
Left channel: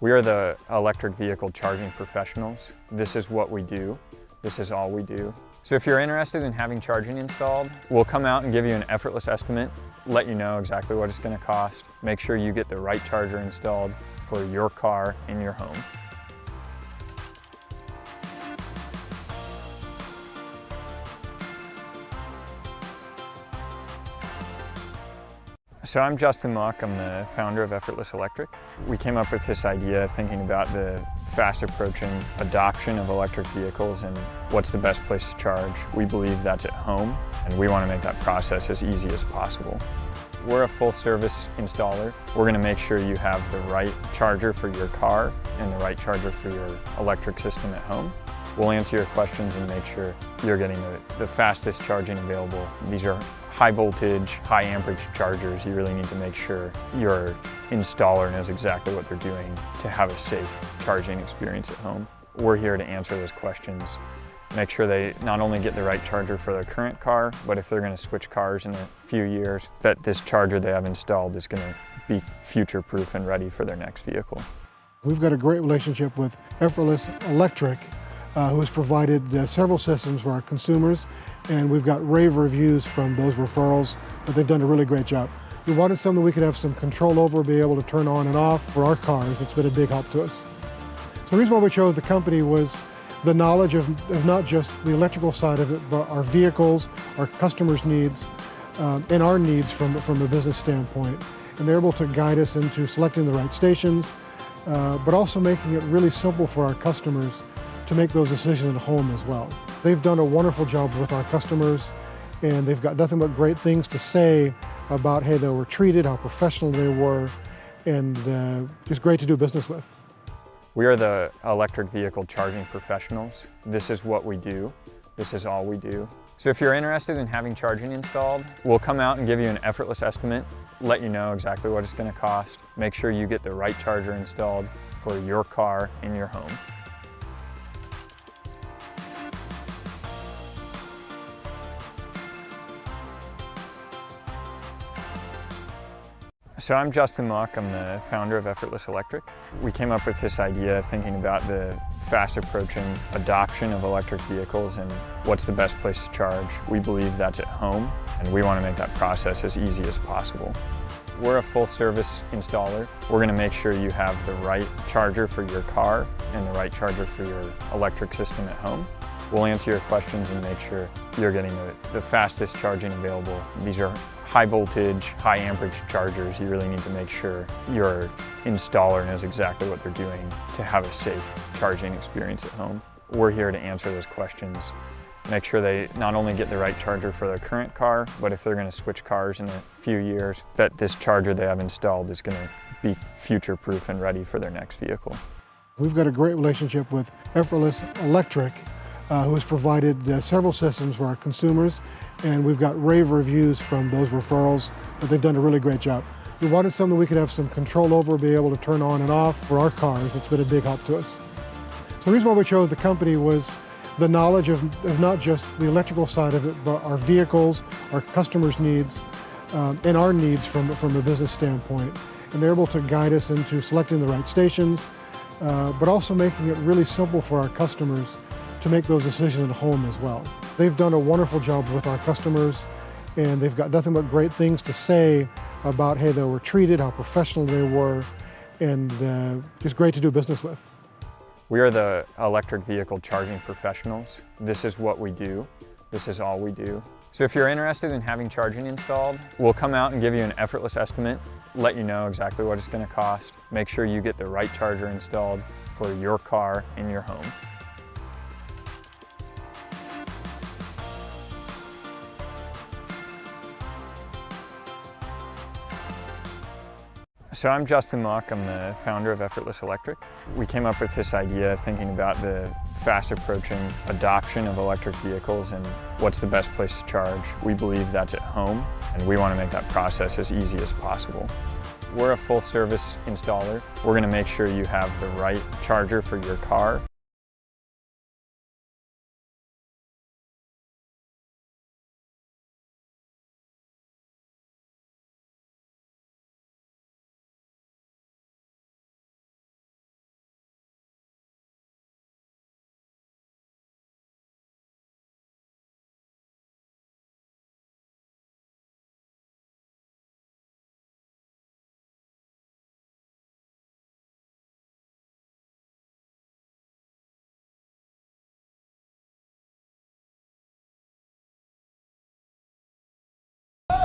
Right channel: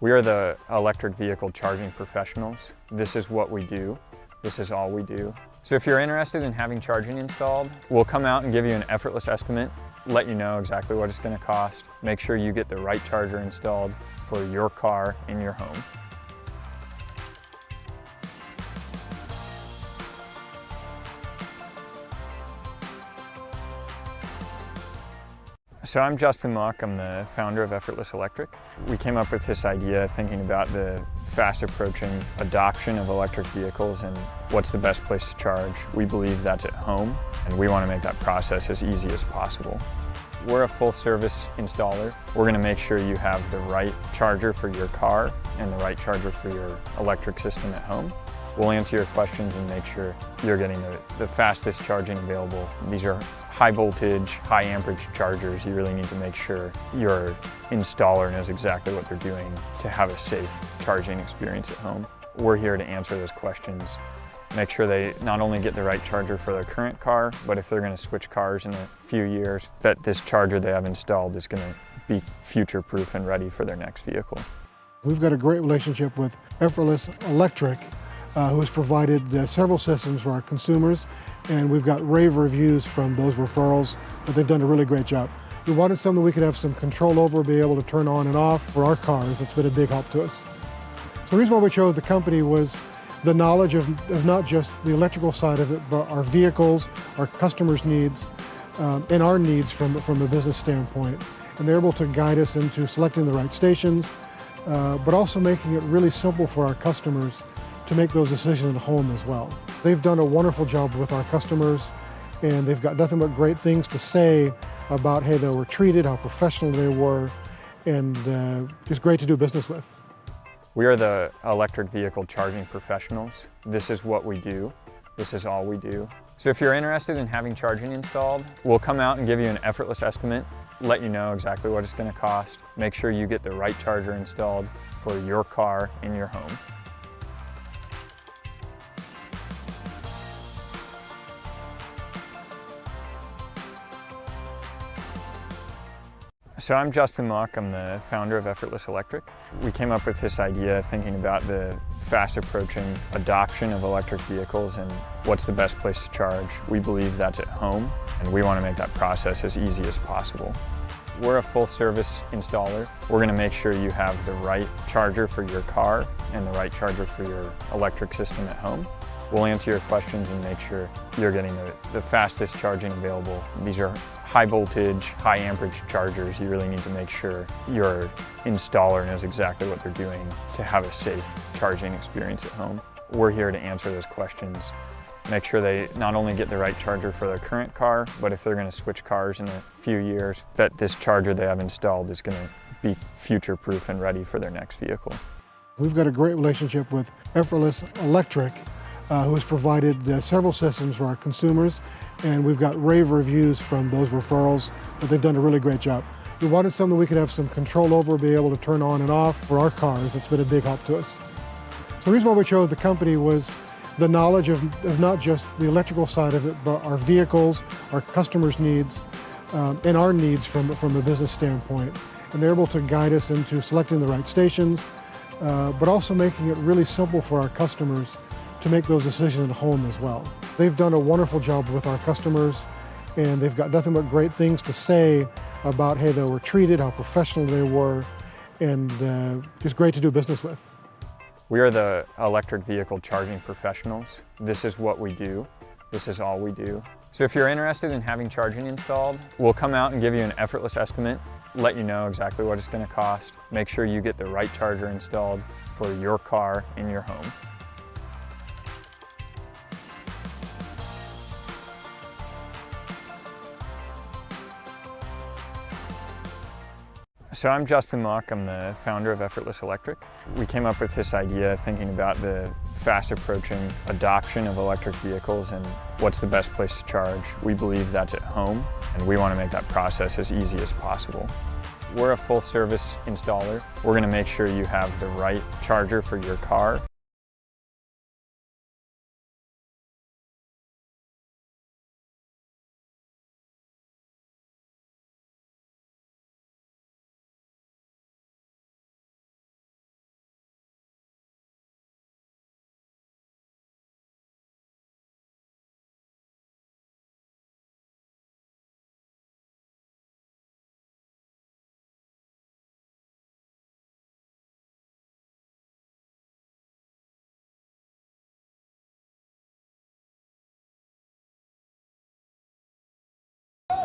We are the electric vehicle charging professionals. This is what we do. This is all we do. So if you're interested in having charging installed, we'll come out and give you an effortless estimate, let you know exactly what it's going to cost, make sure you get the right charger installed for your car in your home. So I'm Justin Mock, I'm the founder of Effortless Electric. We came up with this idea thinking about the fast approaching adoption of electric vehicles and what's the best place to charge. We believe that's at home, and we want to make that process as easy as possible. We're a full service installer. We're going to make sure you have the right charger for your car and the right charger for your electric system at home. We'll answer your questions and make sure you're getting the fastest charging available. These are high voltage, high amperage chargers. You really need to make sure your installer knows exactly what they're doing to have a safe charging experience at home. We're here to answer those questions. Make sure they not only get the right charger for their current car, but if they're going to switch cars in a few years, that this charger they have installed is going to be future-proof and ready for their next vehicle. We've got a great relationship with Effortless Electric, who has provided several systems for our consumers, and we've got rave reviews from those referrals that they've done a really great job. We wanted something we could have some control over, be able to turn on and off for our cars. It's been a big help to us. So the reason why we chose the company was the knowledge of not just the electrical side of it, but our vehicles, our customers' needs, and our needs from a business standpoint. And they're able to guide us into selecting the right stations, but also making it really simple for our customers to make those decisions at home as well. They've done a wonderful job with our customers, and they've got nothing but great things to say about how they were treated, how professional they were, and just great to do business with. We are the electric vehicle charging professionals. This is what we do. This is all we do. So if you're interested in having charging installed, we'll come out and give you an effortless estimate, let you know exactly what it's going to cost, make sure you get the right charger installed for your car in your home. So I'm Justin Muck, I'm the founder of Effortless Electric. We came up with this idea thinking about the fast approaching adoption of electric vehicles and what's the best place to charge. We believe that's at home, and we want to make that process as easy as possible. We're a full service installer. We're going to make sure you have the right charger for your car and the right charger for your electric system at home. We'll answer your questions and make sure you're getting the fastest charging available. These are high voltage, high amperage chargers. You really need to make sure your installer knows exactly what they're doing to have a safe charging experience at home. We're here to answer those questions, make sure they not only get the right charger for their current car, but if they're going to switch cars in a few years, that this charger they have installed is going to be future-proof and ready for their next vehicle. We've got a great relationship with Effortless Electric, who has provided several systems for our consumers, and we've got rave reviews from those referrals that they've done a really great job. We wanted something we could have some control over, be able to turn on and off for our cars. It's been a big help to us. So the reason why we chose the company was the knowledge of not just the electrical side of it, but our vehicles, our customers' needs, and our needs from a business standpoint. And they're able to guide us into selecting the right stations, but also making it really simple for our customers to make those decisions at home as well. They've done a wonderful job with our customers, and they've got nothing but great things to say about how they were treated, how professional they were, and just great to do business with. We are the electric vehicle charging professionals. This is what we do. This is all we do. So if you're interested in having charging installed, we'll come out and give you an effortless estimate, let you know exactly what it's going to cost, make sure you get the right charger installed for your car in your home. So I'm Justin Muck, I'm the founder of Effortless Electric. We came up with this idea thinking about the fast approaching adoption of electric vehicles and what's the best place to charge. We believe that's at home, and we want to make that process as easy as possible. We're a full service installer. We're going to make sure you have the right charger for your car.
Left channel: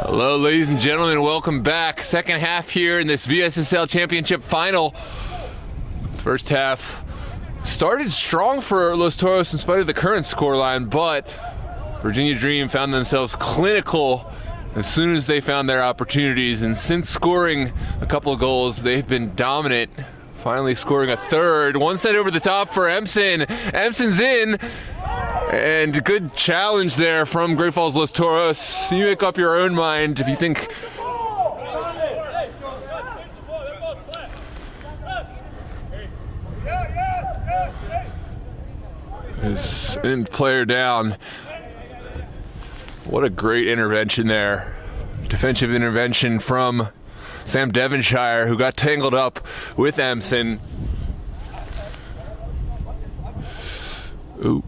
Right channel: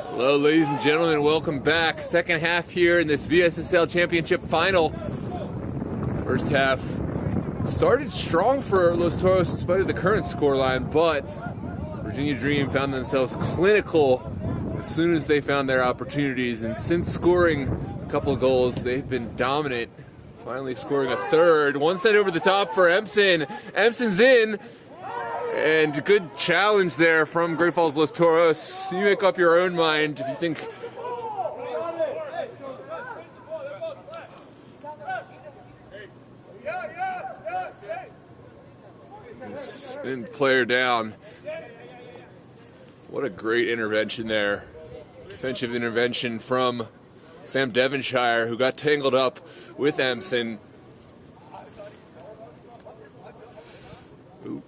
Hello, ladies and gentlemen, welcome back. Second half here in this VSSL Championship Final. First half started strong for Los Toros in spite of the current scoreline, but Virginia Dream found themselves clinical as soon as they found their opportunities, and since scoring a couple of goals, they've been dominant. Finally scoring a third. One set over the top for Empson. Empson's in. And good challenge there from Great Falls Los Toros. You make up your own mind if you think his end player down. What a great intervention there. Defensive intervention from Sam Devonshire, who got tangled up with Empson. Ooh.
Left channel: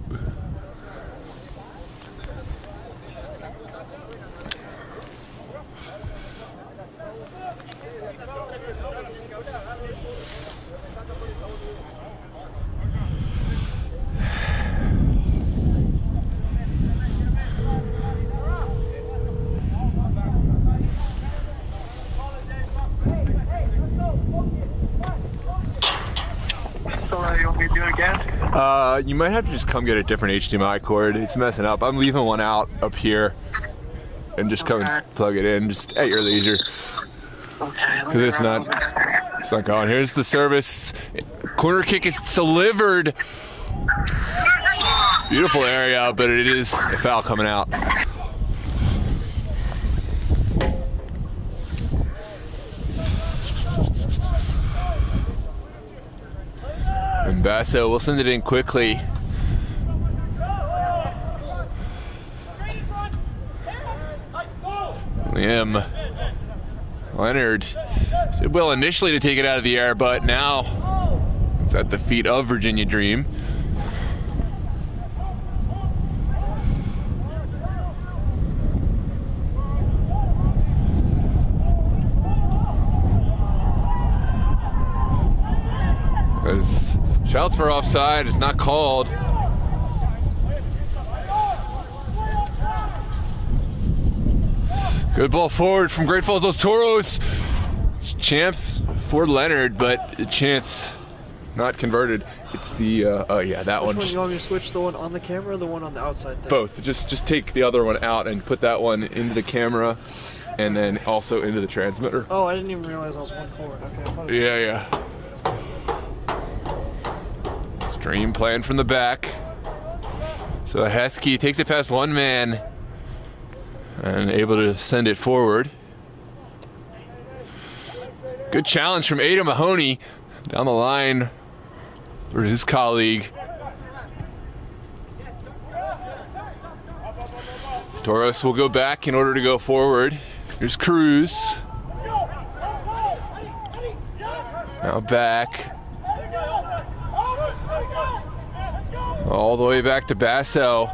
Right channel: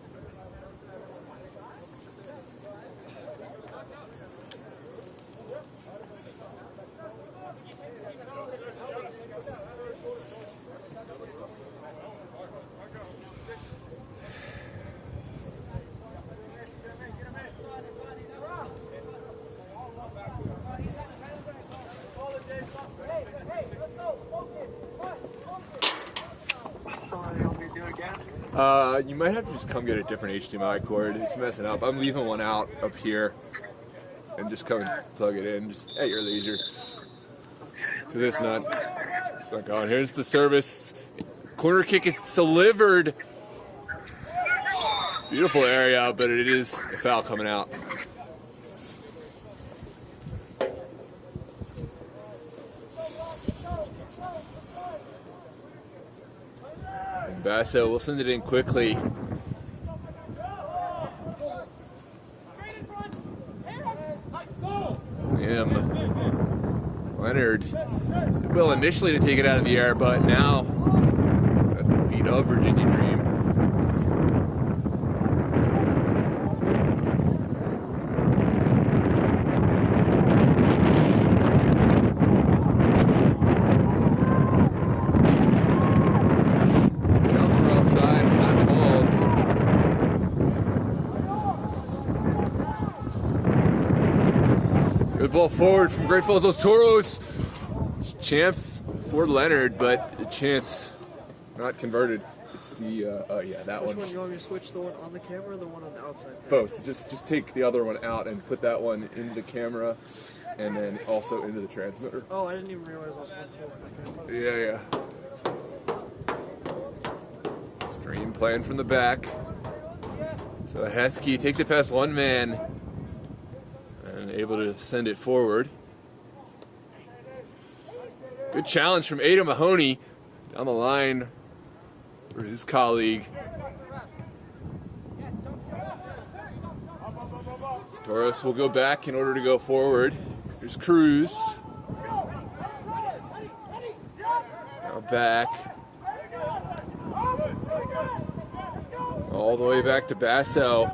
You want me to do it again? You might have to just come get a different HDMI cord. It's messing up. I'm leaving one out up here and just come and plug it in just at your leisure. Okay. Cause it's not going. Here's the service. Corner kick is delivered. Beautiful area, but it is a foul coming out. And Basso will send it in quickly. Leonard did well initially to take it out of the air, but now it's at the feet of Virginia Dream. Shouts for offside, it's not called. Good ball forward from Great Falls Los Toros. Champ for Leonard, but a chance not converted. It's the, oh yeah, that one. Which one, you want me to switch the one on the camera or the one on the outside thing? Both, just take the other one out and put that one into the camera and then also into the transmitter. Oh, I didn't even realize I was one forward. Okay, I thought Yeah. Dream playing from the back. So Heskey takes it past one man and able to send it forward. Good challenge from Ada Mahoney down the line for his colleague. Toros will go back in order to go forward. Here's Cruz. Now back. All the way back to Basso.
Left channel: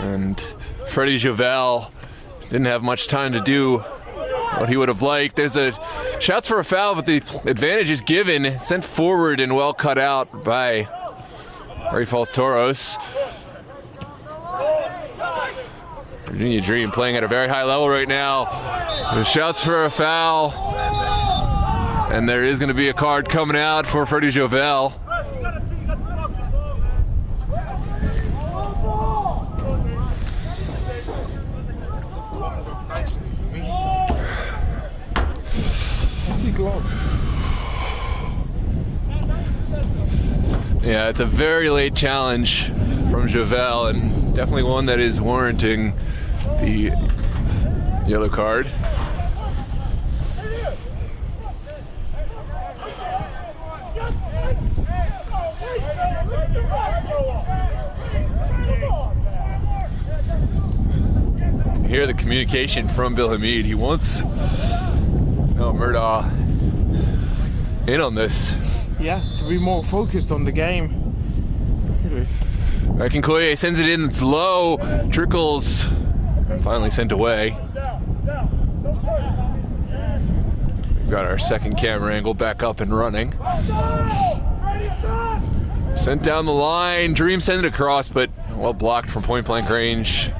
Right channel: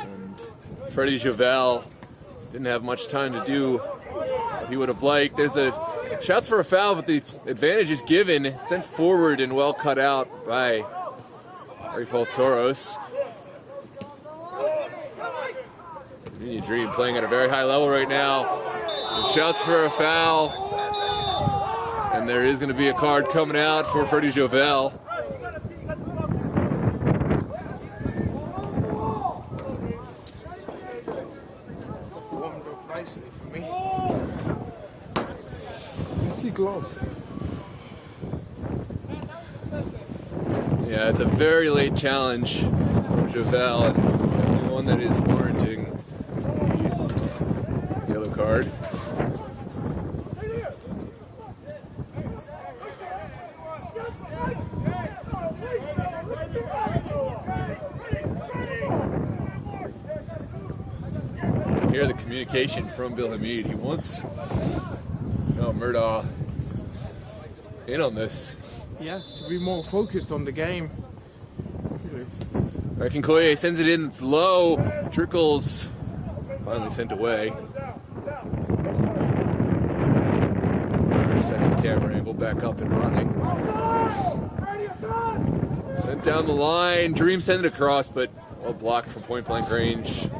And Freddie Javel didn't have much time to do what he would have liked. There's a shouts for a foul, but the advantage is given, sent forward and well cut out by Great Falls Toros. Virginia Dream playing at a very high level right now. There's shouts for a foul. And there is going to be a card coming out for Freddie Javel. Yeah, it's a very late challenge from Javel, and definitely one that is warranting the yellow card. Hear the communication from Bill Hamid. He wants Murdaugh in on this. Yeah, to be more focused on the game. Akinkoye sends it in, it's low, trickles, and finally sent away. Got our second camera angle back up and running. Sent down the line, Dream sent it across, but well blocked from point blank range.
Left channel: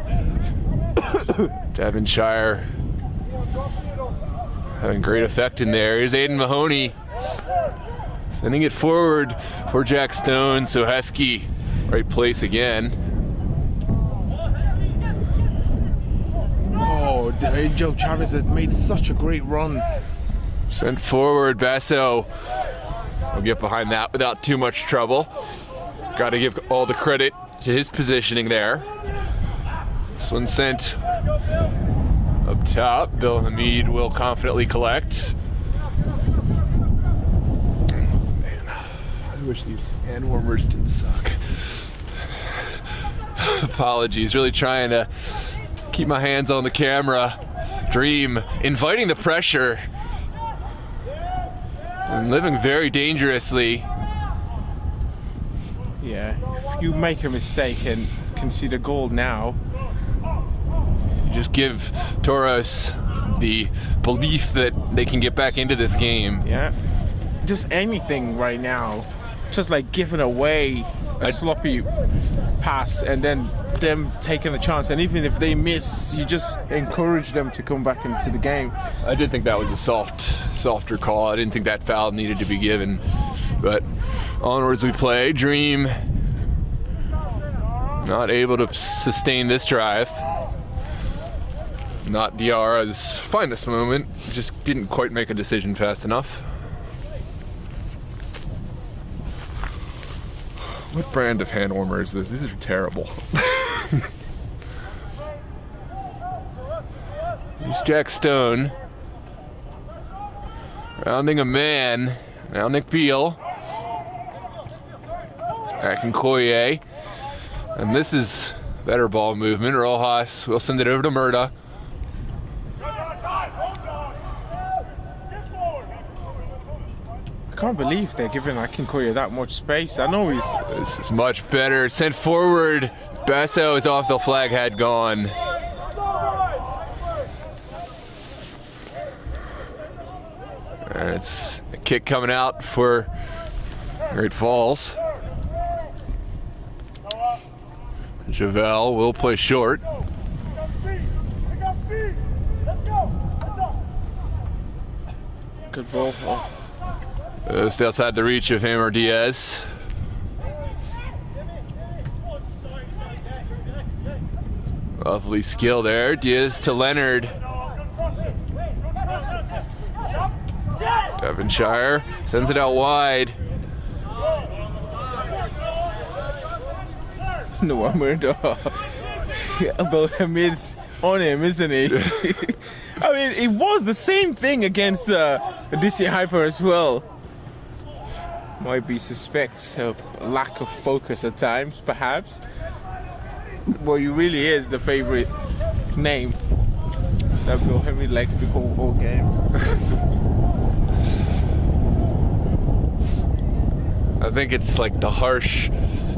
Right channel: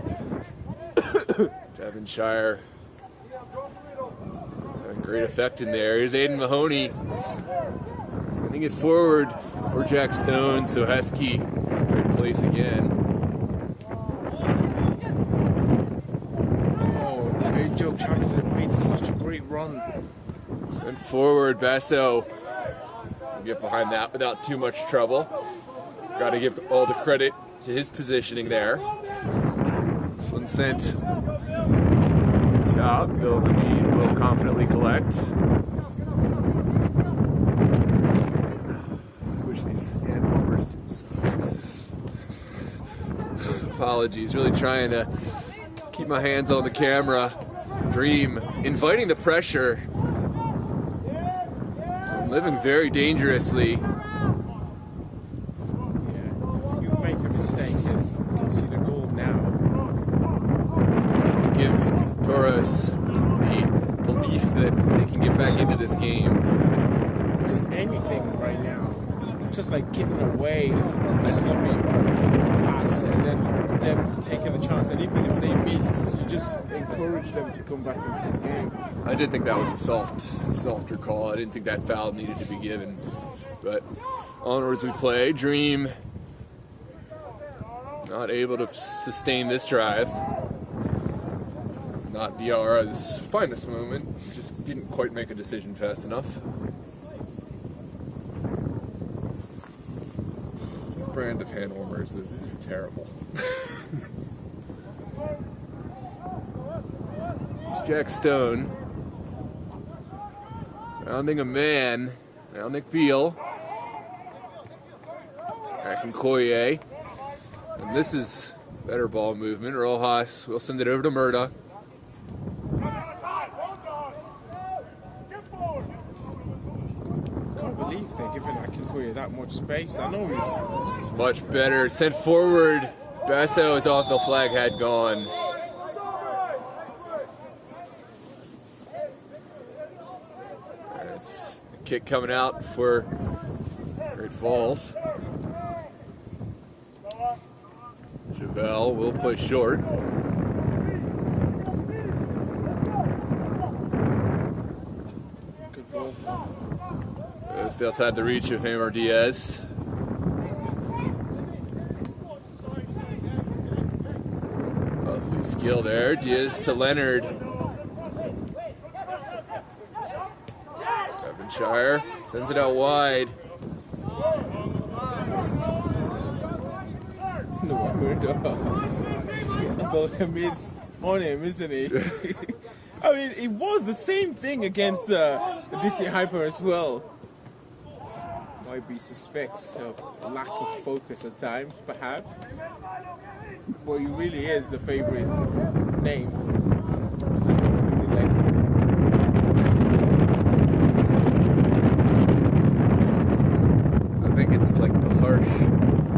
Devonshire having great effect in there. Here's Aiden Mahoney sending it forward for Jack Stone. So Heskey, right place again. Oh, Joe Chavez had made such a great run. Sent forward, Basso will get behind that without too much trouble. Got to give all the credit to his positioning there. This one sent up top. Bill Hamid will confidently collect. Man, I wish these hand warmers didn't suck. Apologies, really trying to keep my hands on the camera. Dream inviting the pressure and living very dangerously. you make a mistake and concede a goal now. Just give Toros the belief that they can get back into this game. Yeah, just anything right now, just like giving away a sloppy pass and then them taking a chance, and even if they miss, you just encourage them to come back into the game. I did think that was a softer call. I didn't think that foul needed to be given, but onwards we play. Dream not able to sustain this drive. Not Diarra's finest moment, just didn't quite make a decision fast enough. What brand of hand warmer is this? These are terrible. Here's Jack Stone. Rounding a man. Now Nick Beal. Back in Koye. And this is better ball movement. Rojas will send it over to Murda. I can't believe they're giving Akinkoya that much space. I know he's... This is much better. Sent forward. Basso is off. The flag had gone. And it's a kick coming out for Great Falls. Javel will play short. Good ball. Just outside the reach of him or Diaz. Lovely skill there. Diaz to Leonard. Devonshire sends it out wide. No, Murda. About him is on him, isn't he? I mean, it was the same thing against DC Hyper as well. Might be suspect of lack of focus at times, perhaps. Well, he really is the favorite name. That Mohamed likes the whole game. I think it's like the harsh,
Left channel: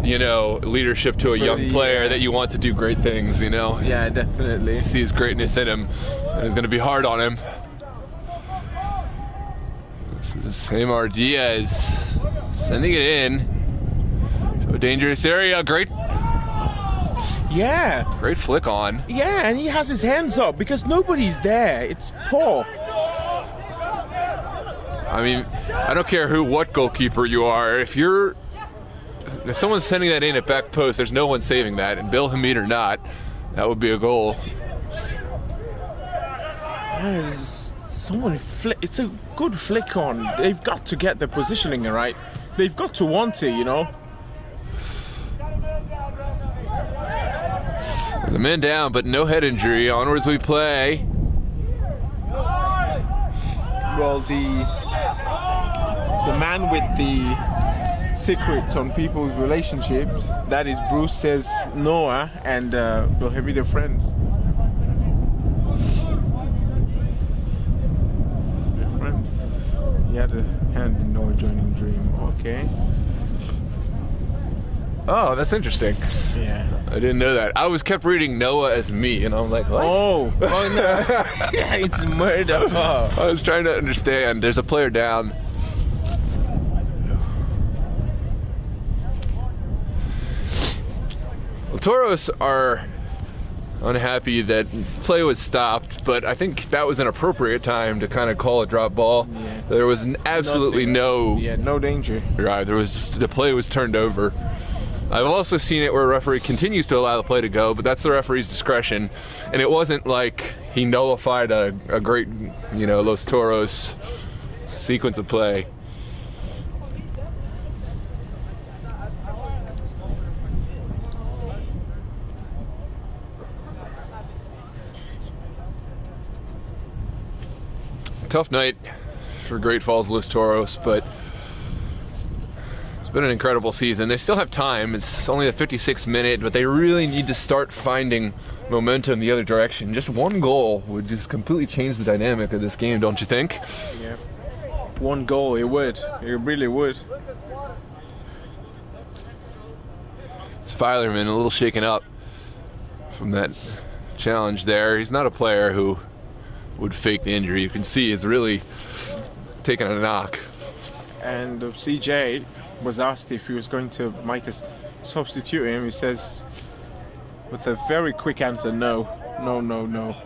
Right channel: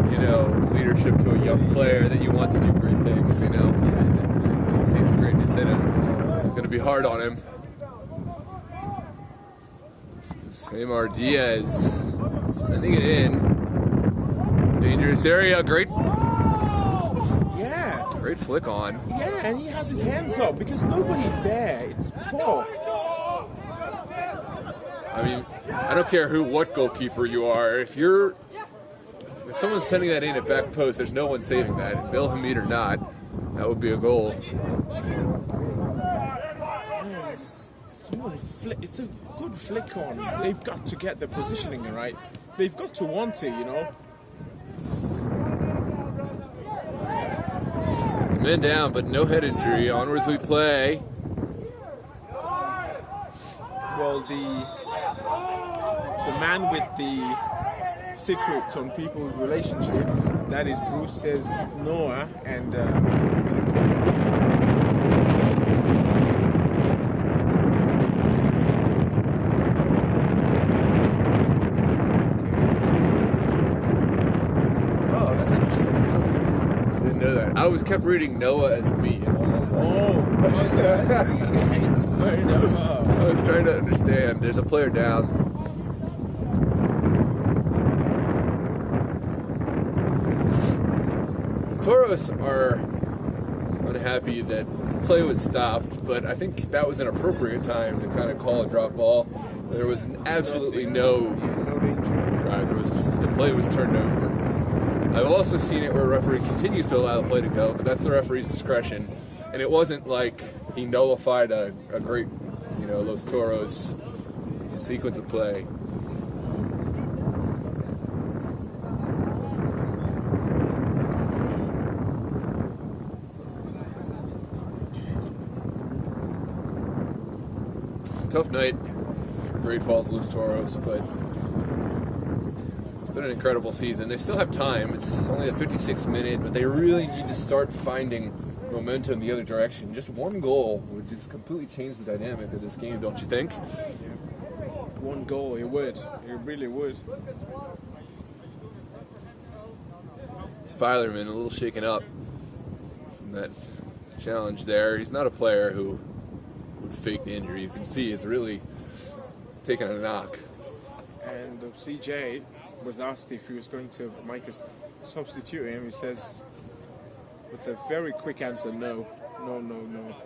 you know, leadership to a young player that you want to do great things, you know? Yeah, definitely. You see his greatness in him, and it's going to be hard on him. This is Amar Diaz sending it in. A dangerous area. Great flick on. Yeah, and he has his hands up because nobody's there. It's poor. I mean, I don't care what goalkeeper you are. If someone's sending that in at back post, there's no one saving that. And Bill Hamid or not, that would be a goal. It's a good flick on. They've got to get the positioning right. They've got to want to, you know. The man down, but no head injury. Onwards we play. Well, the man with the secrets on people's relationships, that is Bruce, says Noah, and maybe they're friends. Oh, that's interesting. Yeah. I didn't know that. I kept reading Noah as me, and I'm like, what? Oh, it's murder. Oh. I was trying to understand. There's a player down. Well, Toros are unhappy that play was stopped, but I think that was an appropriate time to kind of call a drop ball. Yeah. There was absolutely no danger. Right, the play was turned over. I've also seen it where a referee continues to allow the play to go, but that's the referee's discretion. And it wasn't like he nullified a great, you know, Los Toros sequence of play. Tough night for Great Falls Los Toros, but it's been an incredible season. They still have time. It's only the 56th minute, but they really need to start finding momentum the other direction. Just one goal would just completely change the dynamic of this game, don't you think? Yeah. One goal, it would. It really would. It's Filerman, a little shaken up from that challenge there. He's not a player who would fake the injury. You can see he's really taking a knock. And CJ was asked if he was going to make us substitute him. He says with a very quick answer, no, no, no, no.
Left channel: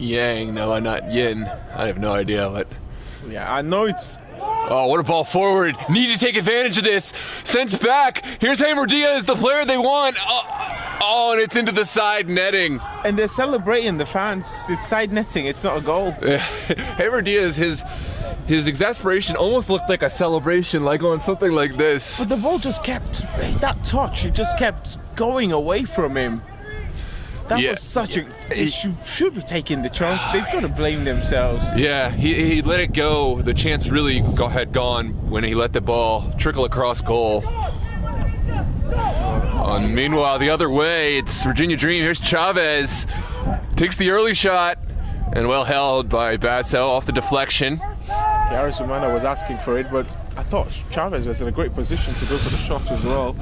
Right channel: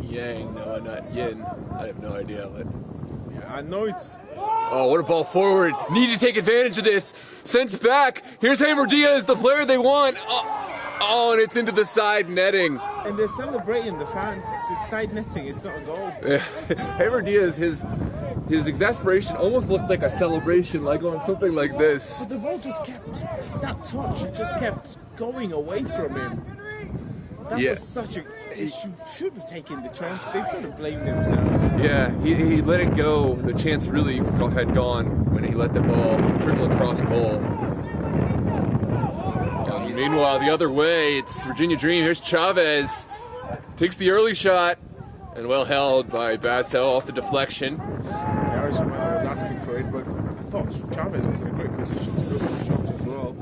Yang, no, not Yin. I have no idea what. Yeah, I know it's. Oh, what a ball forward. Need to take advantage of this. Sent back. Here's Hammer Diaz, the player they want. Oh, and it's into the side netting. And they're celebrating, the fans. It's side netting, it's not a goal. Hammer Diaz, his exasperation almost looked like a celebration, like on something like this. But the ball just kept, that touch, it just kept going away from him. That was such a. They should be taking the chance. They've got to blame themselves. Yeah, he let it go. The chance really had gone when he let the ball trickle across goal. Meanwhile, the other way, it's Virginia Dream. Here's Chavez. Takes the early shot and well held by Basso off the deflection. Darius Romano was asking for it, but I thought Chavez was in a great position to go for the shot as well.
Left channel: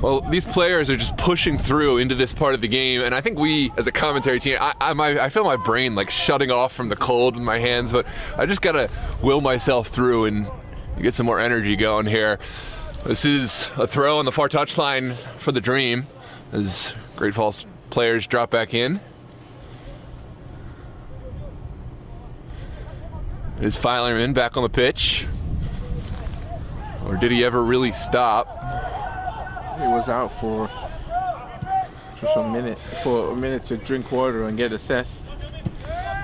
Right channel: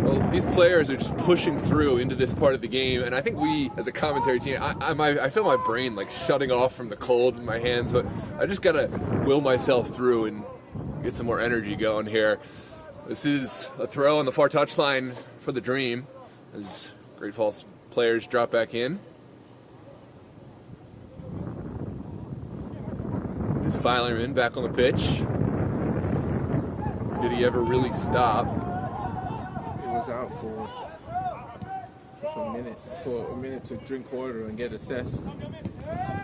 Well, these players are just pushing through into this part of the game, and I think we, as a commentary team, I feel my brain like shutting off from the cold in my hands, but I just gotta will myself through and get some more energy going here. This is a throw on the far touchline for the Dream as Great Falls players drop back in. Is Filerman back on the pitch? Or did he ever really stop? He was out for a minute to drink water and get assessed.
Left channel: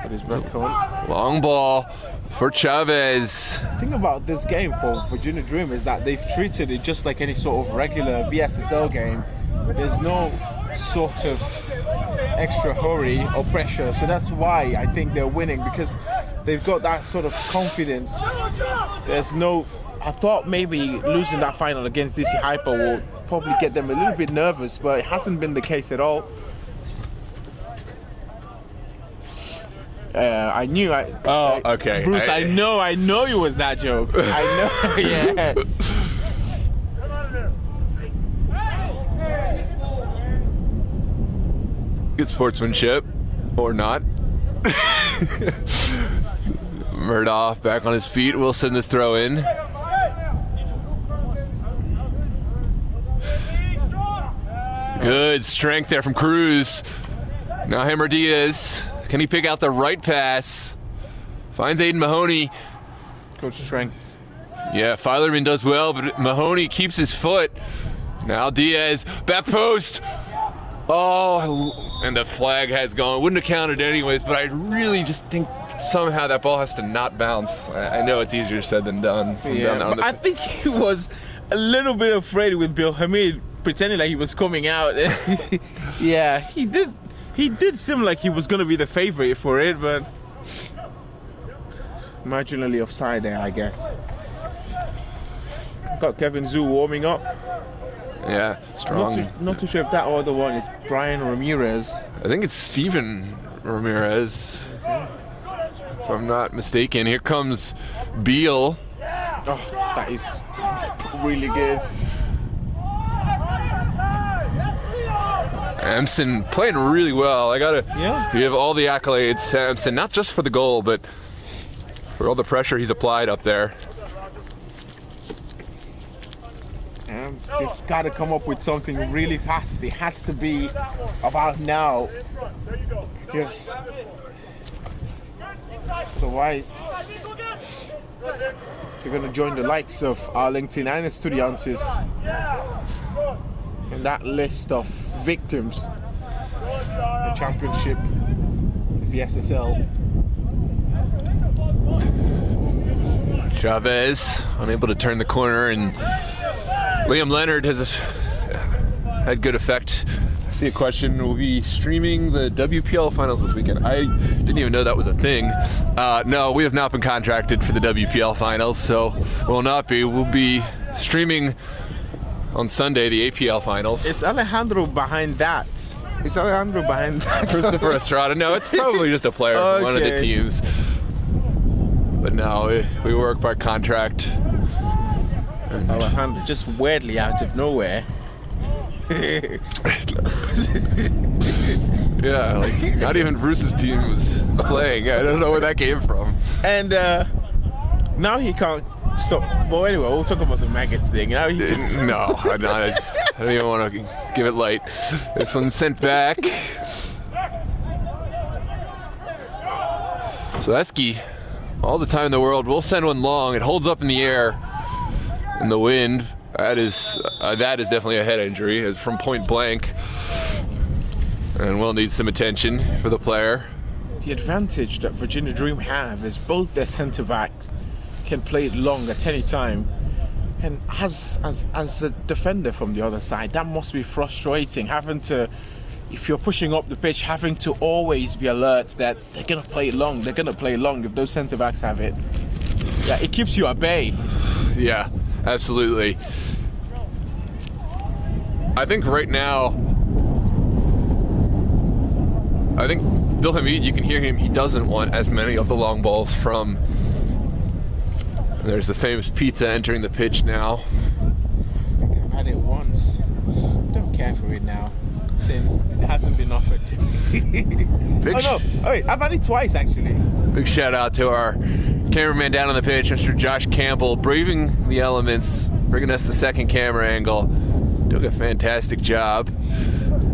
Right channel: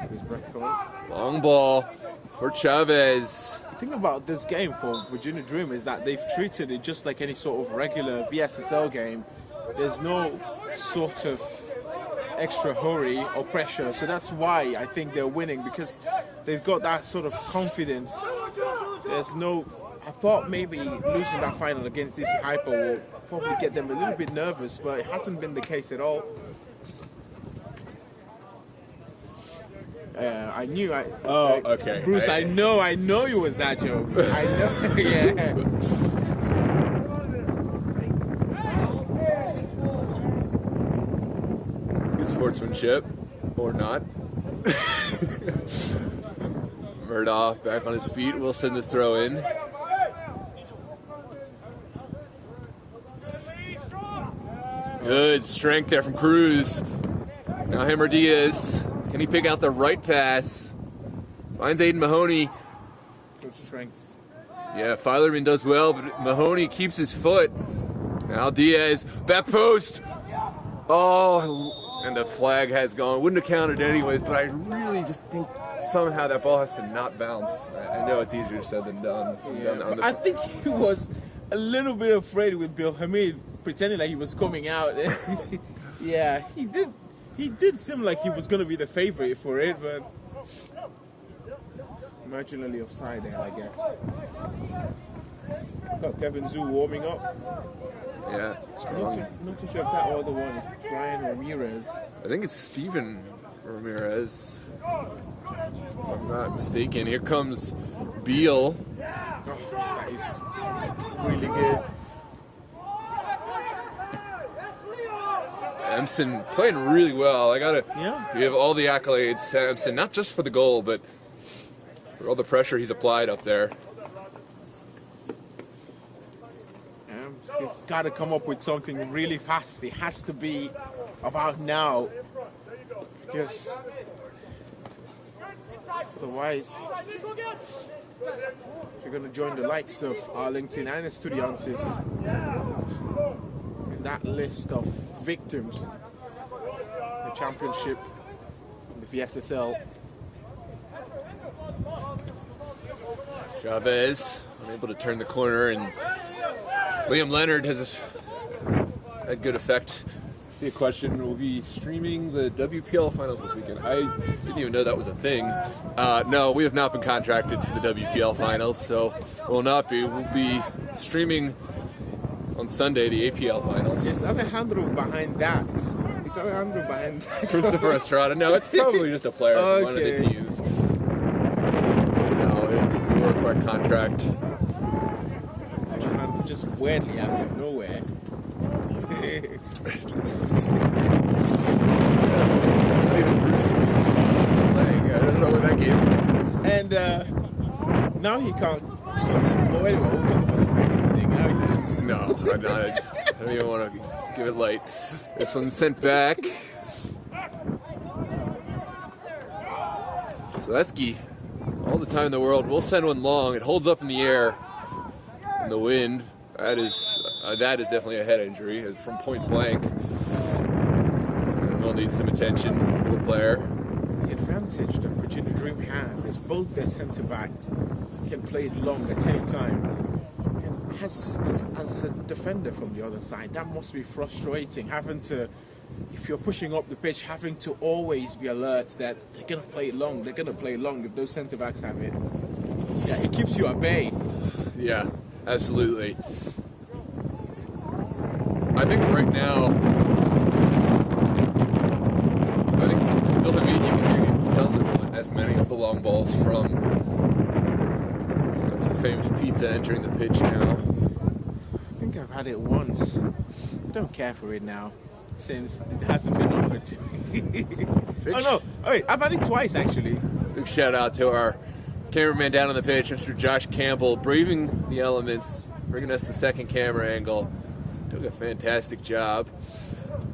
But he's back on. Long ball for Chavez. The thing about this game for Virginia Dream is that they've treated it just like any sort of regular VSSL game. There's no sort of extra hurry or pressure, so that's why I think they're winning, because they've got that sort of confidence. There's no. I thought maybe losing that final against DC Hyper will probably get them a little bit nervous, but it hasn't been the case at all. I knew. Okay. Bruce, I know it was that joke. I know. Yeah. Good sportsmanship, or not. Murdoch back on his feet. We'll send this throw in. Good strength there from Cruz. Now Hammer Diaz. Can he pick out the right pass? Finds Aiden Mahoney. Coach strength. Yeah, Filerman does well, but Mahoney keeps his foot. Now Diaz, back post. Oh, and the flag has gone. Wouldn't have counted anyways, but I really just think somehow that ball has to not bounce. I know it's easier said than done. Yeah, I think he was a little bit afraid with Bill Hamid pretending like he was coming out. Yeah, he did seem like he was going to be the favorite for it, but marginally offside there, I guess. Got Kevin Zhu warming up. Yeah, strong. Not too sure if that other one is Brian Ramirez. I think it's Steven Ramirez, if I'm not mistaken. Here comes Beal. Oh, that is really good. Amson playing really well. Yeah. Give all the accolades to Amson, not just for the goal, but for all the pressure he's applied up there. And they've got to come up with something really fast. It has to be about now, because otherwise, if you're going to join the likes of Arlington and Estudiantes in that list of victims, the championship, the VSSL. Chavez unable to turn the corner, and Liam Leonard has had good effect. I see a question. We'll be streaming the WPL finals this weekend. I didn't even know that was a thing. No, we have not been contracted for the WPL finals, so we'll not be. We'll be streaming on Sunday the APL finals. Is Alejandro behind that? Is Alejandro behind? Christopher Estrada. No, it's probably just a player from one of the Okay. teams. But no, we work by contract. Alejandro just weirdly out of nowhere. Yeah, not even Bruce's team is playing. I don't know where that came from. And now he can't stop. Well, anyway, we'll talk about the maggots thing. Now he No, I don't even want to give it light. This one's sent back. So Esky, all the time in the world, we'll send one long. It holds up in the air in the wind. That is definitely a head injury. It's from point blank, and will need some attention for the player. The advantage that Virginia Dream have is both their centre backs can play it long at any time. And as a defender from the other side, that must be frustrating, having to, if you're pushing up the pitch, having to always be alert that they're going to play it long. They're going to play it long if those centre backs have it. Yeah, it keeps you at bay. Yeah, absolutely. I think right now, I think Bill Hamid, you can hear him, he doesn't want as many of the long balls from. There's the famous pizza entering the pitch now. I think I've had it once. Don't care for it now, since it hasn't been offered to me. Oh no, wait, I've had it twice actually. Big shout out to our cameraman down on the pitch, Mr. Josh Campbell, braving the elements, bringing us the second camera angle. Doing a fantastic job.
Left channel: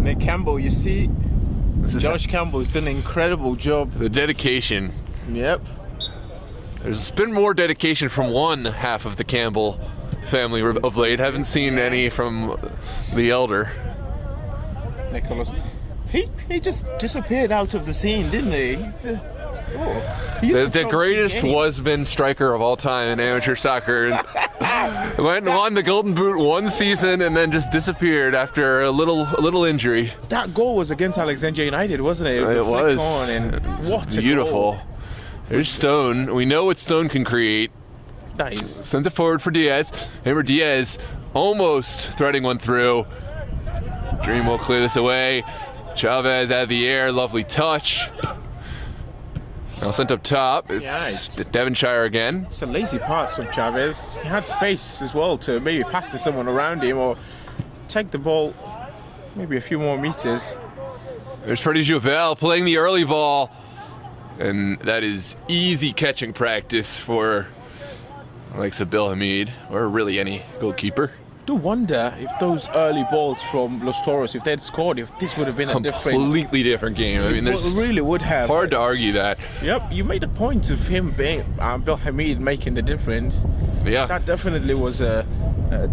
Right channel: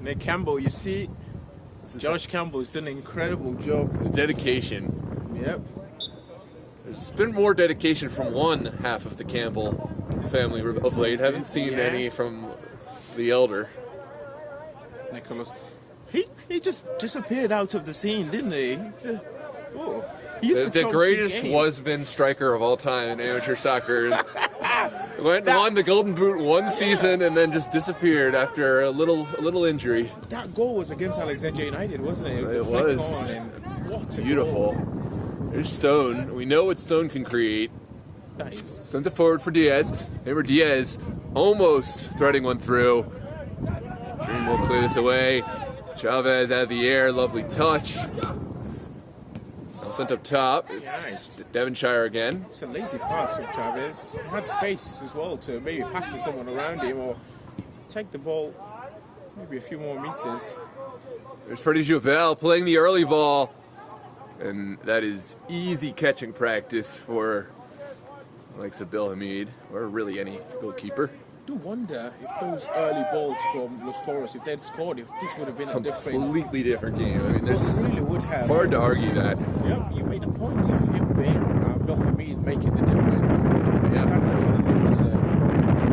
Nick Campbell, you see, Josh Campbell's done an incredible job. The dedication. Yep. There's been more dedication from one half of the Campbell family of late. Haven't seen any from the elder. Nicholas. He just disappeared out of the scene, didn't he? The greatest was-been striker of all time in amateur soccer. Went and won the Golden Boot one season and then just disappeared after a little injury. That goal was against Alexandria United, wasn't it? It was. What a beautiful. goal. There's Stone. We know what Stone can create. That is. Sends it forward for Diaz. Hammer Diaz almost threading one through. Dream will clear this away. Chavez out of the air. Lovely touch. Now sent up top. It's Devonshire again. It's a lazy pass from Chavez. He had space as well to maybe pass to someone around him or take the ball maybe a few more meters. There's Freddie Jouvel playing the early ball. And that is easy catching practice for like Bill Hamid or really any goalkeeper. I do wonder if those early balls from Los Toros, if they'd scored, if this would have been completely different game. I mean, there's really would have. Hard to argue that. Yep, you made a point of him being Bill Hamid making the difference. Yeah, that definitely was a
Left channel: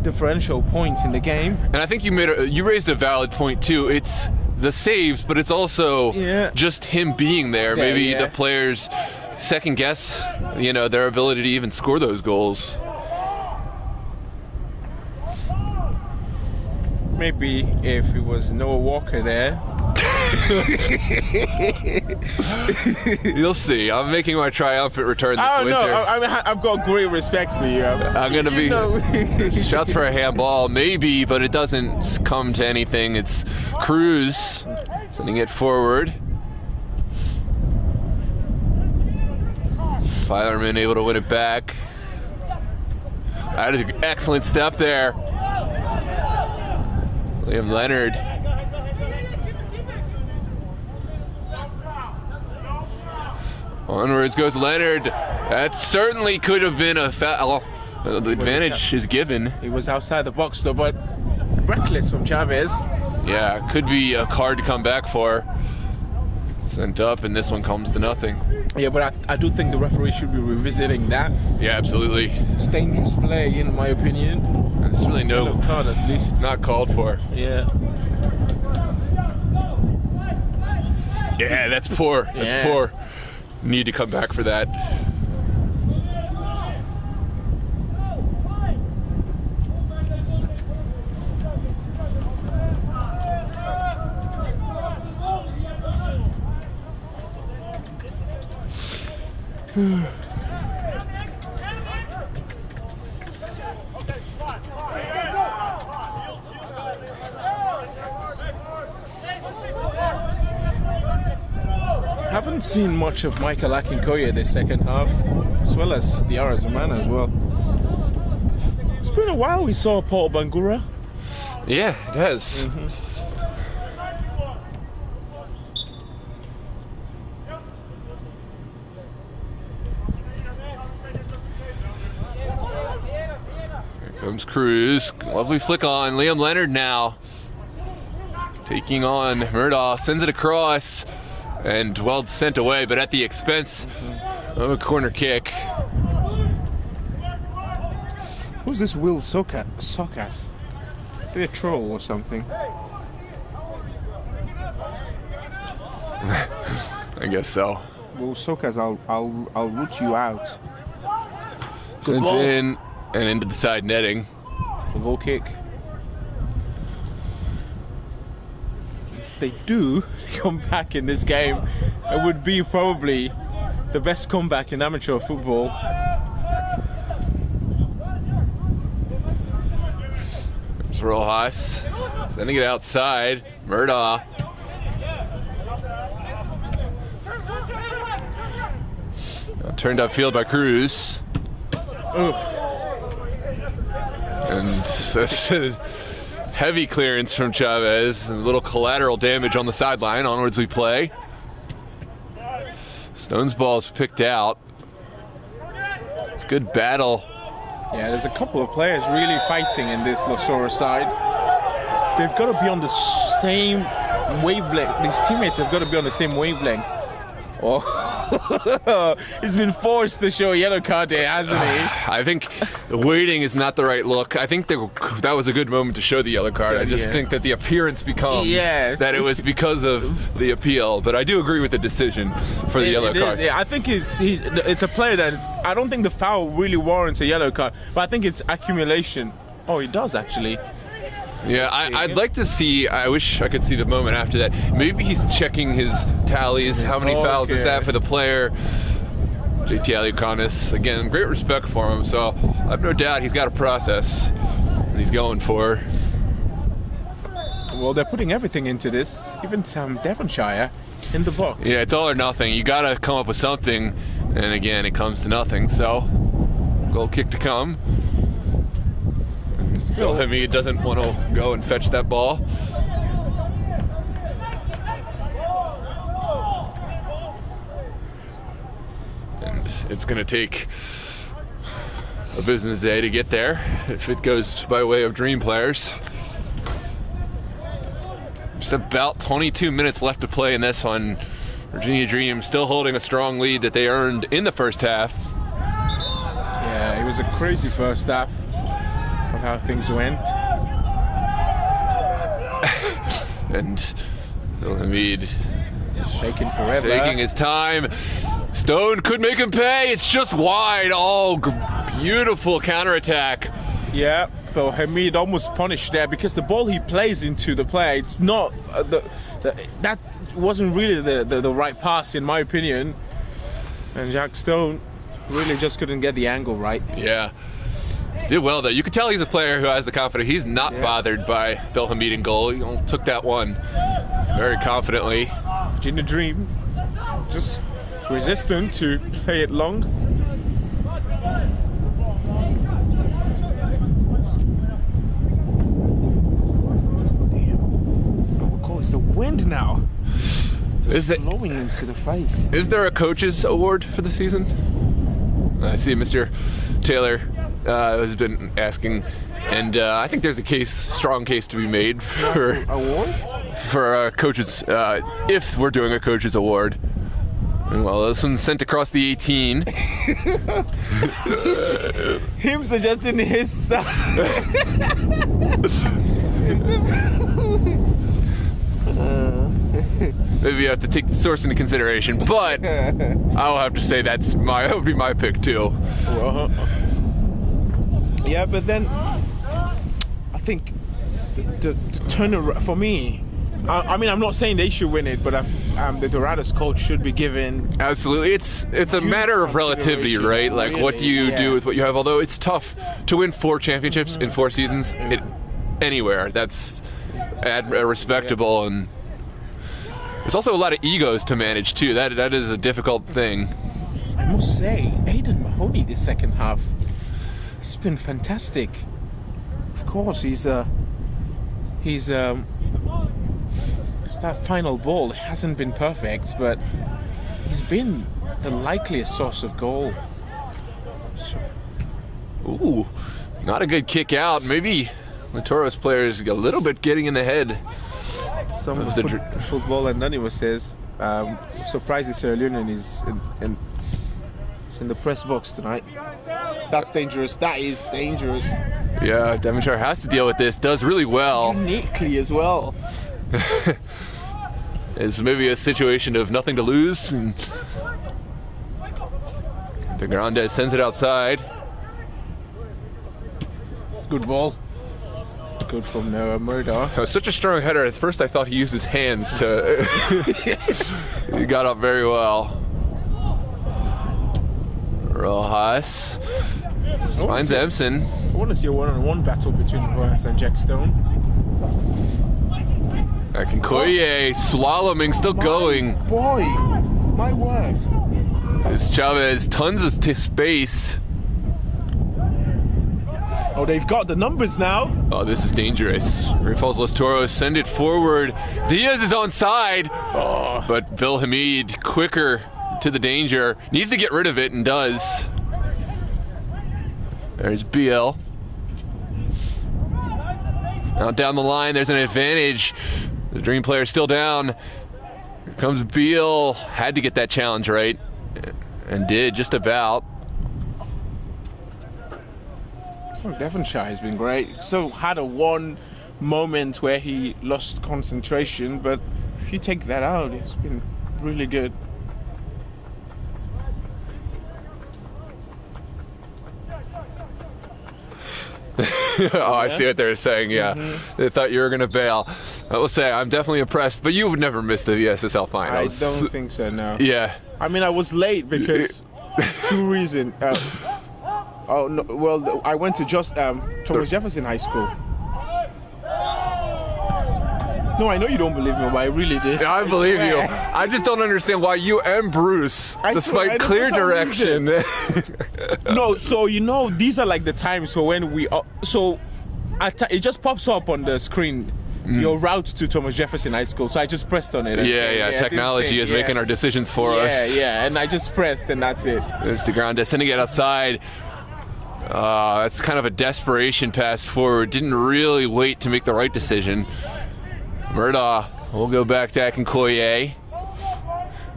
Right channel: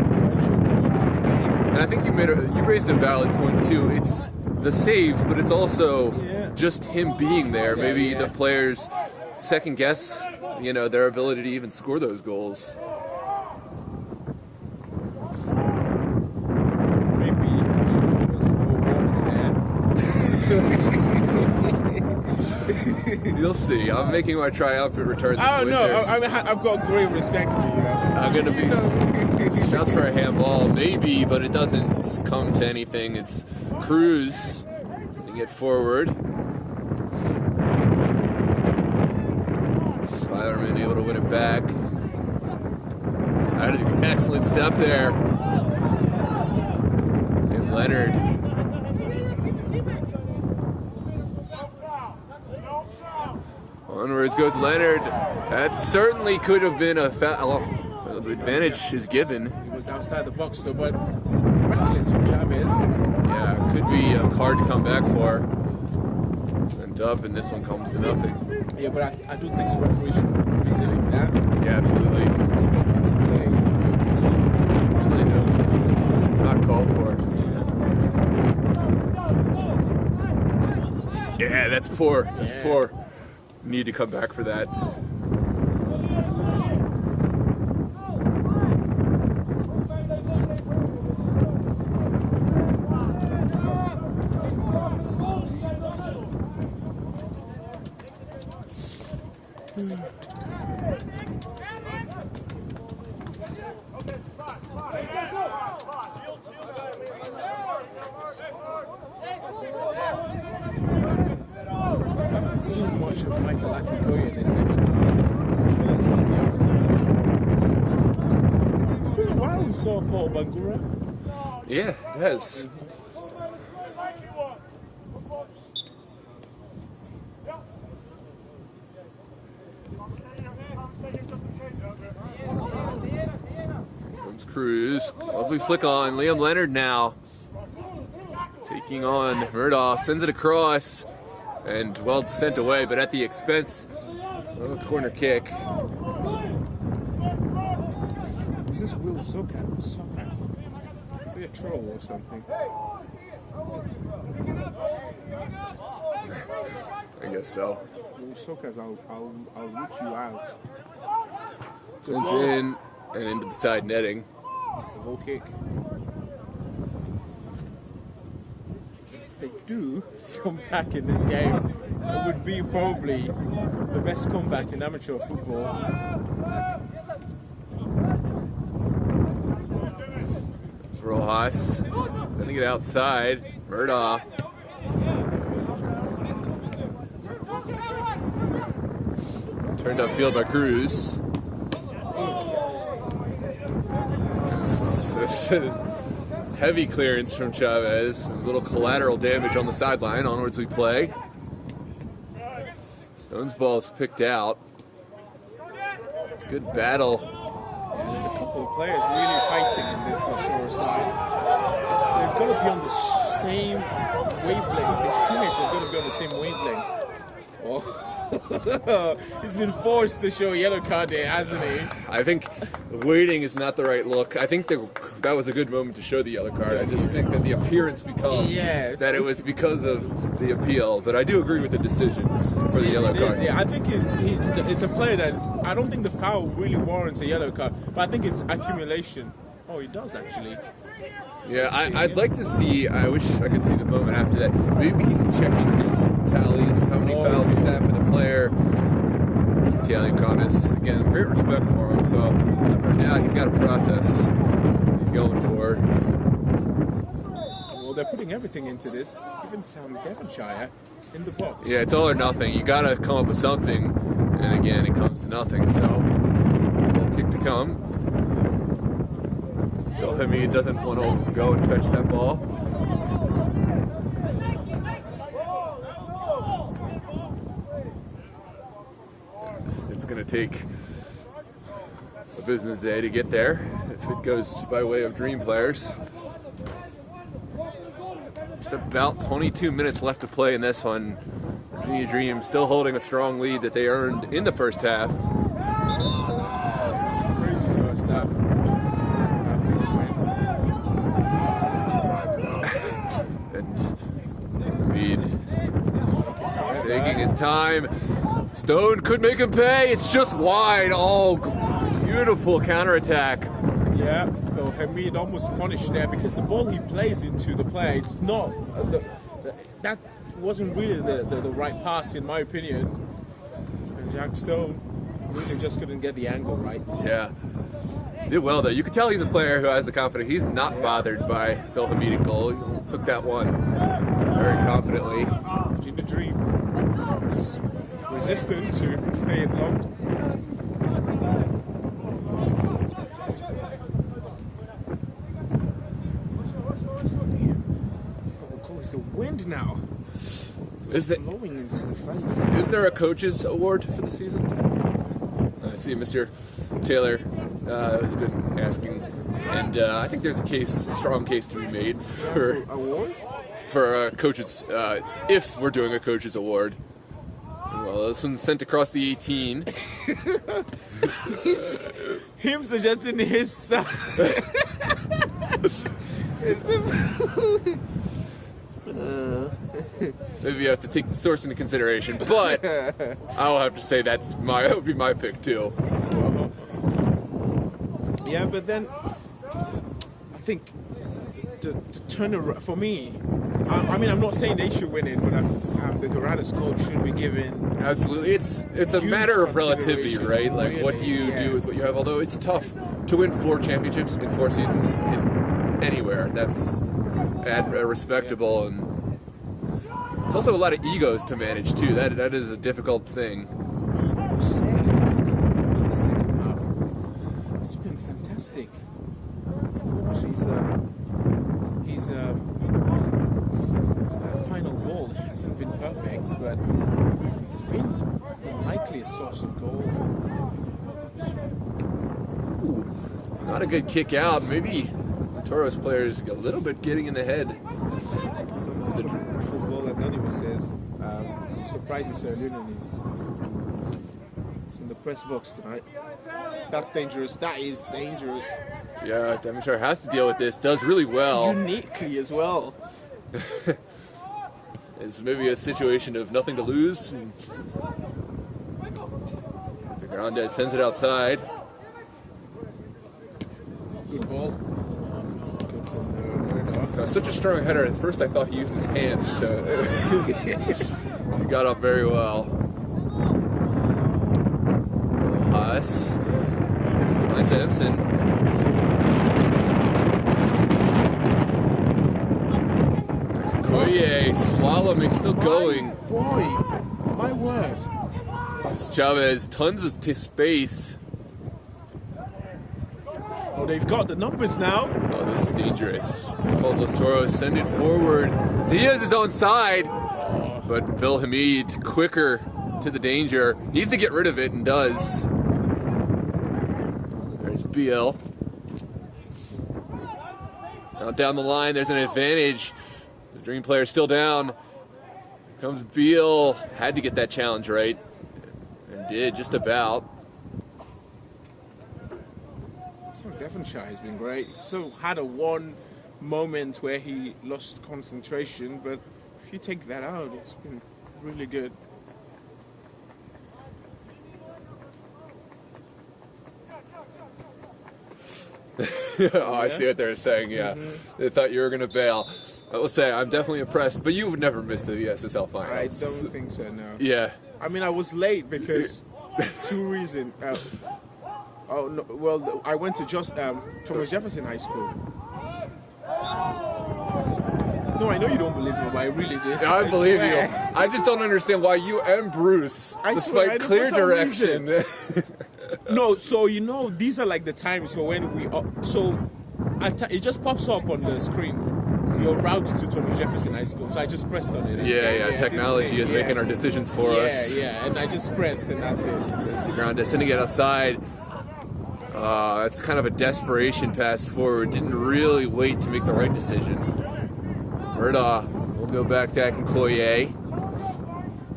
differential point in the game. And I think you raised a valid point too. It's the saves, but it's also just him being there. Maybe the players second guess, their ability to even score those goals. Maybe if it was Noah Walker there. You'll see. I'm making my triumphant return this winter. No, I've got great respect for you. I'm going to be shots for a handball, maybe, but it doesn't come to anything. It's Cruz sending it forward. Filerman able to win it back. That is an excellent step there. Liam Leonard. Onwards goes Leonard. That certainly could have been a foul. The advantage is given. It was outside the box though, but reckless from Chavez. Yeah, could be a card to come back for. Sent up, and this one comes to nothing. Yeah, but I do think the referee should be revisiting that. Yeah, absolutely. It's dangerous play, in my opinion. It's really no card, at least. Not called for. Yeah. Yeah, that's poor. That's poor. Need to come back for that. haven't seen much of Michael Akinkoye in the second half, as well as Diarra Zamana as well. It's been a while we saw Paul Bangura. Yeah, it has. Here comes Cruz. Lovely flick on. Liam Leonard now taking on Murdaugh. Sends it across and well sent away, but at the expense of a corner kick. Who's this Will Sokas? Is he a troll or something? I guess so. Will Sokas, I'll root you out. Sent in and into the side netting. For goal kick. If they do come back in this game, it would be probably the best comeback in amateur football. There's Rojas. Sending it outside. Murdaugh. Turned upfield by Cruz. And that's a heavy clearance from Chavez. A little collateral damage on the sideline. Onwards we play. Stone's ball's picked out. It's a good battle. Yeah, there's a couple of players really fighting in this Los Toros side. They've got to be on the same wavelength. These teammates have got to be on the same wavelength. Oh. He's been forced to show a yellow card there, hasn't he? I think waiting is not the right look. I think that was a good moment to show the yellow card. I just think that the appearance becomes that it was because of the appeal. But I do agree with the decision for the yellow card. Yeah, I think it's a player that I don't think the foul really warrants a yellow card, but I think it's accumulation. Oh, it does actually. Yeah, I'd like to see, I wish I could see the moment after that. Maybe he's checking his tallies. How many fouls is that for the player? JT Aliukanis, again, great respect for him, so I have no doubt he's got a process he's going for. Well, they're putting everything into this, even Sam Devonshire in the box. Yeah, it's all or nothing. You got to come up with something, and again, it comes to nothing, so a little kick to come. Still, Hamid doesn't want to go and fetch that ball. And it's going to take a business day to get there if it goes by way of Dream players. Just about 22 minutes left to play in this one. Virginia Dream still holding a strong lead that they earned in the first half. Yeah, it was a crazy first half. How things went. And Hamid taking his time. Stone could make him pay. It's just wide. Oh, beautiful counterattack. Yeah, but Hamid almost punished there because the ball he plays into the play, it's not that wasn't really the right pass in my opinion. And Jack Stone really just couldn't get the angle right. Yeah. Did well though. You could tell he's a player who has the confidence. He's not bothered by Bill Hamid in goal. He took that one very confidently. Virginia Dream just resistant to play it long. It's the wind now. It's blowing into the face. Is there a coach's award for the season? I see Mr. Taylor has been asking, and I think there's a strong case to be made for coaches if we're doing a coach's award. Well, this one's sent across the 18. Him suggesting his son. Maybe you have to take the source into consideration, but I'll have to say that would be my pick too. Yeah, but then I think the turnaround for me. I mean, I'm not saying they should win it, but the Dorados coach should be given. Absolutely, it's a matter of relativity, right? Like, really, what do you do with what you have? Although it's tough to win 4 championships in 4 seasons anywhere. That's respectable, and There's also a lot of egos to manage too. That is a difficult thing. I must say, Aiden Mahoney the second half, he's been fantastic. Of course, that final ball hasn't been perfect, but he's been the likeliest source of goal. Ooh, not a good kick out. Maybe the Toros players a little bit getting in the head. Some Football Anonymous says, surprised Sierra Leone is in the press box tonight. That's dangerous. That is dangerous. Yeah, Devonshire has to deal with this. Does really well. Uniquely as well. It's maybe a situation of nothing to lose. And De Grande sends it outside. Good ball. Good from Murdoch. It was such a strong header. At first I thought he used his hands to... He got up very well. Rojas finds Empson. What is your one match between Rojas and Jackstone? Koye slaloming, still going. Boy, my word. It's Chavez, tons of space. Oh, they've got the numbers now. Oh, this is dangerous. Great Falls Los Toros send it forward. Diaz is on side, but Bill Hamid quicker to the danger. Needs to get rid of it and does. There's BL. Now down the line, there's an advantage. The Dream player still down. Here comes Beal. Had to get that challenge right, and did just about. So Devonshire has been great. So had a one moment where he lost concentration, but if you take that out, it's been really good. Oh, I see what they're saying, yeah. They thought you were going to bail. I will say, I'm definitely impressed, but you would never miss the VSSL finals. I don't think so, no. Yeah. I mean, I was late because two reasons. Oh, no, well, I went to just Thomas Jefferson High School. No, I know you don't believe me, but I really did. I believe you. I just don't understand why you and Bruce, despite clear direction. No, so you know, these are like the times when we. It just pops up on the screen. Your route to Thomas Jefferson High School. So I just pressed on it. Yeah. Technology is making our decisions for us. Yeah, and I just pressed, and that's it. There's De Grande sending it outside. It's kind of a desperation pass forward. Didn't really wait to make the right decision. Murdaugh will go back to Akinkoye.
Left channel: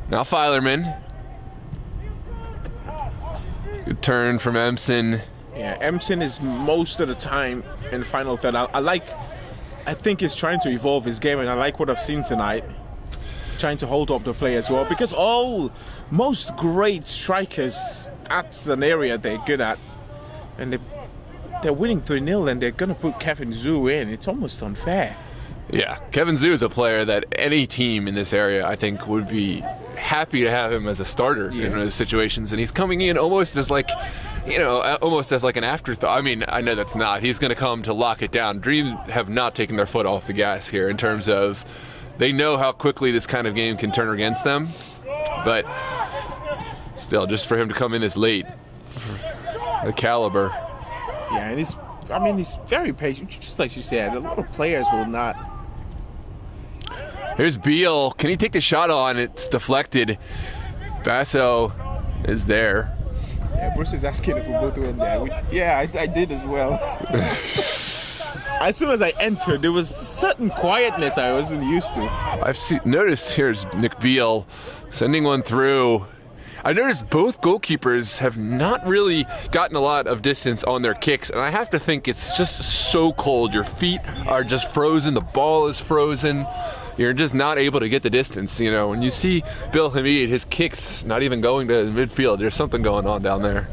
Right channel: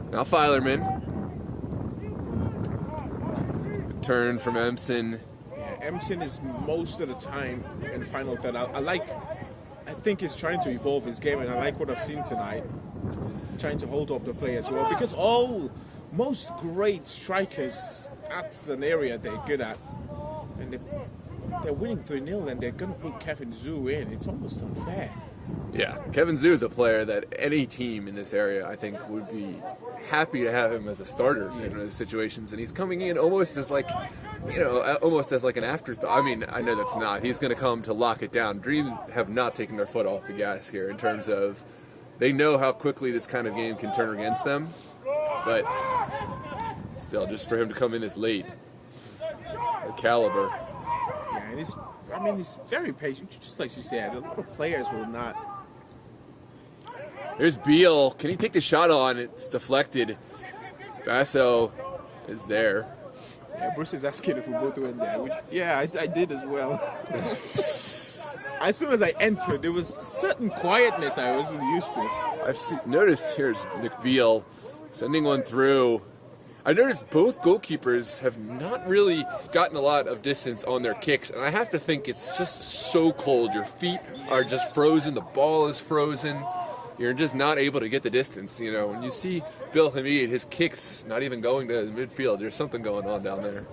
Now Filerman. Good turn from Empson. Yeah, Empson is most of the time in the final third. I think he's trying to evolve his game, and I like what I've seen tonight. Trying to hold up the play as well, because most great strikers, that's an area they're good at. And they're winning 3-0, and they're going to put Kevin Zhu in. It's almost unfair. Yeah, Kevin Zhu is a player that any team in this area, I think, would be happy to have him as a starter in those situations. And he's coming in almost as like, almost as like an afterthought. I mean, I know that's not. He's going to come to lock it down. Dream have not taken their foot off the gas here in terms of they know how quickly this kind of game can turn against them. But still, just for him to come in this late, the caliber. Yeah, and he's very patient. Just like you said, a lot of players will not. Here's Beal. Can he take the shot on? It's deflected. Basso is there. Yeah, Bruce is asking if we both went there. I did as well. As soon as I entered, there was certain quietness I wasn't used to. I've noticed here's Nick Beal sending one through. I noticed both goalkeepers have not really gotten a lot of distance on their kicks, and I have to think it's just so cold. Your feet are just frozen, the ball is frozen. You're just not able to get the distance. When you see Bill Hamid, his kicks not even going to midfield, there's something going on down there.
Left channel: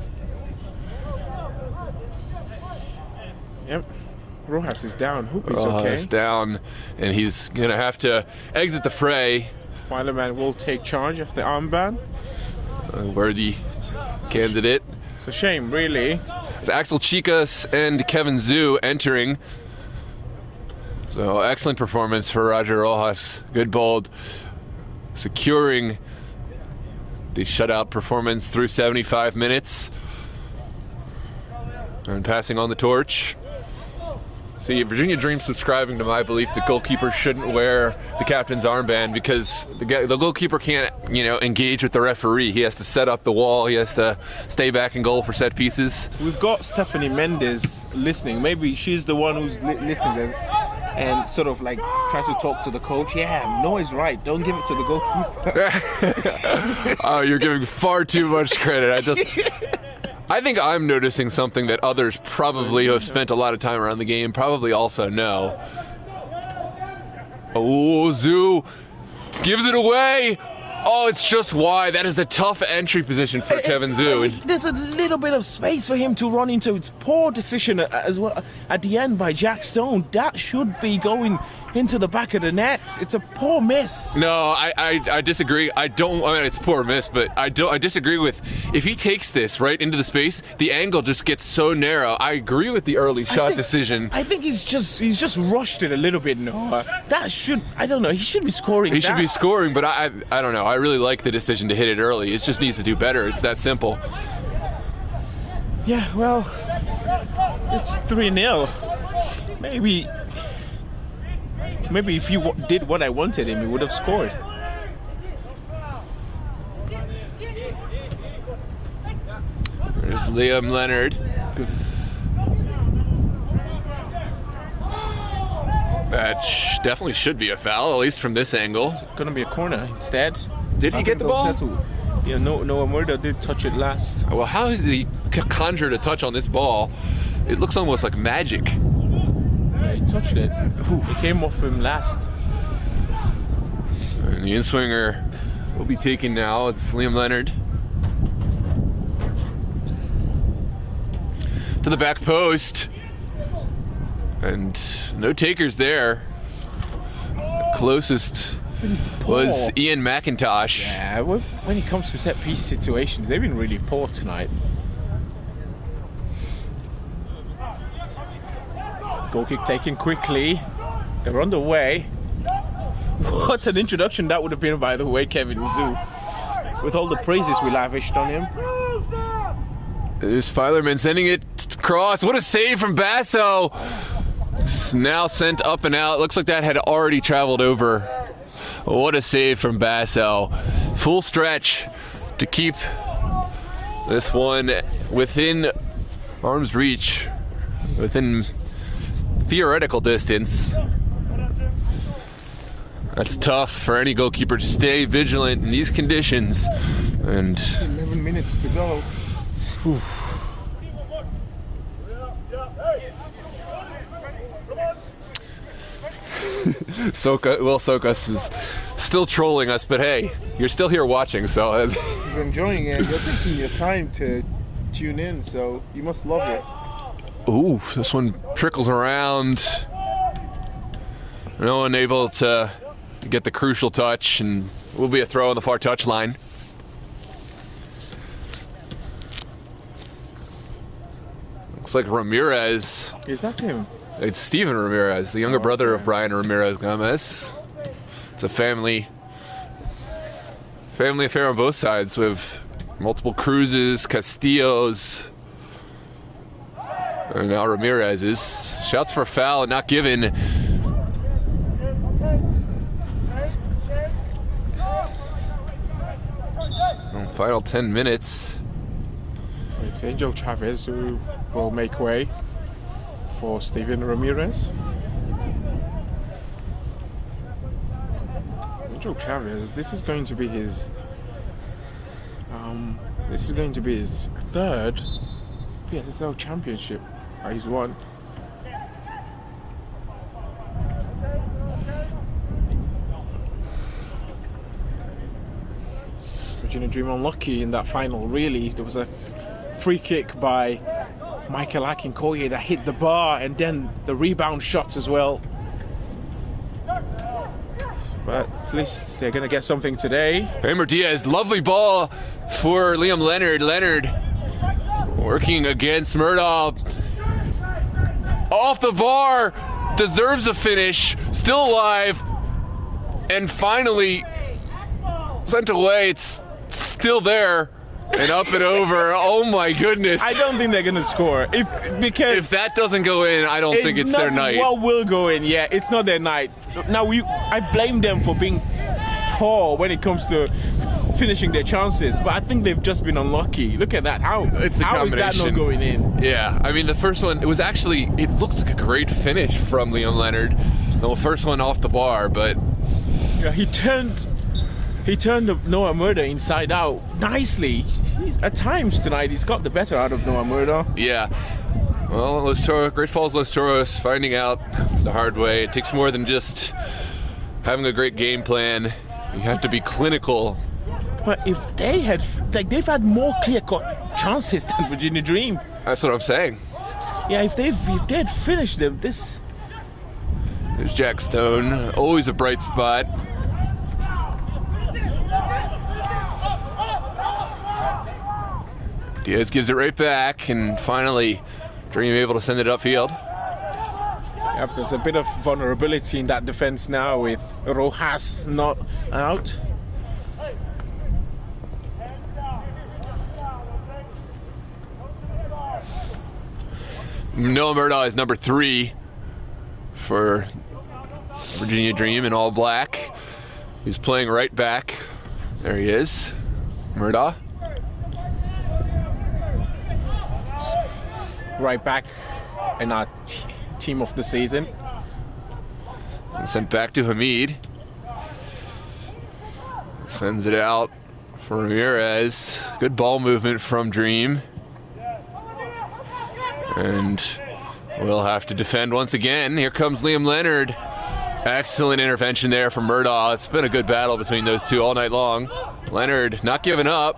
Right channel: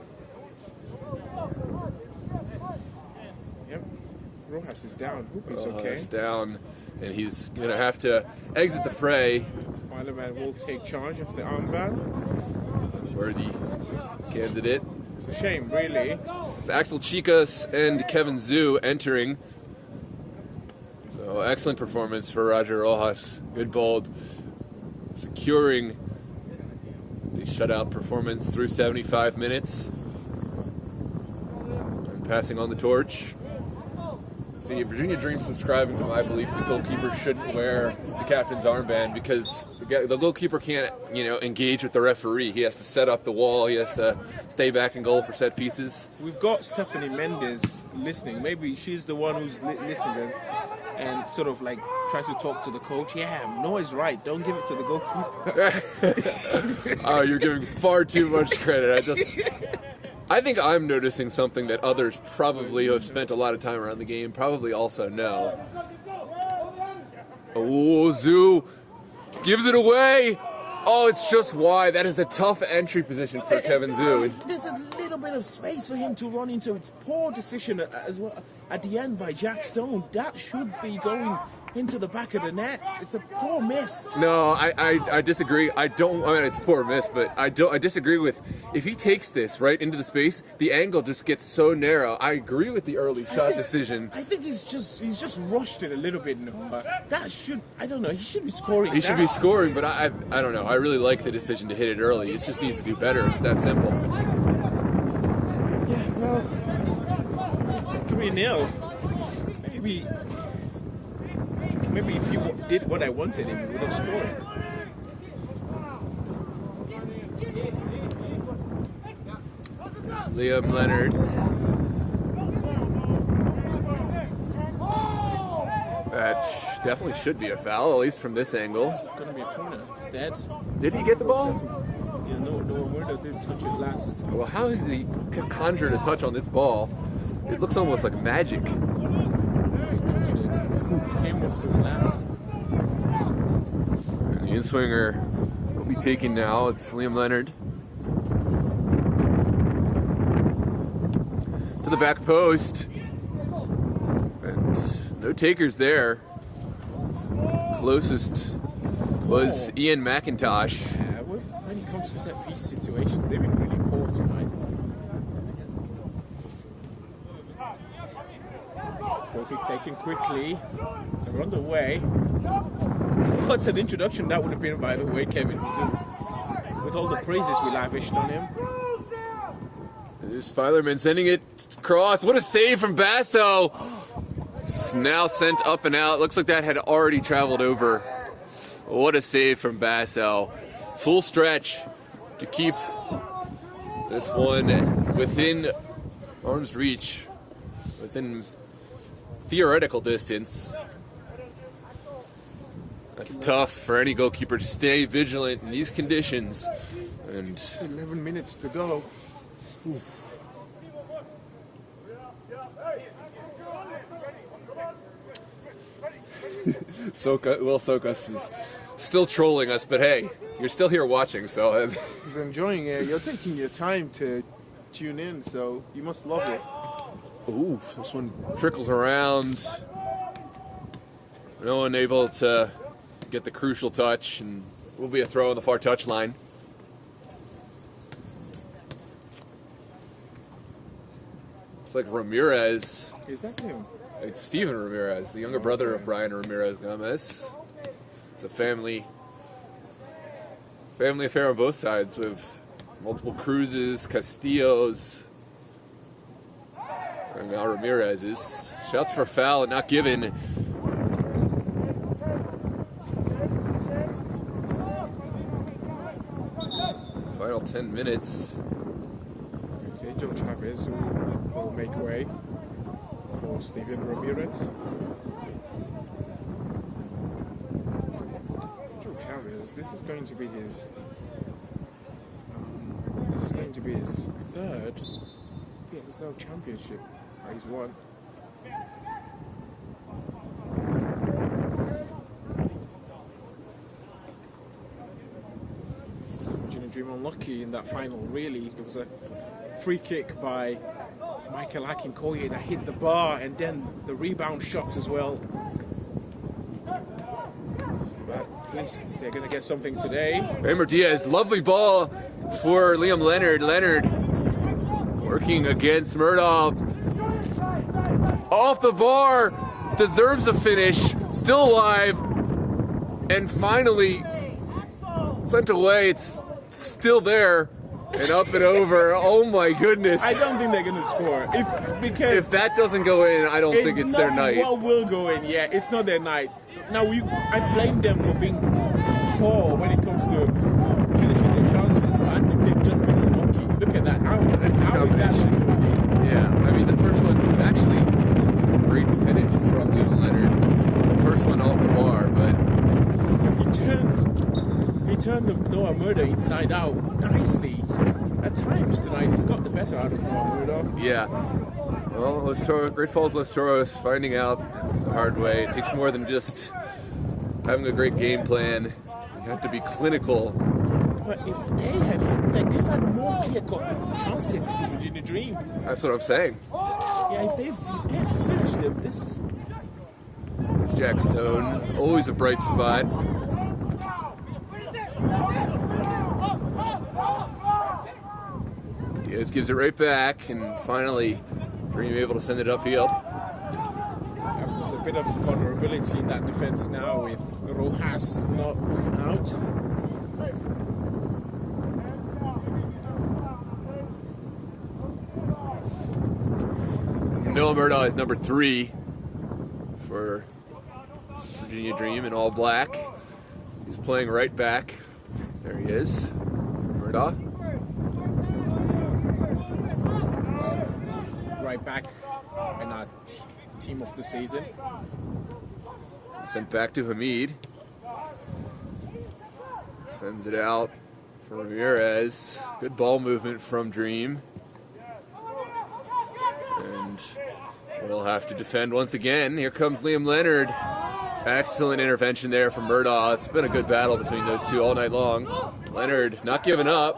Yep. Rojas is down. Hope he's okay. Rojas down, and he's going to have to exit the fray. Filerman will take charge of the armband. A worthy candidate. It's a shame, really. It's Axel Chicas and Kevin Zhu entering. So excellent performance for Roger Rojas. Good bold. securing the shutout performance through 75 minutes and passing on the torch. See, Virginia Dream subscribing to my belief that goalkeepers shouldn't wear the captain's armband because the goalkeeper can't, engage with the referee. He has to set up the wall. He has to stay back in goal for set pieces. We've got Stephanie Mendes listening. Maybe she's the one who's listening and sort of like tries to talk to the coach. Yeah, Noah's right. Don't give it to the goalkeeper. Oh, you're giving far too much credit. I think I'm noticing something that others probably who have spent a lot of time around the game probably also know. Oh, Zoo gives it away. Oh, it's just wide. That is a tough entry position for Kevin Zoo. There's a little bit of space for him to run into. It's poor decision as well at the end by Jack Stone. That should be going into the back of the net. It's a poor miss. No, I disagree. It's a poor miss, but I disagree with, if he takes this right into the space, the angle just gets so narrow. I agree with the early shot decision. I think he's just rushed it a little bit, Noah. He should be scoring. He should be scoring, but I don't know. I really like the decision to hit it early. It just needs to do better. It's that simple. Yeah, well, it's 3-0. Maybe if you did what I wanted him, he would have scored. There's Liam Leonard. That definitely should be a foul, at least from this angle. It's going to be a corner instead. Did he get the ball? Yeah, Noah Murdo did touch it last. Well, how has he conjured a touch on this ball? It looks almost like magic. He touched it. He came off him last. And the in-swinger will be taken now. It's Liam Leonard. To the back post. And no takers there. Closest was Ian McIntosh. Yeah, when it comes to set-piece situations, they've been really poor tonight. Goal kick taken quickly. They're on the way. What an introduction that would have been, by the way, Kevin Zoo. With all the praises we lavished on him. There's Filerman sending it across. What a save from Basso. It's now sent up and out. Looks like that had already traveled over. What a save from Basso. Full stretch to keep this one within arm's reach, within theoretical distance. That's tough for any goalkeeper to stay vigilant in these conditions. And 11 minutes to go. Whew. Sokas is still trolling us, but hey, you're still here watching, so. He's enjoying it. You're taking your time to tune in, so you must love it. Ooh, this one trickles around. No one able to get the crucial touch, and will be a throw on the far touch line. Looks like Ramirez. Is that him? It's Steven Ramirez, the younger brother of Brian Ramirez Gomez. It's a family affair on both sides with multiple Cruzes, Castillos, and now Ramirez's. Shouts for a foul and not given. Final 10 minutes. It's Angel Chavez who will make way for Steven Ramirez. Angel Chavez, this is going to be his third VSSL Championship. He's won. Virginia Dream unlucky in that final, really. There was a free kick by Michael Akinkoye that hit the bar, and then the rebound shots as well. But at least they're going to get something today. Raymer Diaz, lovely ball for Liam Leonard. Leonard working against Murdaugh. Off the bar, deserves a finish, still alive, and finally sent away. It's still there. And up and over. Oh my goodness. I don't think they're gonna score. Because if that doesn't go in, I don't think it's their night. What will go in? Yeah, it's not their night. Now I blame them for being poor when it comes to finishing their chances, but I think they've just been unlucky. Look at that. How is that not going in? Yeah, I mean the first one, it looked like a great finish from Liam Leonard. The first one off the bar, but yeah, he turned Noah Murder inside out nicely. At times tonight, he's got the better out of Noah Murder. Yeah. Well, Great Falls Los Toros finding out the hard way. It takes more than just having a great game plan. You have to be clinical. But if they've had more clear-cut chances than Virginia Dream. That's what I'm saying. Yeah, if they had finished them, this. There's Jack Stone, always a bright spot. Diaz gives it right back, and finally, Dream able to send it upfield. Yeah, there's a bit of vulnerability in that defense now with Rojas not out. Noah Murdaugh is number 3 for Virginia Dream in all black. He's playing right back. There he is, Murdaugh. Right back in our team of the season. Sent back to Hamid. Sends it out for Ramirez. Good ball movement from Dream. And we'll have to defend once again. Here comes Liam Leonard. Excellent intervention there from Murdaugh. It's been a good battle between those two all night long. Leonard not giving up.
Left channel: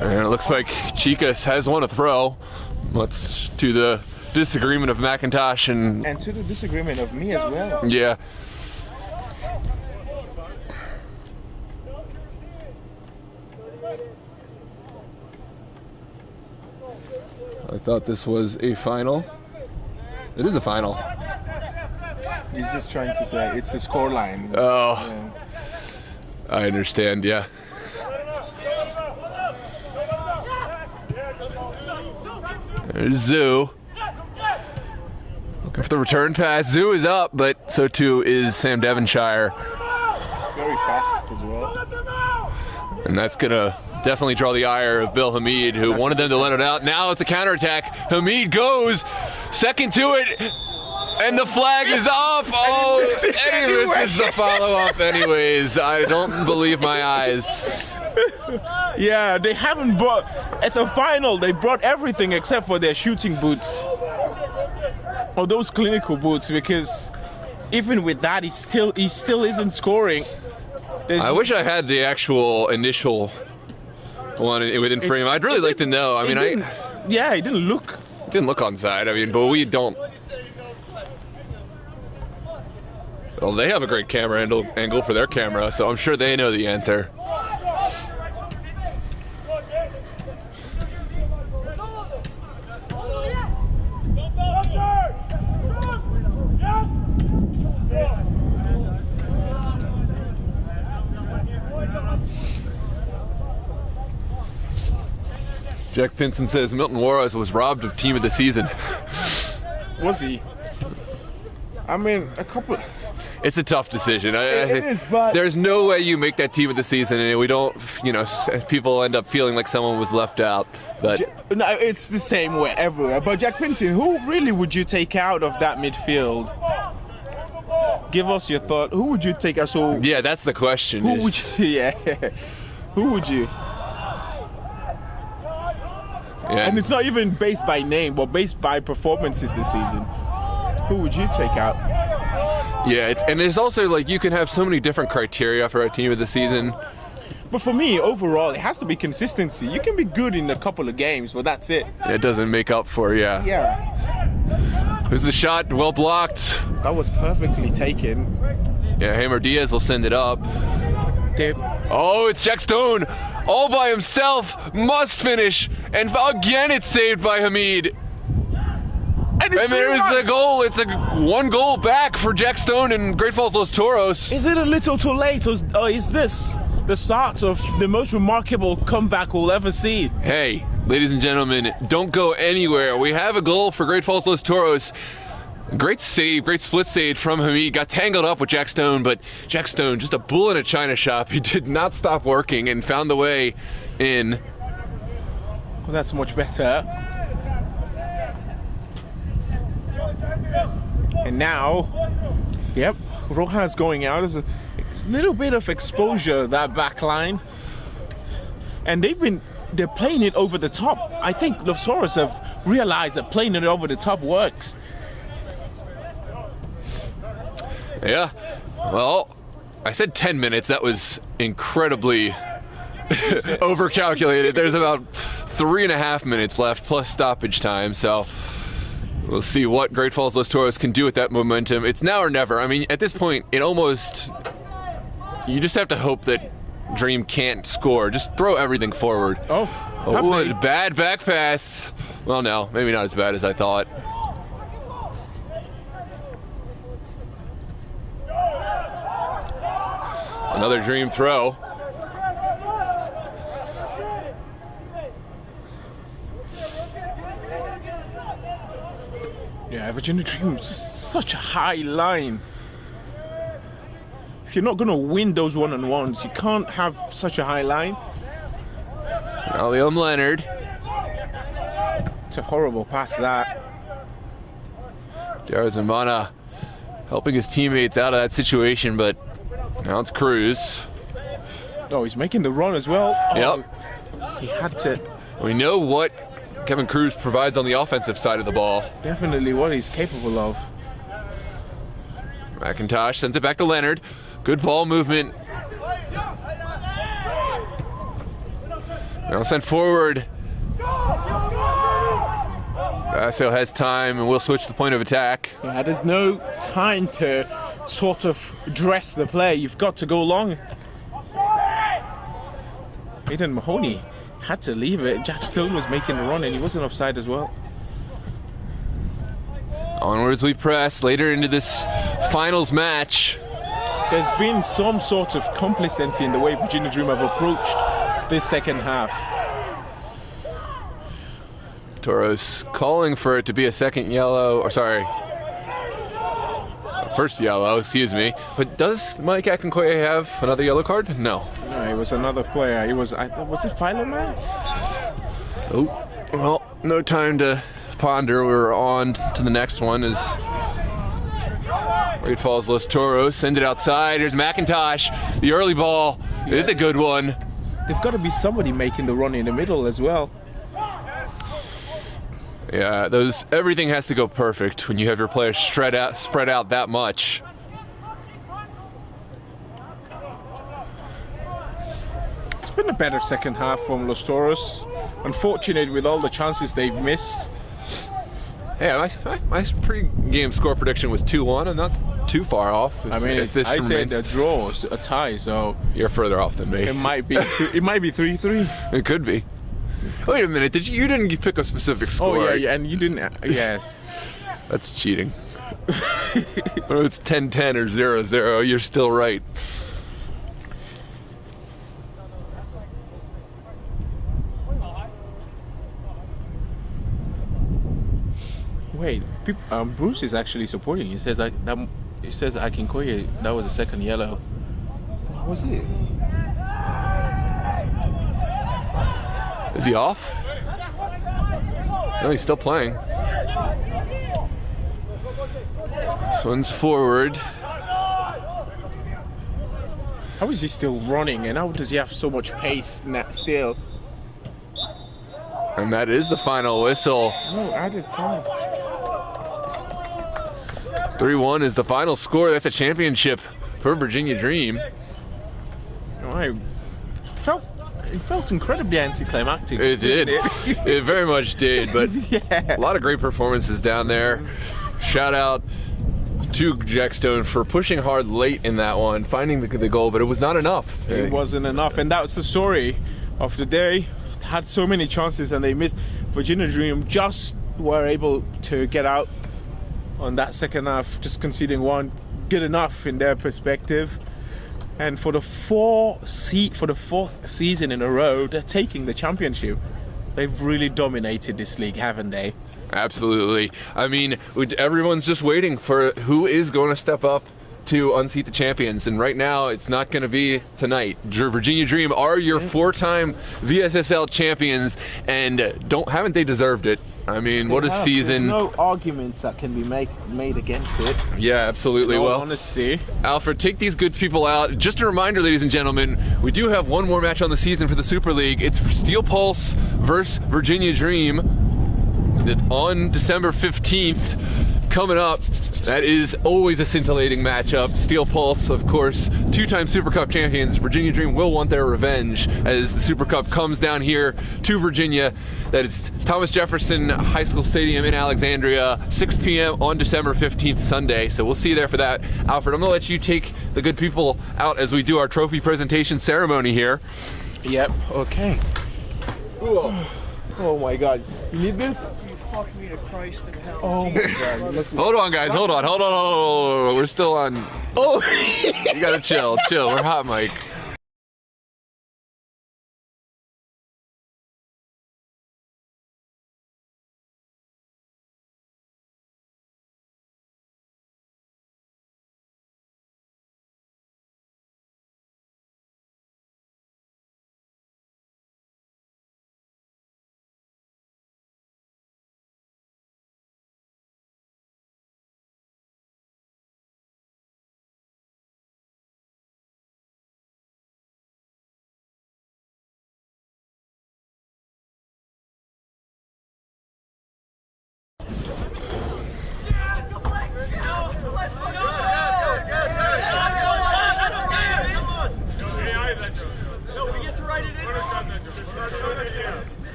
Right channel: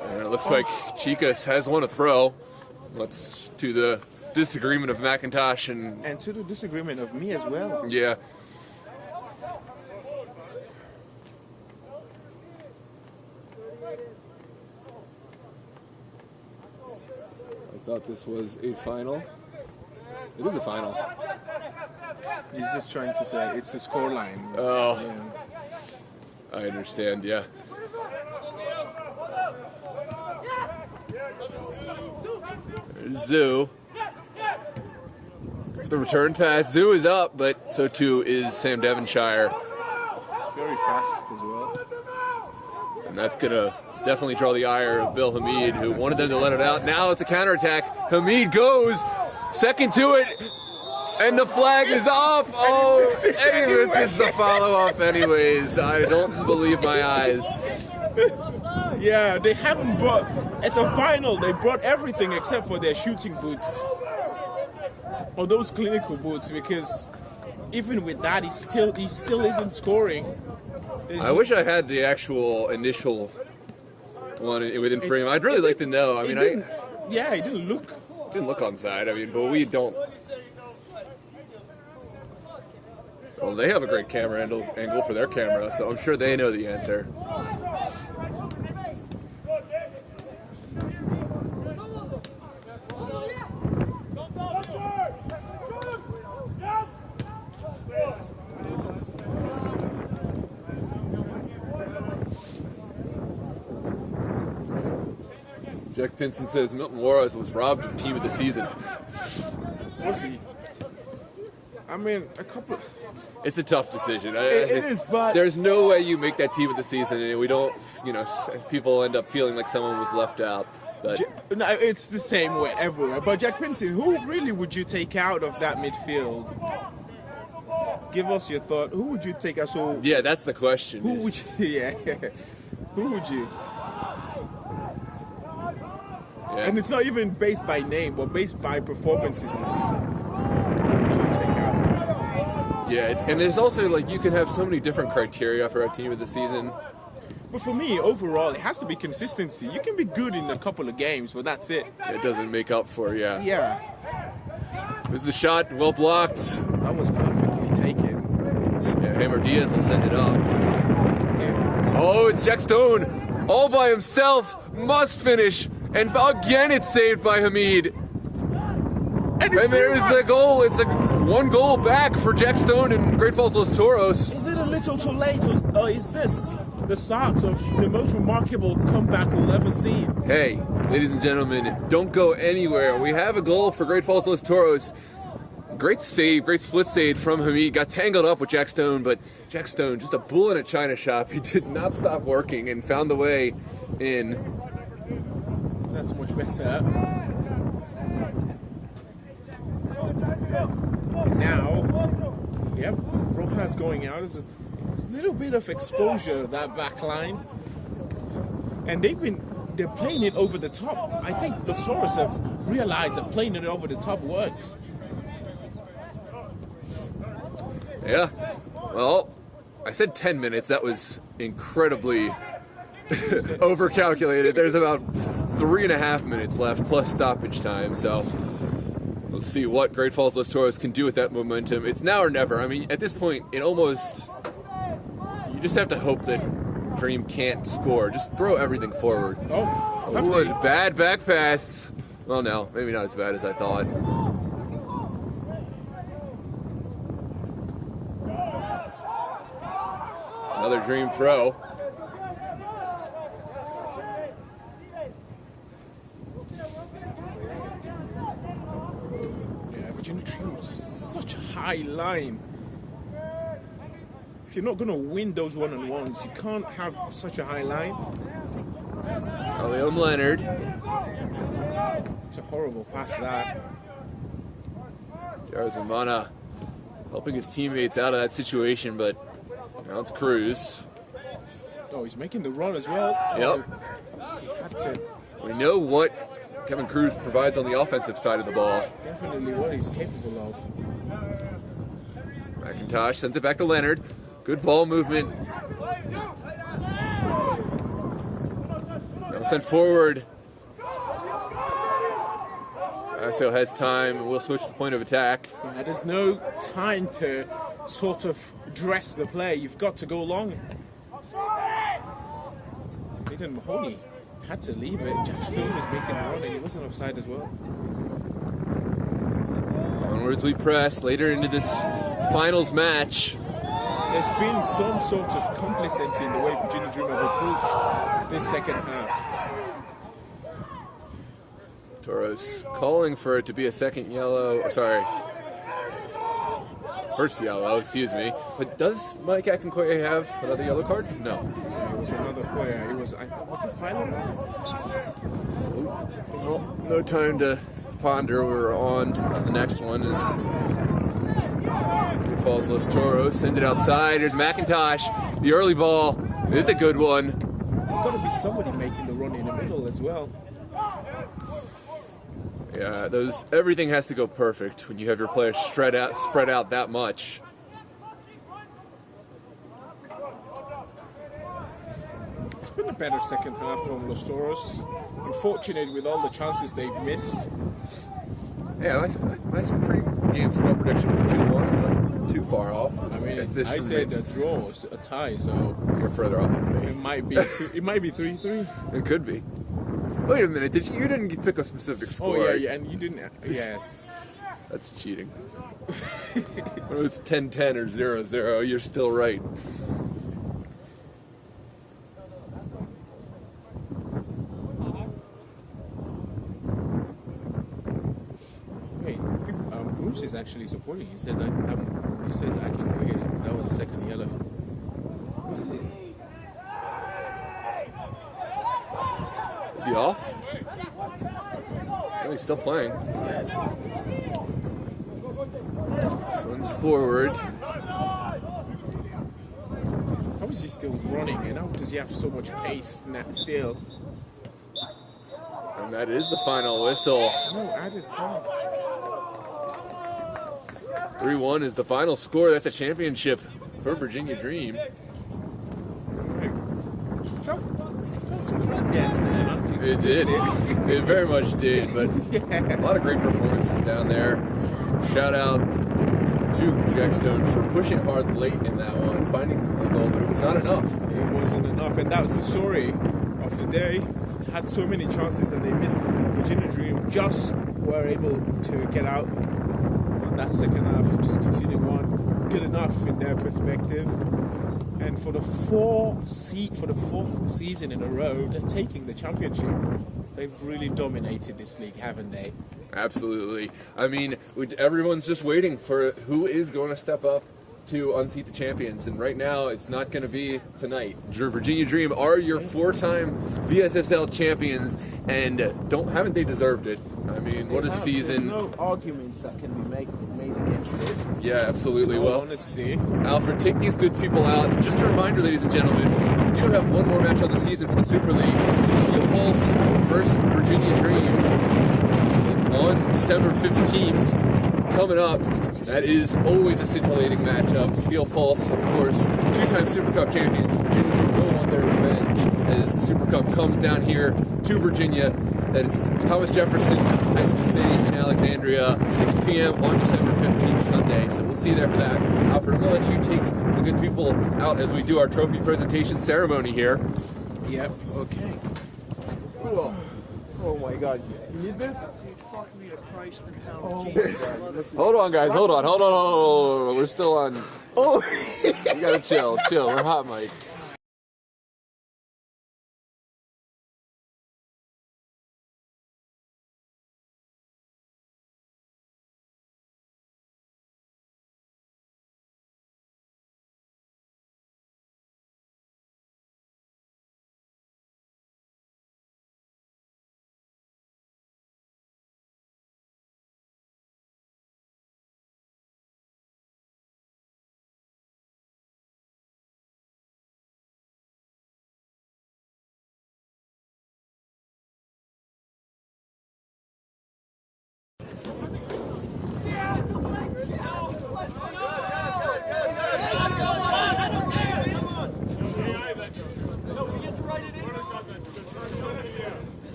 And it looks like Chicas has one to throw. What's to the disagreement of McIntosh and to the disagreement of me as well. Yeah. I thought this was a final. It is a final. He's just trying to say it's the scoreline. Oh. Yeah. I understand, yeah. There's Zoo. Look for the return pass. Zoo is up, but so too is Sam Devonshire. Very fast as well. And that's gonna definitely draw the ire of Bill Hamid, who wanted them to let it out. Now it's a counterattack. Hamid goes second to it, and the flag is up. Oh, and he misses the follow-up anyways. I don't believe my eyes. Yeah, they haven't brought. It's a final. They brought everything except for their shooting boots, or those clinical boots, because even with that, he still isn't scoring. I wish I had the actual initial one within frame. I'd really like to know. I mean, it didn't look. It didn't look onside. I mean, but we don't. Well, they have a great camera angle for their camera, so I'm sure they know the answer. Jack Pinson says Milton Juarez was robbed of team of the season. Was he? I mean, a couple. It's a tough decision. It is, but there's no way you make that team of the season, and we don't. People end up feeling like someone was left out. But no, it's the same way everywhere. But Jack Pinson, who really would you take out of that midfield? Give us your thought. Who would you take out? So yeah, that's the question. Who would you? Yeah, who would you? Yeah. And it's not even based by name, but based by performances this season. Who would you take out? Yeah, and there's also like you can have so many different criteria for a team of the season. But for me, overall, it has to be consistency. You can be good in a couple of games, but that's it. It doesn't make up for, yeah. Yeah. There's the shot, well blocked. That was perfectly taken. Yeah, Hammer Diaz will send it up. Damn. Oh, it's Jack Stone, all by himself, must finish, and again it's saved by Hamid. And it's there's 3-1. the goal. It's a 1 goal back for Jack Stone and Great Falls Los Toros. Is it a little too late, or is this the start of the most remarkable comeback we'll ever see? Hey, ladies and gentlemen, don't go anywhere. We have a goal for Great Falls Los Toros. Great save, great split save from Hamid. Got tangled up with Jack Stone, but Jack Stone, just a bull in a china shop. He did not stop working and found the way in. Well, that's much better. And now, yep, Rojas going out. There's a little bit of exposure, that back line. And they're playing it over the top. I think Los Toros have realized that playing it over the top works. Yeah, well, I said 10 minutes. That was incredibly overcalculated. There's about 3.5 minutes left plus stoppage time, so we'll see what Great Falls Los Toros can do with that momentum. It's now or never. I mean, at this point, you just have to hope that Dream can't score. Just throw everything forward. Oh, bad back pass. Well, no, maybe not as bad as I thought. Another Dream throw. Yeah, Virginia Dream is such a high line. If you're not going to win those one-on-ones, you can't have such a high line. Liam Leonard. It's a horrible pass, that. Jared Zamana helping his teammates out of that situation, but now it's Cruz. Oh, he's making the run as well. Yep. He had to. We know what Kevin Cruz provides on the offensive side of the ball. Definitely what he's capable of. McIntosh sends it back to Leonard. Good ball movement. Now sent forward. Vasio has time and we'll switch the point of attack. Yeah, there's no time to sort of dress the play. You've got to go long. Aidan Mahoney had to leave it. Jack Stone was making the run and he wasn't offside as well. Onwards we press later into this finals match. There's been some sort of complacency in the way Virginia Dream have approached this second half. Toros calling for it to be a second yellow, or sorry, first yellow, excuse me. But does Mike Akinkoye have another yellow card? No. No, it was another player. It was it Philo Man? Oh, well, no time to ponder. We're on to the next one. Is Great Falls Los Toros send it outside. Here's McIntosh. The early ball is a good one. They've got to be somebody making the run in the middle as well. Yeah, everything has to go perfect when you have your players spread out that much. It's been a better second half from Los Toros. Unfortunate with all the chances they've missed. Yeah, my pre-game score prediction was 2-1, and not too far off. I mean, I said a draw, a tie, so you're further off than me. It might be 3-3. It could be. Wait a minute, you didn't pick a specific score? Oh yeah, and you didn't. Yes. That's cheating. Whether it's 10-10 or 0-0, you're still right. Wait, Bruce is actually supporting. He says Akinkoye, that was the second yellow. Was it? Is he off? No, he's still playing. Swings forward. How is he still running, and how does he have so much pace still? And that is the final whistle. No, added time. 3-1 is the final score. That's a championship for Virginia Dream. It felt incredibly anticlimactic. It did. It very much did, but yeah. A lot of great performances down there. Shout out to Jack Stone for pushing hard late in that one, finding the goal, but it was not enough. It wasn't enough, and that was the story of the day. Had so many chances and they missed. Virginia Dream just were able to get out on that second half, just conceding one, good enough in their perspective. And for the fourth season in a row, they're taking the championship. They've really dominated this league, haven't they? Absolutely. I mean, everyone's just waiting for who is going to step up to unseat the champions, and right now it's not going to be tonight. Virginia Dream are your 4-time VSSL champions, and haven't they deserved it? I mean, what a season. There's no arguments that can be made against it. Yeah, absolutely. In all well, honesty. Alfred, take these good people out. Just a reminder, ladies and gentlemen, we do have one more match on the season for the Super League. It's Steel Pulse versus Virginia Dream on December 15th. Coming up, that is always a scintillating matchup. Steel Pulse, of course, 2-time Super Cup champions. Virginia Dream will want their revenge as the Super Cup comes down here to Virginia. That is Thomas Jefferson High School Stadium in Alexandria, 6 p.m. on December 15th, Sunday. So we'll see you there for that. Alfred, I'm gonna let you take the good people out as we do our trophy presentation ceremony here. Yep, okay. Whoa. Oh my God, you need this? Fuck me to Christ in hell. Oh my God. Hold on, guys, hold on. We're still on. Oh, you gotta chill. We're hot, Mike.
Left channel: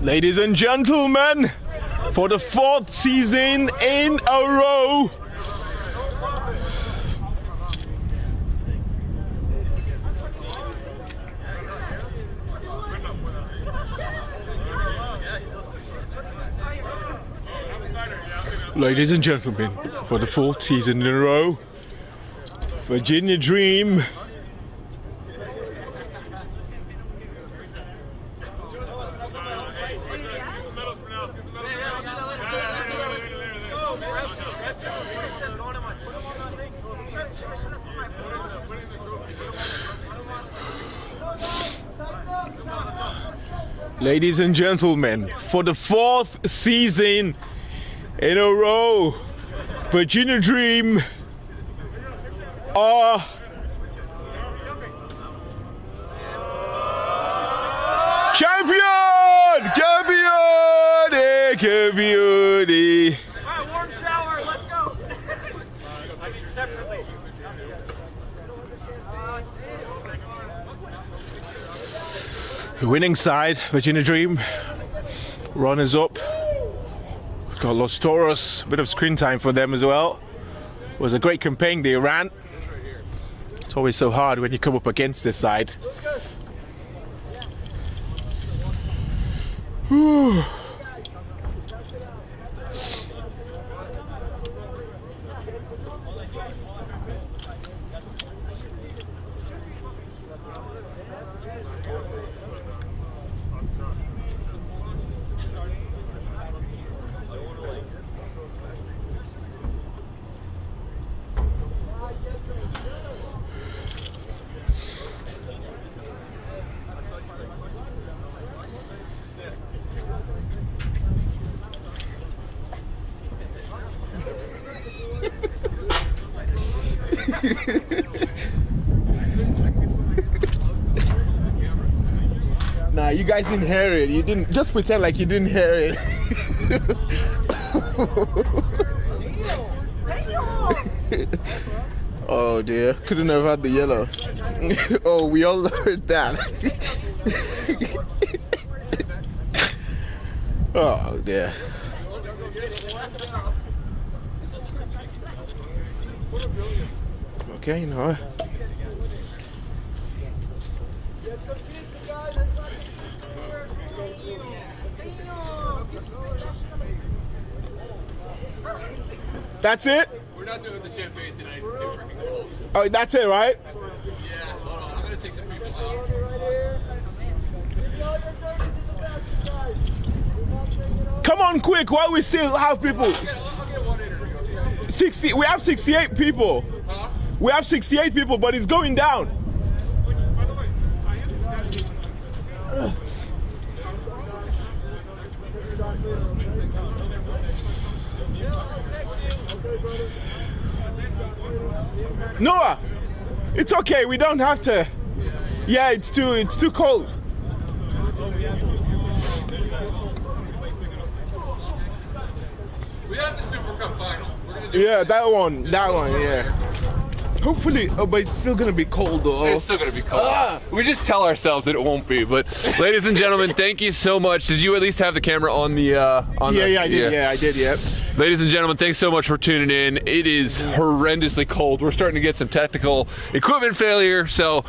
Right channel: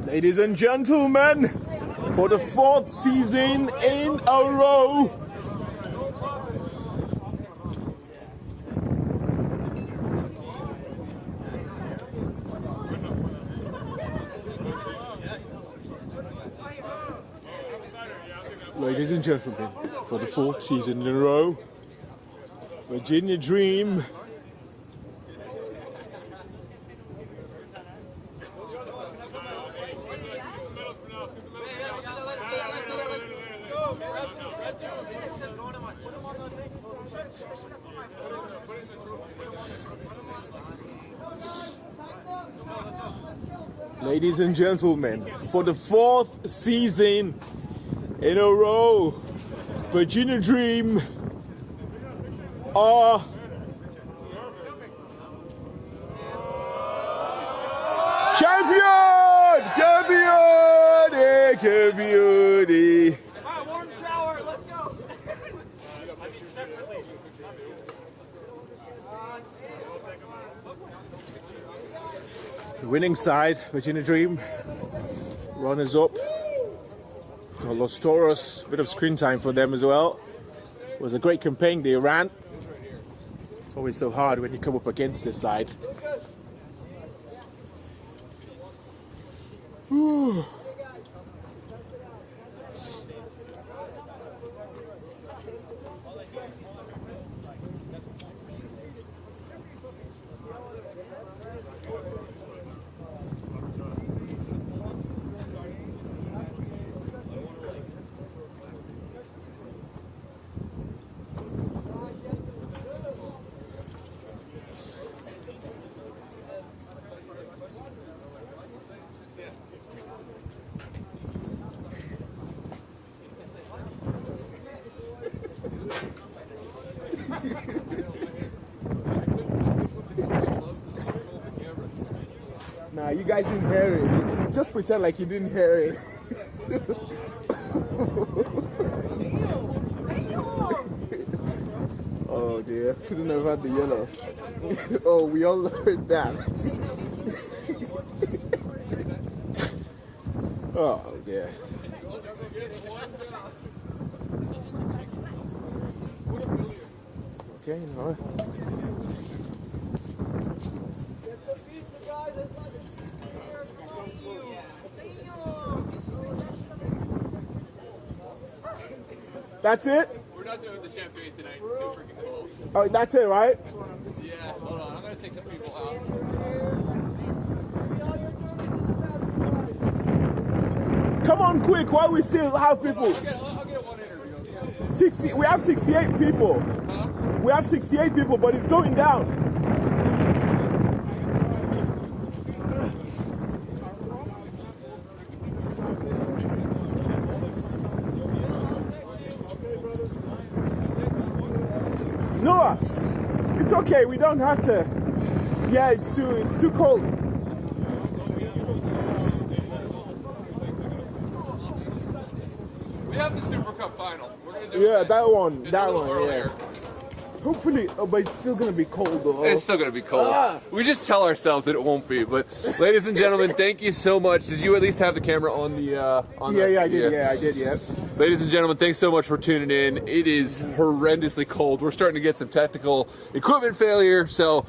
Ladies and gentlemen, for the 4th season in a row, Virginia Dream Ladies and gentlemen, for the 4th season in a row, Virginia Dream are champion! Champion! Warm shower, let's go! Winning side, Virginia Dream. Runners up. Got Los Toros, a bit of screen time for them as well. It was a great campaign they ran. It's always so hard when you come up against this side. Whew. Nah, you guys didn't hear it. You didn't. Just pretend like you didn't hear it. Oh dear, couldn't have had the yellow. Oh, we all heard that. Oh dear. Okay, now That's it? We're not doing the champagne tonight. It's too freaking cold. Oh, that's it, right? Yeah, hold on. I'm going to take some people out. Come on quick while we still have people. I'll get one interview. 60, we have 68 people. Huh? We have 68 people, but it's going down. Noah, it's okay. We don't have to. Yeah, it's too cold. We have the Super Cup Final. We're gonna do Yeah, that one, yeah. Hopefully, oh, but it's still gonna be cold though. It's still gonna be cold. We just tell ourselves that it won't be. But, ladies and gentlemen, thank you so much. Did you at least have the camera on the? Yeah, I did. Yeah, I did. Yep. Ladies and gentlemen, thanks so much for tuning in. It is horrendously cold. We're starting to get some technical equipment failure, so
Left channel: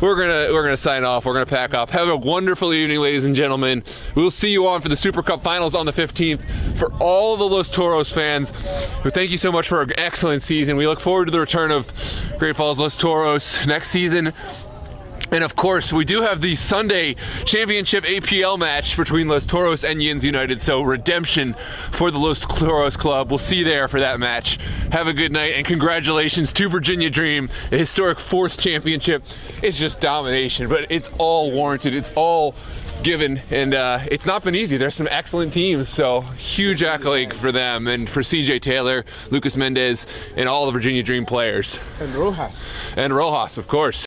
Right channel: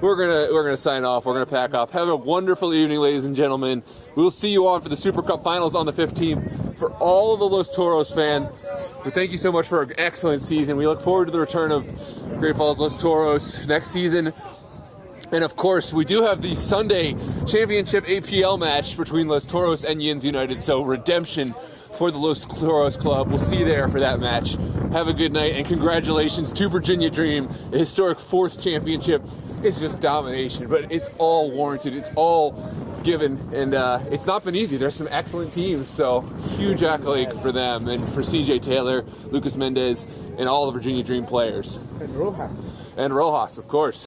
we're gonna sign off. We're gonna pack up. Have a wonderful evening, ladies and gentlemen. We'll see you on for the Super Cup Finals on the 15th. For all the Los Toros fans, thank you so much for an excellent season. We look forward to the return of Great Falls Los Toros next season. And of course, we do have the Sunday championship APL match between Los Toros and Yins United. So redemption for the Los Toros club. We'll see you there for that match. Have a good night and congratulations to Virginia Dream, a historic 4th championship. It's just domination, but it's all warranted. It's all given, and it's not been easy. There's some excellent teams, so huge accolade for them and for CJ Taylor, Lucas Mendez, and all the Virginia Dream players. And Rojas. And Rojas, of course.